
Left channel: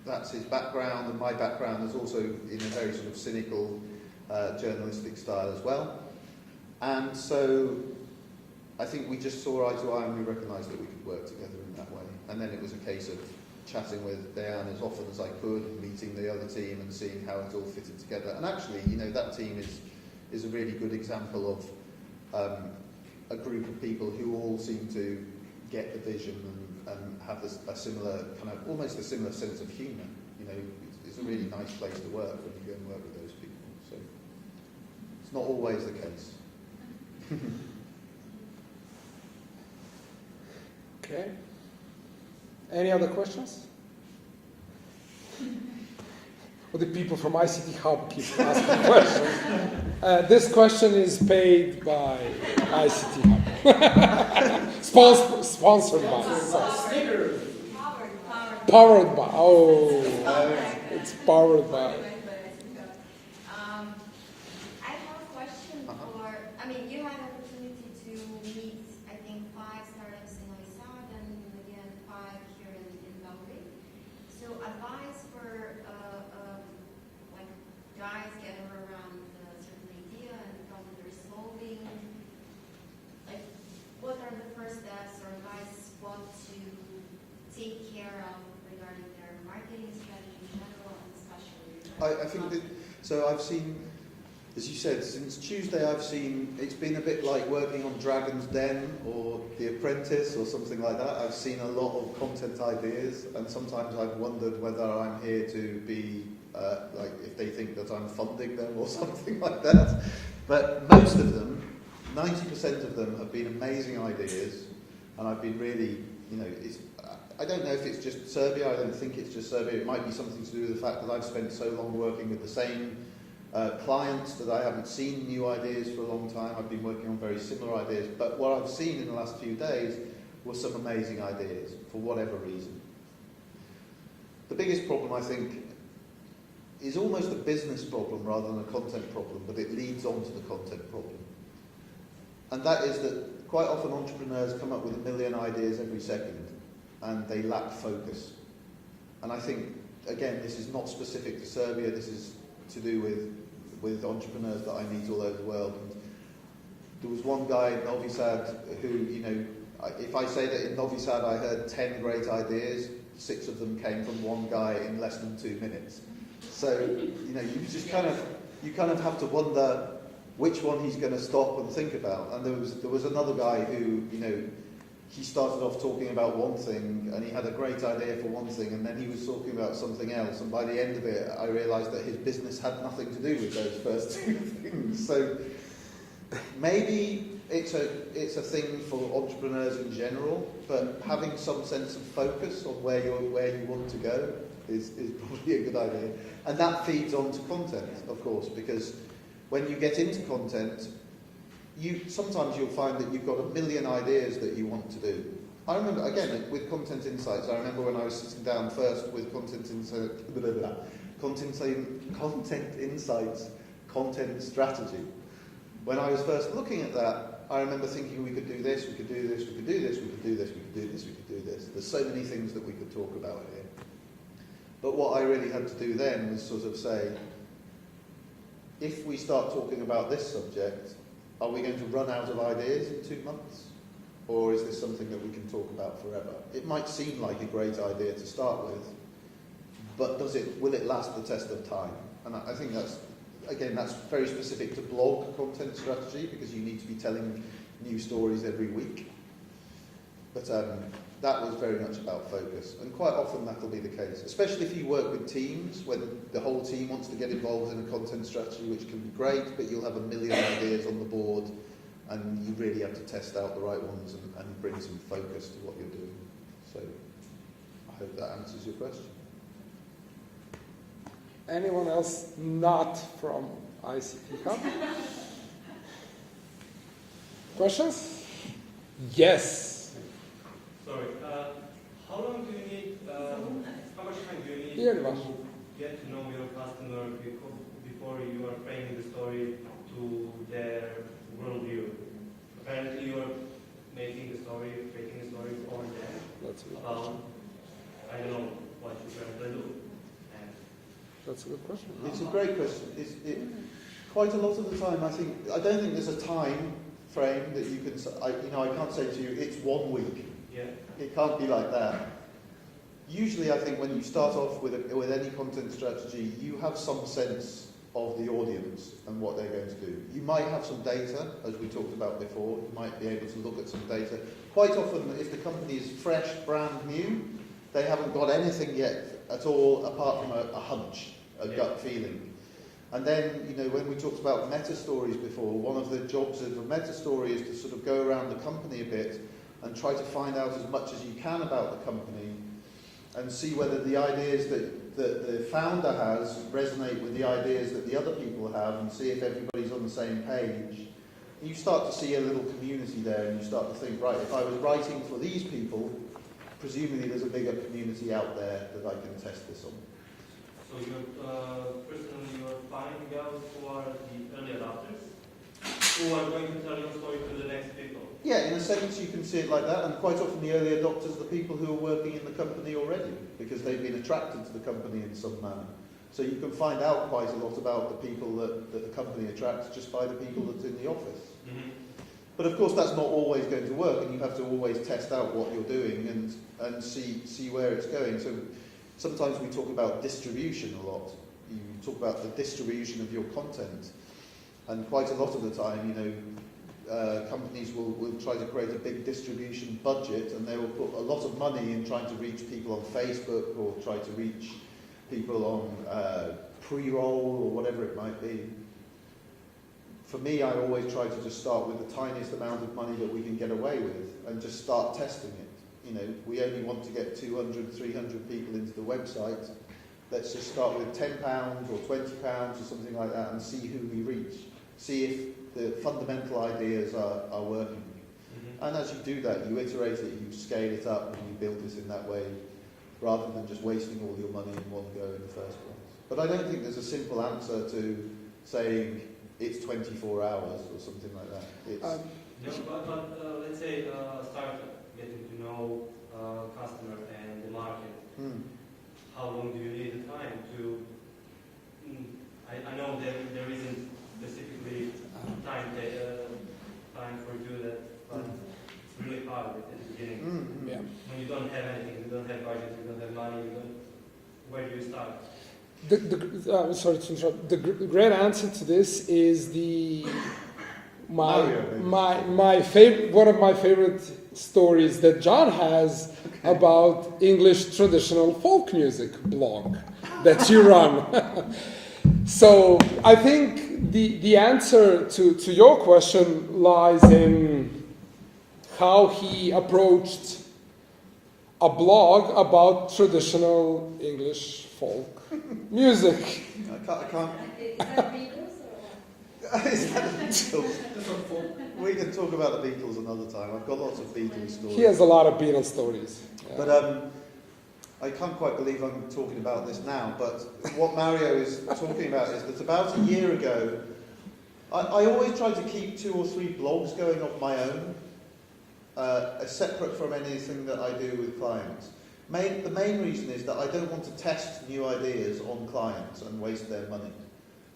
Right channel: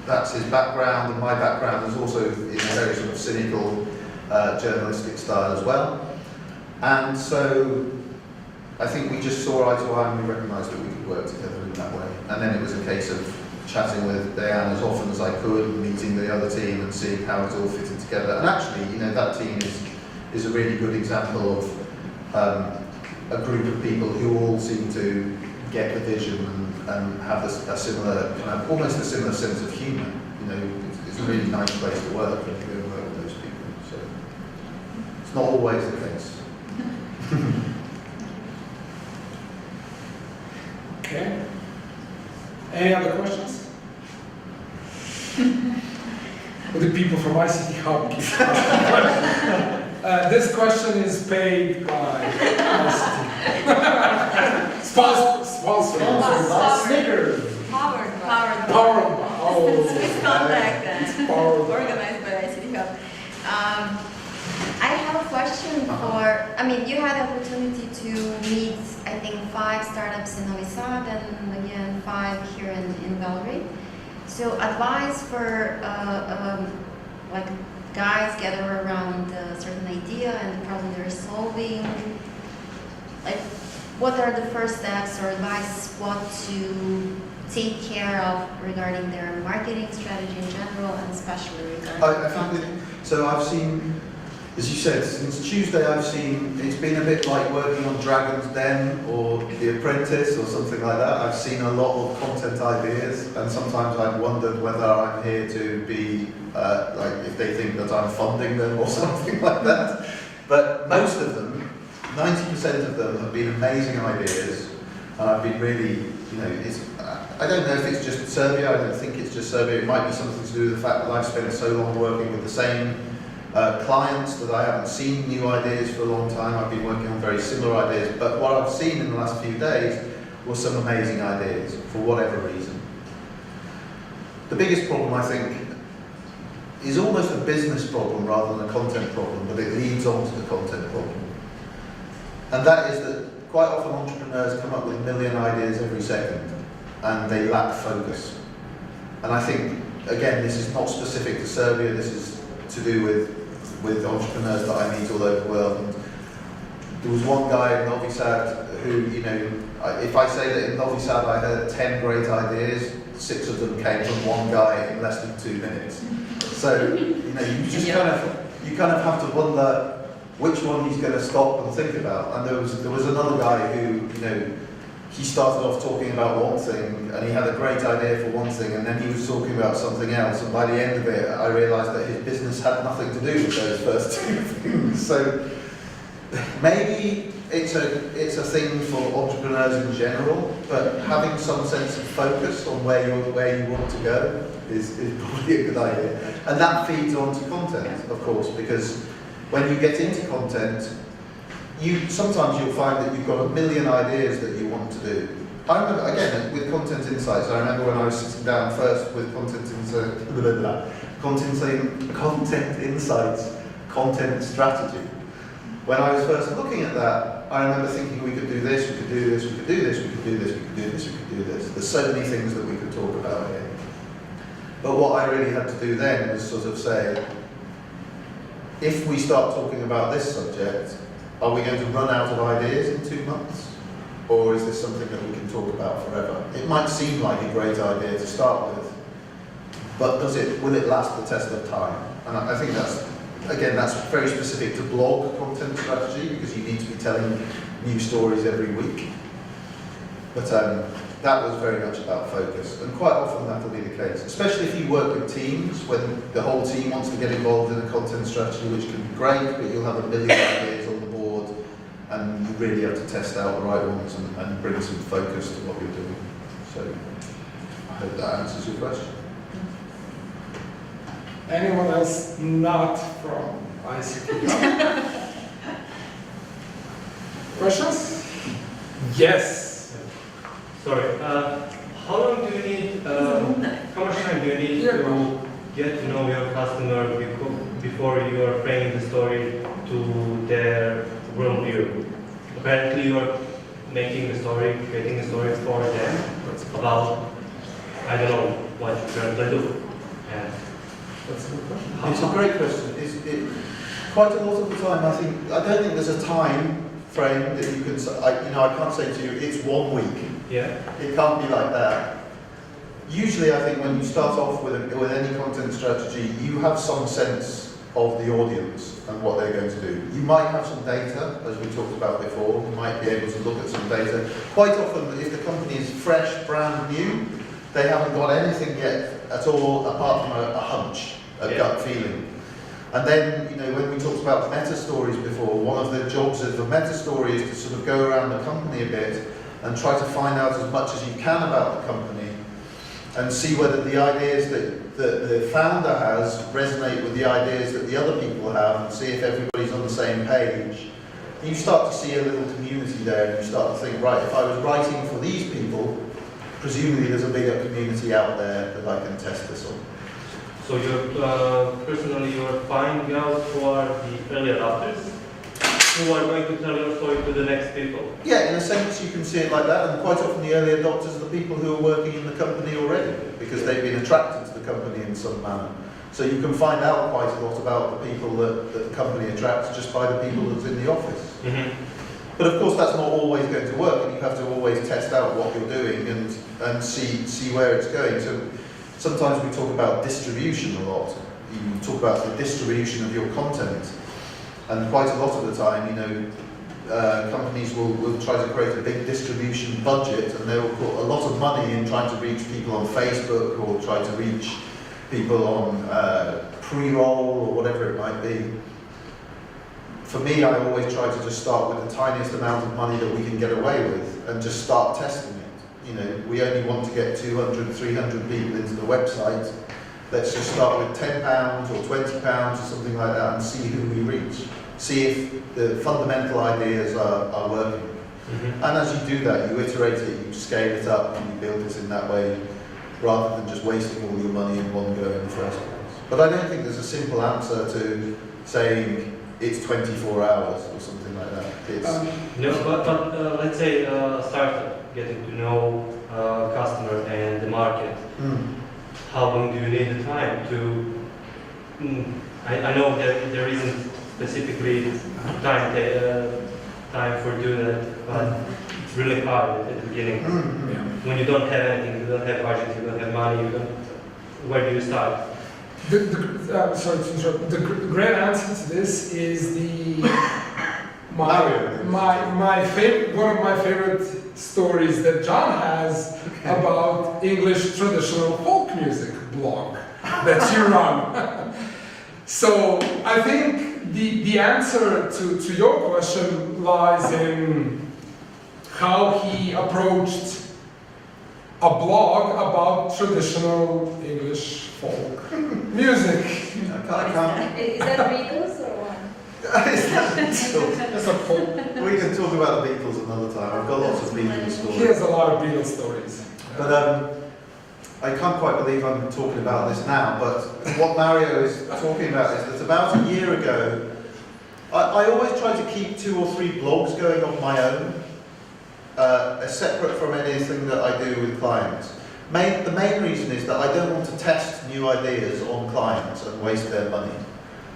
that's his background, and my background is also in a very sort of cynical journalistic style as well. And so I think we just saw eye to eye and we recognised that we could work together in that way. And then it was a case of chatting with Diane as often as I could, meeting the other team and seeing how it all fitted together. And actually, that team is a really good example of a group of people who all seem to get the vision and have a similar, almost a similar sense of humour. It's a really nice place to work when you go and work with those people. So it's not always the case. Okay. Any other questions? Would the people from ICT Hub keep asking questions? This question is paid by ICT. Sponsored by Snickers. powered Powered by. Oh. Swiss contact then. It's powered by. Organized by ICT Hub. I have a question for, you had the opportunity to meet, I think, 5 startups in Novi Sad and again 5 here in Belgrade. So advice for guys gather around a certain idea and the problem they're solving. What are the first steps or advice what to take care of regarding their marketing strategy in general and especially regarding So I've seen, as you said, since Tuesday it's been a bit like working on Dragon's Den or The Apprentice or something like that. I've seen a lot of content ideas, and sometimes I've wondered whether I'm here to be, if they think that I'm funding them or something like that. But most of them, 90% of them have been amazing ideas, and I've been really, I don't know if it's just Serbia, I don't think it's just Serbia, it might be something to do with the fact that I've spent so long working with the same Clients that I haven't seen new ideas for a long time. I've been working on very similar ideas, but what I've seen in the last few days were some amazing ideas for whatever reason. The biggest problem, I think, is almost a business problem rather than a content problem, but it leads on to the content problem. And that is that quite often entrepreneurs come up with a million ideas every second, and they lack focus. And I think, again, this is not specific to Serbia, this is to do with entrepreneurs that I meet all over the world. And there was one guy in Novi Sad who, you know, if I say that in Novi Sad I heard 10 great ideas, 6 of them came from one guy in less than 2 minutes. So, you know, you just kind of have to wonder which one he's going to stop and think about. And there was another guy who, you know, he started off talking about one thing, and he had a great idea for one thing, and then he was talking about something else, and by the end of it, I realised that his business had nothing to do with those first 2 things. So maybe it's a thing for entrepreneurs in general, but having some sense of focus on where you want to go is probably a good idea. And that feeds on to content, of course, because when you get into content, sometimes you'll find that you've got a million ideas that you want to do. I remember, again, with Content Insights, I remember when I was sitting down first with Content Insights, content strategy. When I was first looking at that, I remember thinking we could do this, we could do this, we could do this, we could do this, we could do this, we could do this. There's so many things that we could talk about here. But what I really had to do then was sort of say, if we start talking about this subject, are we going to run out of ideas in 2 months? Or is this something that we can talk about forever? It might seem like a great idea to start with, but will it last the test of time? And I think that's very specific to blog content strategy, because you need to be telling new stories every week. But that was very much about focus, and quite often that will be the case, especially if you work with teams, when the whole team wants to get involved in a content strategy, which can be great, but you'll have a million ideas on the board, and you really have to test out the right ones and bring some focus to what you're doing. So I hope that answers your question. Anyone else not from ICT? Questions? Yes. Sorry, how long do you need, how much time do you need to get to know your customer before you are framing the story to their worldview? Apparently you are making the story, creating a story for them about, I don't know, what you're going to do. Yeah. That's a good question. It's a great question. Quite a lot of the time, I don't think there's a time frame that you can say. I can't say to you, it's 1 week. Yeah. It can't be like that. Usually, I think when you start off with any content strategy, you have some sense of the audience and what they're going to do. You might have some data, as we talked about before. You might be able to look at some data. Quite often, if the company is fresh, brand new, they haven't got anything yet at all apart from a hunch, a gut feeling. And then, when we talked about meta stories before, one of the jobs of a meta story is to sort of go around the company a bit and try to find out as much as you can about the company and see whether the ideas that the founder has resonate with the ideas that the other people have, and see if everybody's on the same page. You start to see a little community there, and you start to think, right, if I was writing for these people, presumably there's a bigger community out there that I can test this on. So personally you're finding out who are the early adopters, who are going to tell your story to the next people? Yeah, in a sense you can see it like that, and quite often the early adopters are the people who are working in the company already, because they've been attracted to the company in some manner. So you can find out quite a lot about the people that the company attracts just by the people that's in the office. Mm-hmm. But of course that's not always going to work, and you have to always test out what you're doing and see where it's going. So sometimes we talk about distribution a lot. You talk about the distribution of your content. And quite a lot of the time, companies will try to create a big distribution budget, and they will put a lot of money in trying to reach people on Facebook, or try to reach people on pre-roll, or whatever it might be. For me, I always try to just start with the tiniest amount of money that we can get away with, and just start testing it. We only want to get 200, 300 people into the website, let's just start with £10 or £20 or something like that and see who we reach. See if the fundamental ideas are working. And as you do that, you iterate it, you scale it up, and you build it in that way, rather than just wasting all your money in one go in the first place. But I don't think there's a simple answer to saying it's 24 hours or something like that. It's No, but let's say a startup, getting to know customer and the market. How long do you need the time to? I know that there isn't specifically time for doing that, but it's really hard at the beginning. When you don't have anything, you don't have budget, you don't have money, where do you start? Sorry to interrupt. The great answer to this is my favorite, one of my favorite stories that Jon has about English traditional folk music blog that you run. So I think the answer to your question lies in how he approached a blog about traditional English folk music. I can't. Is that Beatles or what? Is that Beatles? That's a folk. We can talk about the Beatles another time. I've got lots of Beatles stories. He has a lot of Beatles stories. But I can't quite believe I'm talking about this now, but what Mario is talking about is that about a year ago, I always try to keep 2 or 3 blogs going on my own, separate from anything that I do with clients. The main reason is that I don't want to test new ideas on clients and waste their money.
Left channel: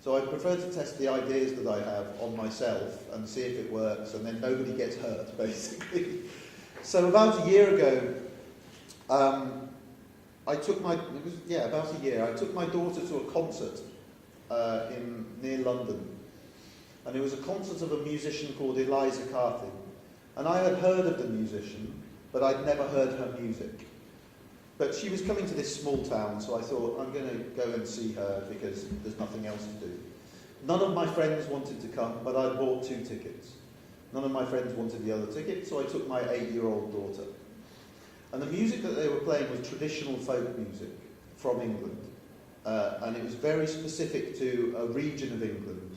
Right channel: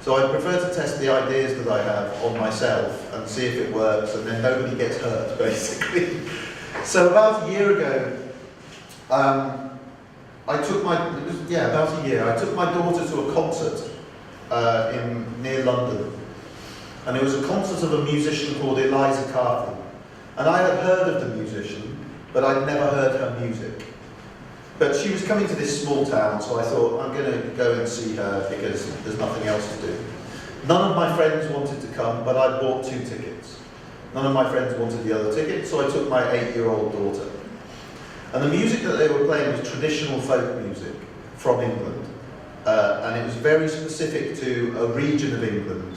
So I prefer to test the ideas that I have on myself and see if it works, and then nobody gets hurt, basically. So about a year ago, I took my daughter to a concert near London, and it was a concert of a musician called Eliza Carthy. And I had heard of the musician, but I'd never heard her music. But she was coming to this small town, so I thought, I'm going to go and see her because there's nothing else to do. None of my friends wanted to come, but I bought 2 tickets. None of my friends wanted the other ticket, so I took my 8-year-old daughter. And the music that they were playing was traditional folk music from England. And it was very specific to a region of England.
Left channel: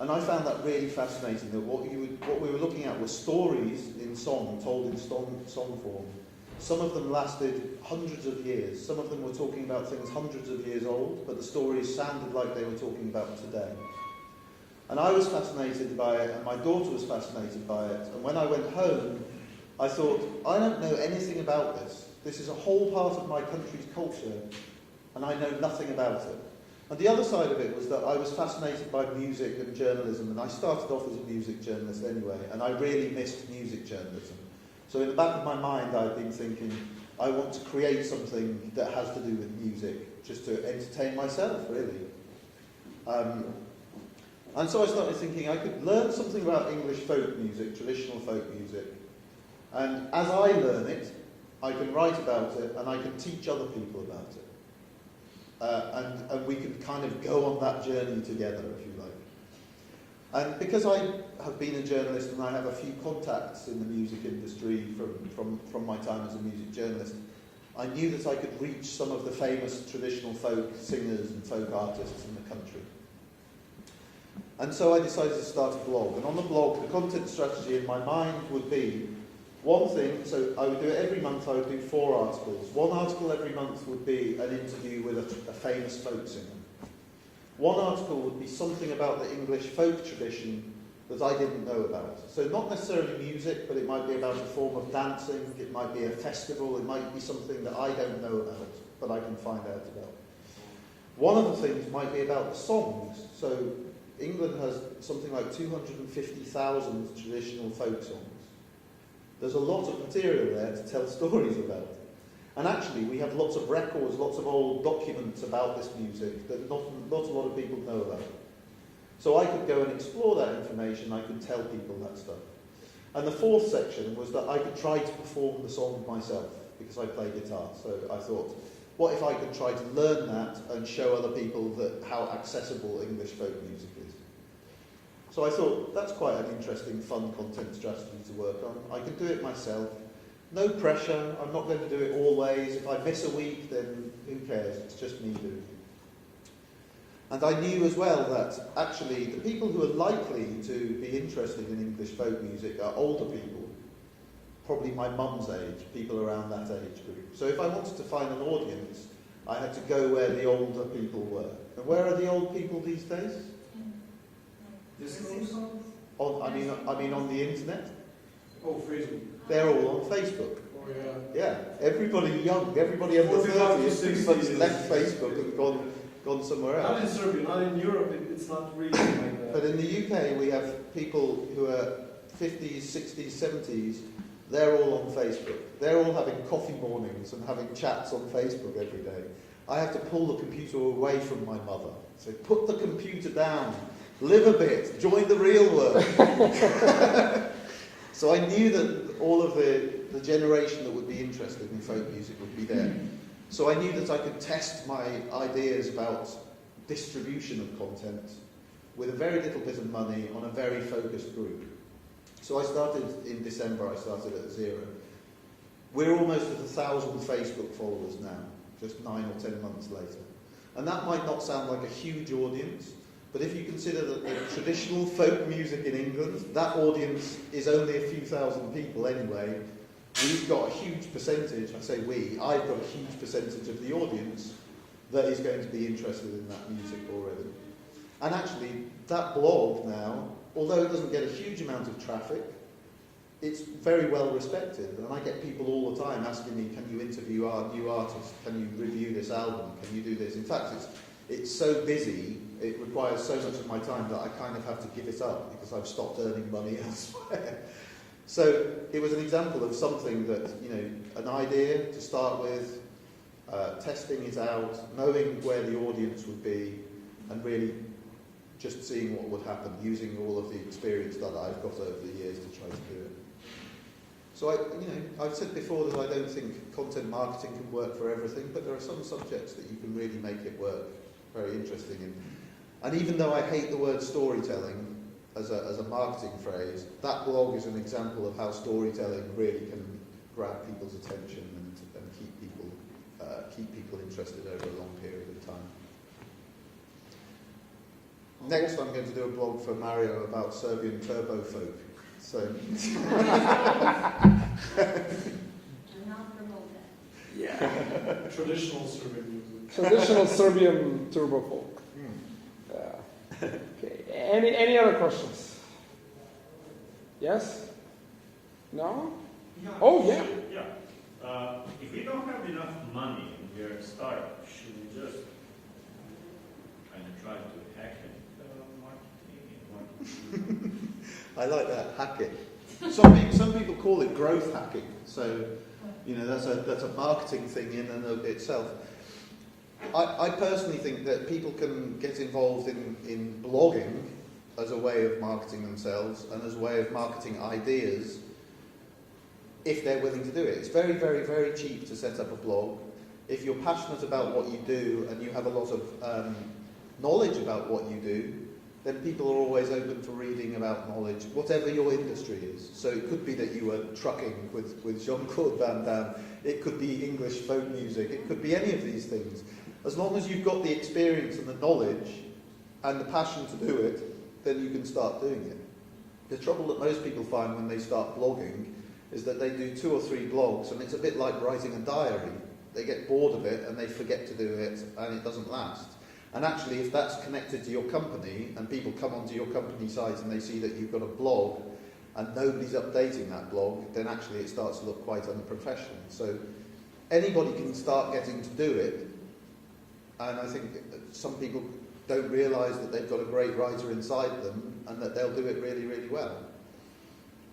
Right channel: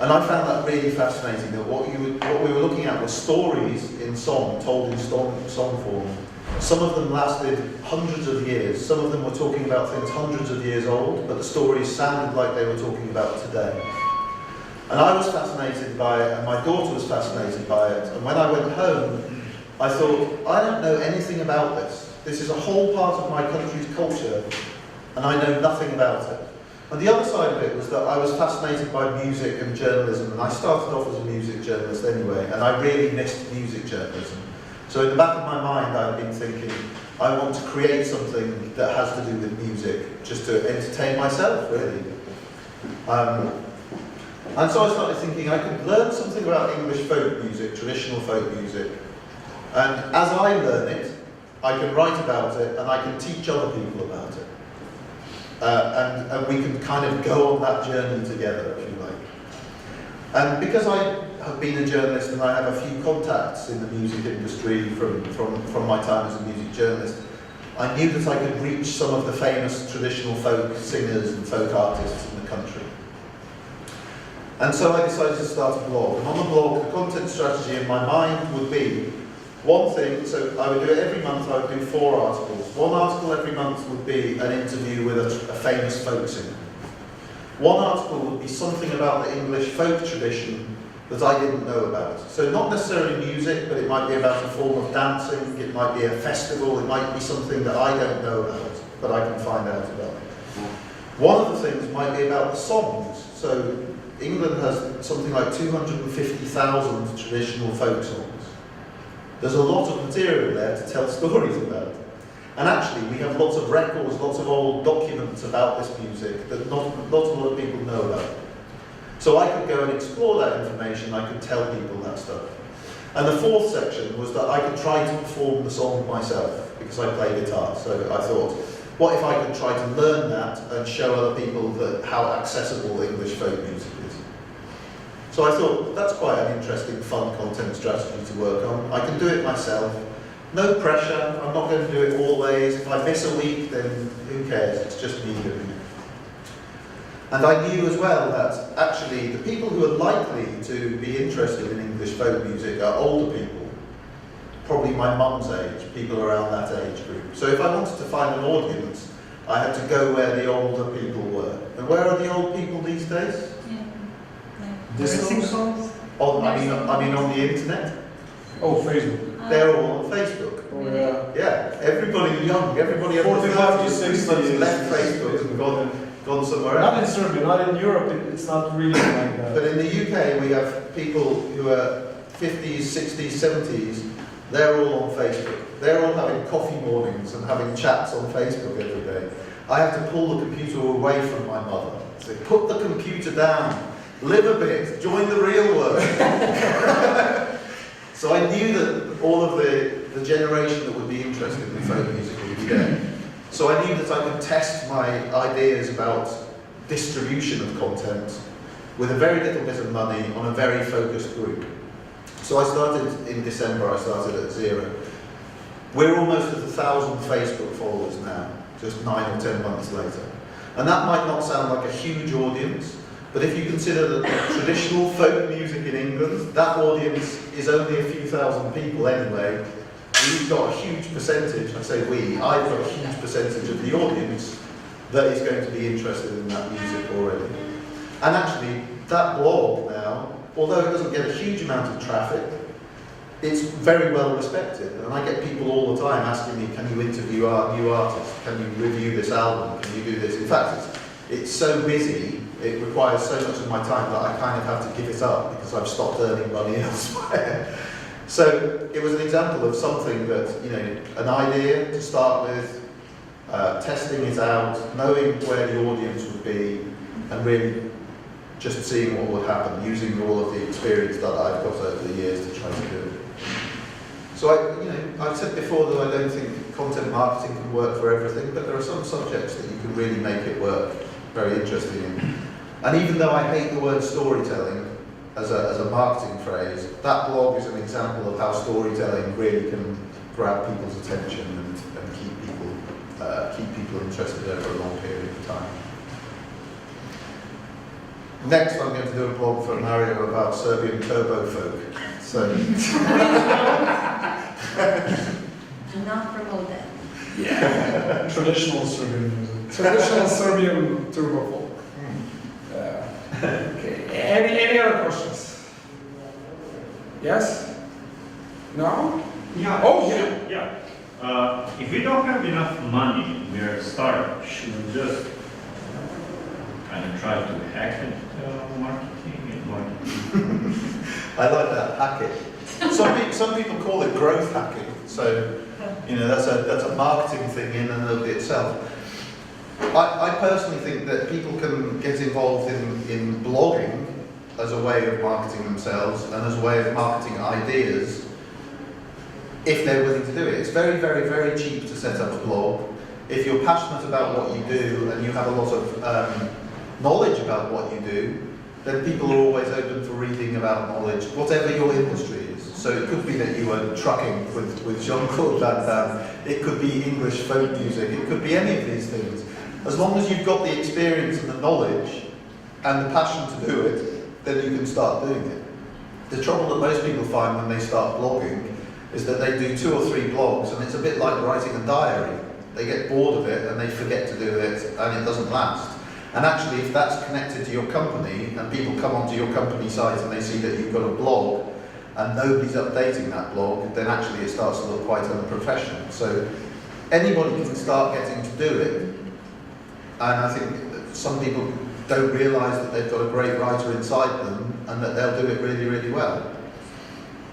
And I found that really fascinating, that what we were looking at were stories in song, told in song form. Some of them lasted hundreds of years. Some of them were talking about things hundreds of years old, but the stories sounded like they were talking about today. And I was fascinated by it, and my daughter was fascinated by it. And when I went home, I thought, I don't know anything about this. This is a whole part of my country's culture, and I know nothing about it. And the other side of it was that I was fascinated by music and journalism, and I started off as a music journalist anyway, and I really missed music journalism. So in the back of my mind, I've been thinking, I want to create something that has to do with music, just to entertain myself, really. And so I started thinking I could learn something about English folk music, traditional folk music, and as I learn it, I can write about it, and I can teach other people about it. And we can kind of go on that journey together, if you like. And because I have been a journalist and I have a few contacts in the music industry from my time as a music journalist, I knew that I could reach some of the famous traditional folk singers and folk artists in the country. And so I decided to start a blog. And on the blog, the content strategy in my mind would be one thing, so I would do it every month, I would do 4 articles. One article every month would be an interview with a famous folk singer. One article would be something about the English folk tradition that I didn't know about. So not necessarily music, but it might be about a form of dancing, it might be a festival, it might be something that I don't know about, but I can find out about. One of the things might be about the songs. So England has something like 250,000 traditional folk songs. There's a lot of material there to tell stories about. And actually, we have lots of records, lots of old documents about this music that not a lot of people know about. So I could go and explore that information, I could tell people that stuff. And the 4th section was that I could try to perform the song myself, because I play guitar. So I thought, what if I could try to learn that and show other people how accessible English folk music is? So I thought, that's quite an interesting, fun content strategy to work on. I can do it myself. No pressure, I'm not going to do it always. If I miss a week, then who cares? It's just me doing it. And I knew as well that actually the people who are likely to be interested in English folk music are older people, probably my mum's age, people around that age group. So if I wanted to find an audience, I had to go where the older people were. And where are the old people these days? I mean on the internet. Oh, Facebook. They're all on Facebook. Oh, yeah. Yeah, everybody young, everybody in the 45 to 30s 60 has is- left Facebook and gone somewhere Not in else. Serbia, not in Europe, it's not really like that. But in the UK, we have people who are 50s, 60s, 70s. They're all on Facebook. They're all having coffee mornings and having chats on Facebook every day. I have to pull the computer away from my mother. Say, put the computer down, live a bit, join the real world. So I knew that all of the generation that would be interested in folk music would be there. So I knew that I could test my ideas about distribution of content with a very little bit of money on a very focused group. So I started in December, I started at 0. We're almost at 1,000 Facebook followers now, just 9 or 10 months later. And that might not sound like a huge audience, but if you consider that the traditional folk music in England, that audience is only a few thousand people anyway. We've got a huge percentage, I say I've got a huge percentage of the audience that is going to be interested in that music already. And actually, that blog now, although it doesn't get a huge amount of traffic, it's very well respected. And I get people all the time asking me, can you interview our new artists? Can you review this album? Can you do this? In fact, it's so busy, it requires so much of my time that I kind of have to give it up because I've stopped earning money elsewhere. So it was an example of something that, an idea to start with, testing it out, knowing where the audience would be, and really just seeing what would happen, using all of the experience that I've got over the years to try to do it. So I've said before that I don't think content marketing can work for everything, but there are some subjects that you can really make it work very interesting in. And even though I hate the word storytelling as a marketing phrase, that blog is an example of how storytelling really can grab people's attention and keep people interested over a long period of time. Next, I'm going to do a blog for Mario about Serbian turbo folk. So, Do not promote that. Yeah. Traditional Serbian music. Traditional Serbian turbo folk. Okay. Any other questions? Yes? No? Yeah. Oh, yeah. Yeah. If we don't have enough money, we're a startup. Should we just kind of try to hack it, marketing? I like that, hack it. Some people call it growth hacking. So, that's a marketing thing in and of itself. I personally think that people can get involved in blogging as a way of marketing themselves and as a way of marketing ideas if they're willing to do it. It's very, very, very cheap to set up a blog. If you're passionate about what you do and you have a lot of knowledge about what you do, then people are always open for reading about knowledge, whatever your industry is. So it could be that you are trucking with Jean-Claude Van Damme, it could be English folk music, it could be any of these things. As long as you've got the experience and the knowledge and the passion to do it, then you can start doing it. The trouble that most people find when they start blogging is that they do 2 or 3 blogs and it's a bit like writing a diary. They get bored of it and they forget to do it and it doesn't last. And actually, if that's connected to your company and people come onto your company site and they see that you've got a blog and nobody's updating that blog, then actually it starts to look quite unprofessional. So anybody can start getting to do it. And I think that some people don't realise that they've got a great writer inside them and that they'll do it really, really well.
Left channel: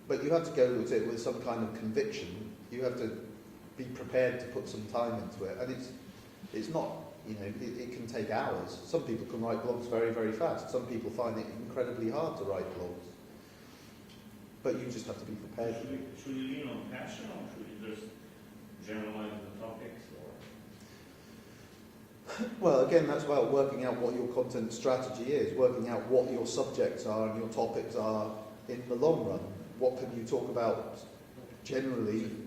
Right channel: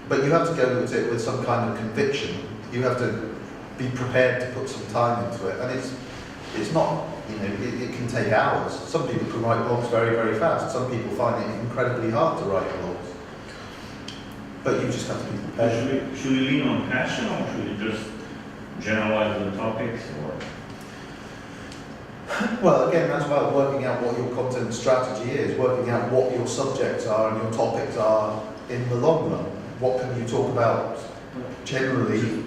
But you have to go at it with some kind of conviction. You have to be prepared to put some time into it. And it's not, it can take hours. Some people can write blogs very, very fast. Some people find it incredibly hard to write blogs. But you just have to be prepared. Should we lean on passion or should we just generalize the topics? Well, again, that's about working out what your content strategy is, working out what your subjects are and your topics are in the long run. What can you talk about generally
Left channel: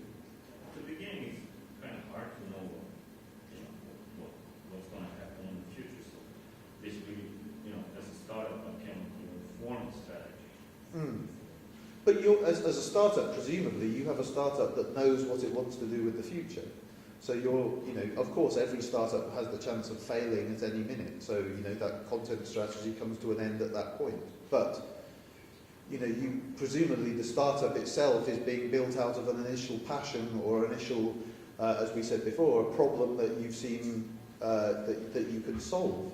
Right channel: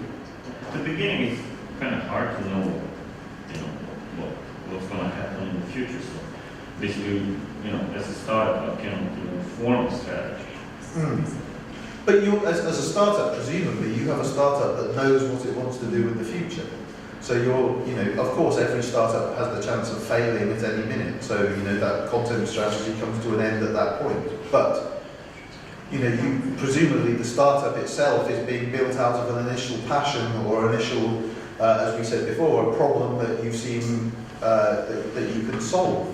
at the beginning it's kind of hard to know, what's going to happen in the future. So basically, as a startup, I cannot form a strategy. But as a startup, presumably, you have a startup that knows what it wants to do with the future. So of course, every startup has the chance of failing at any minute. So, that content strategy comes to an end at that point. But, presumably the startup itself is being built out of an initial passion or initial, as we said before, a problem that you've seen that you can solve.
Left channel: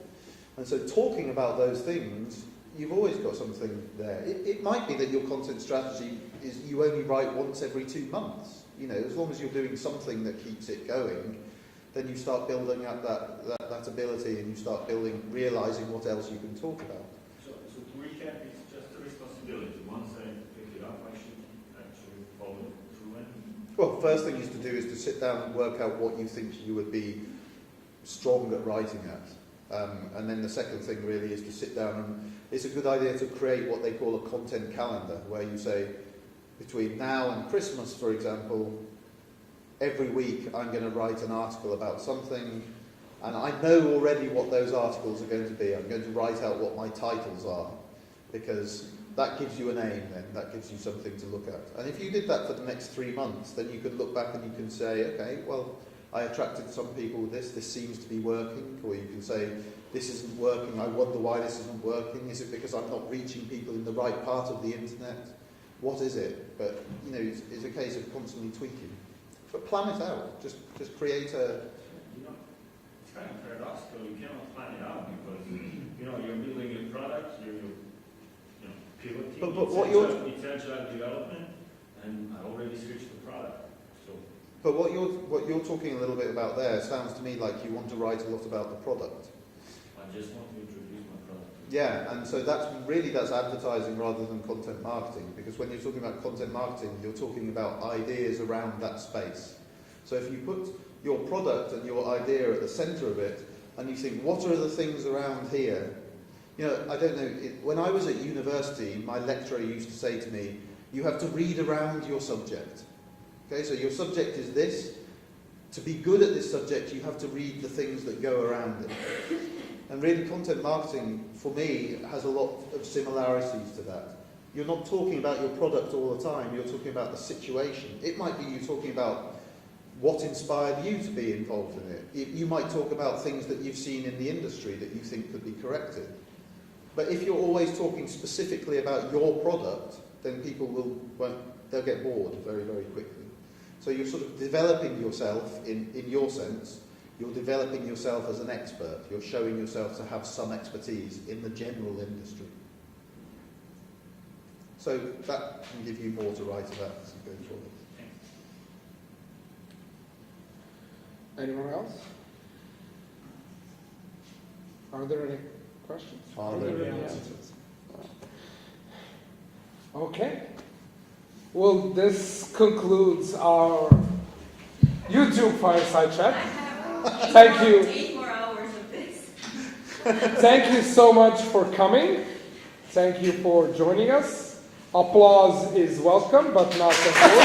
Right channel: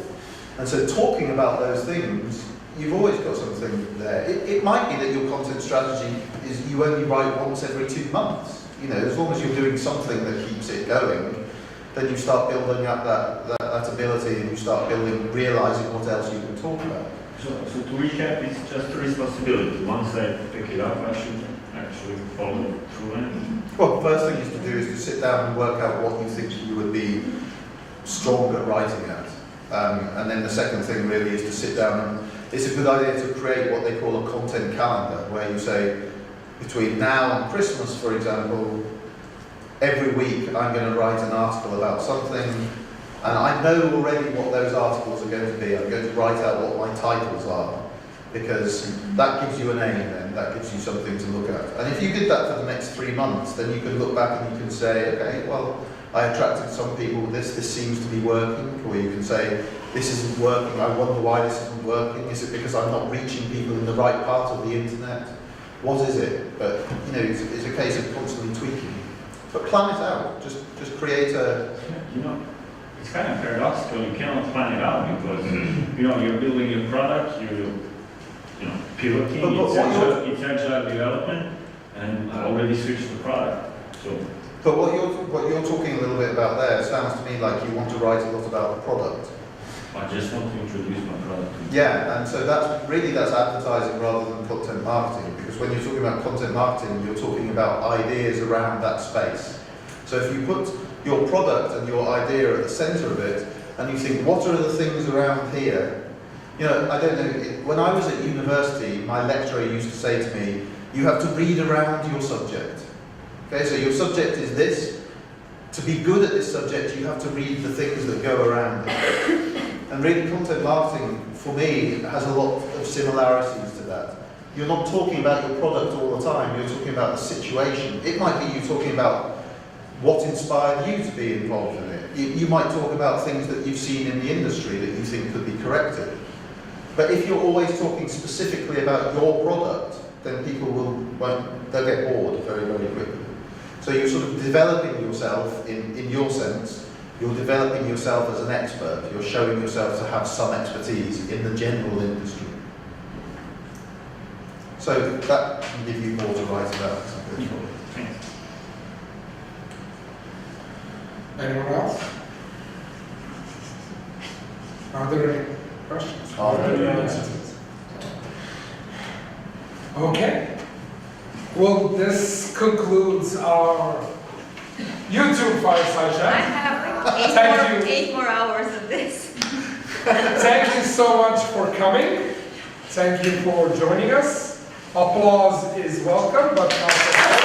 And so talking about those things, you've always got something there. It might be that your content strategy is you only write once every 2 months. As long as you're doing something that keeps it going, then you start building up that ability, and you start realizing what else you can talk about. So to recap, it's just a responsibility. Once I pick it up, I should actually follow through it. Well, the first thing is to do is to sit down and work out what you think you would be strong at writing at. And then the second thing really is to sit down and it's a good idea to create what they call a content calendar, where you say, between now and Christmas, for example, every week I'm going to write an article about something, and I know already what those articles are going to be. I'm going to write out what my titles are, because that gives you an aim then, that gives you something to look at. And if you did that for the next 3 months, then you can look back and you can say, okay, well, I attracted some people with this seems to be working, or you can say, this isn't working, I wonder why this isn't working. Is it because I'm not reaching people in the right part of the internet? What is it? But, it's a case of constantly tweaking. But plan it out, just create a... It's kind of paradoxical, you cannot plan it out because, you're building your product, you're, pivoting, it's agile development, and already switched the product, so... But what you're talking a little bit about there sounds to me like you want to write a lot about the product. I just want to introduce my product. Yeah, and so that's advertising rather than content marketing, because when you're talking about content marketing, you're talking about ideas around that space. So if you put your product and your idea at the center of it, and you think, what are the things around here? I don't know, when I was at university, my lecturer used to say to me, you have to read around your subject. Okay, so your subject is this. To be good at this subject, you have to read the things that go around it. And really, content marketing, for me, has a lot of similarities to that. You're not talking about your product all the time, you're talking about the situation. It might be you talking about what inspired you to be involved in it. You might talk about things that you've seen in the industry that you think could be corrected. But if you're always talking specifically about your product, then people they'll get bored very, very quickly. So you're sort of developing yourself in your sense. You're developing yourself as an expert. You're showing yourself to have some expertise in the general industry. So that can give you more to write about. Thanks. Anyone else? Are there any questions? Okay. Well, this concludes our YouTube fireside I chat. have Thank you. 8 more hours of this. Thank you so much for coming. Thank you for joining us. Applause is welcome, but not necessary.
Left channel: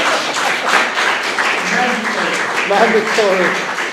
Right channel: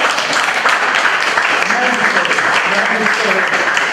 Mandatory.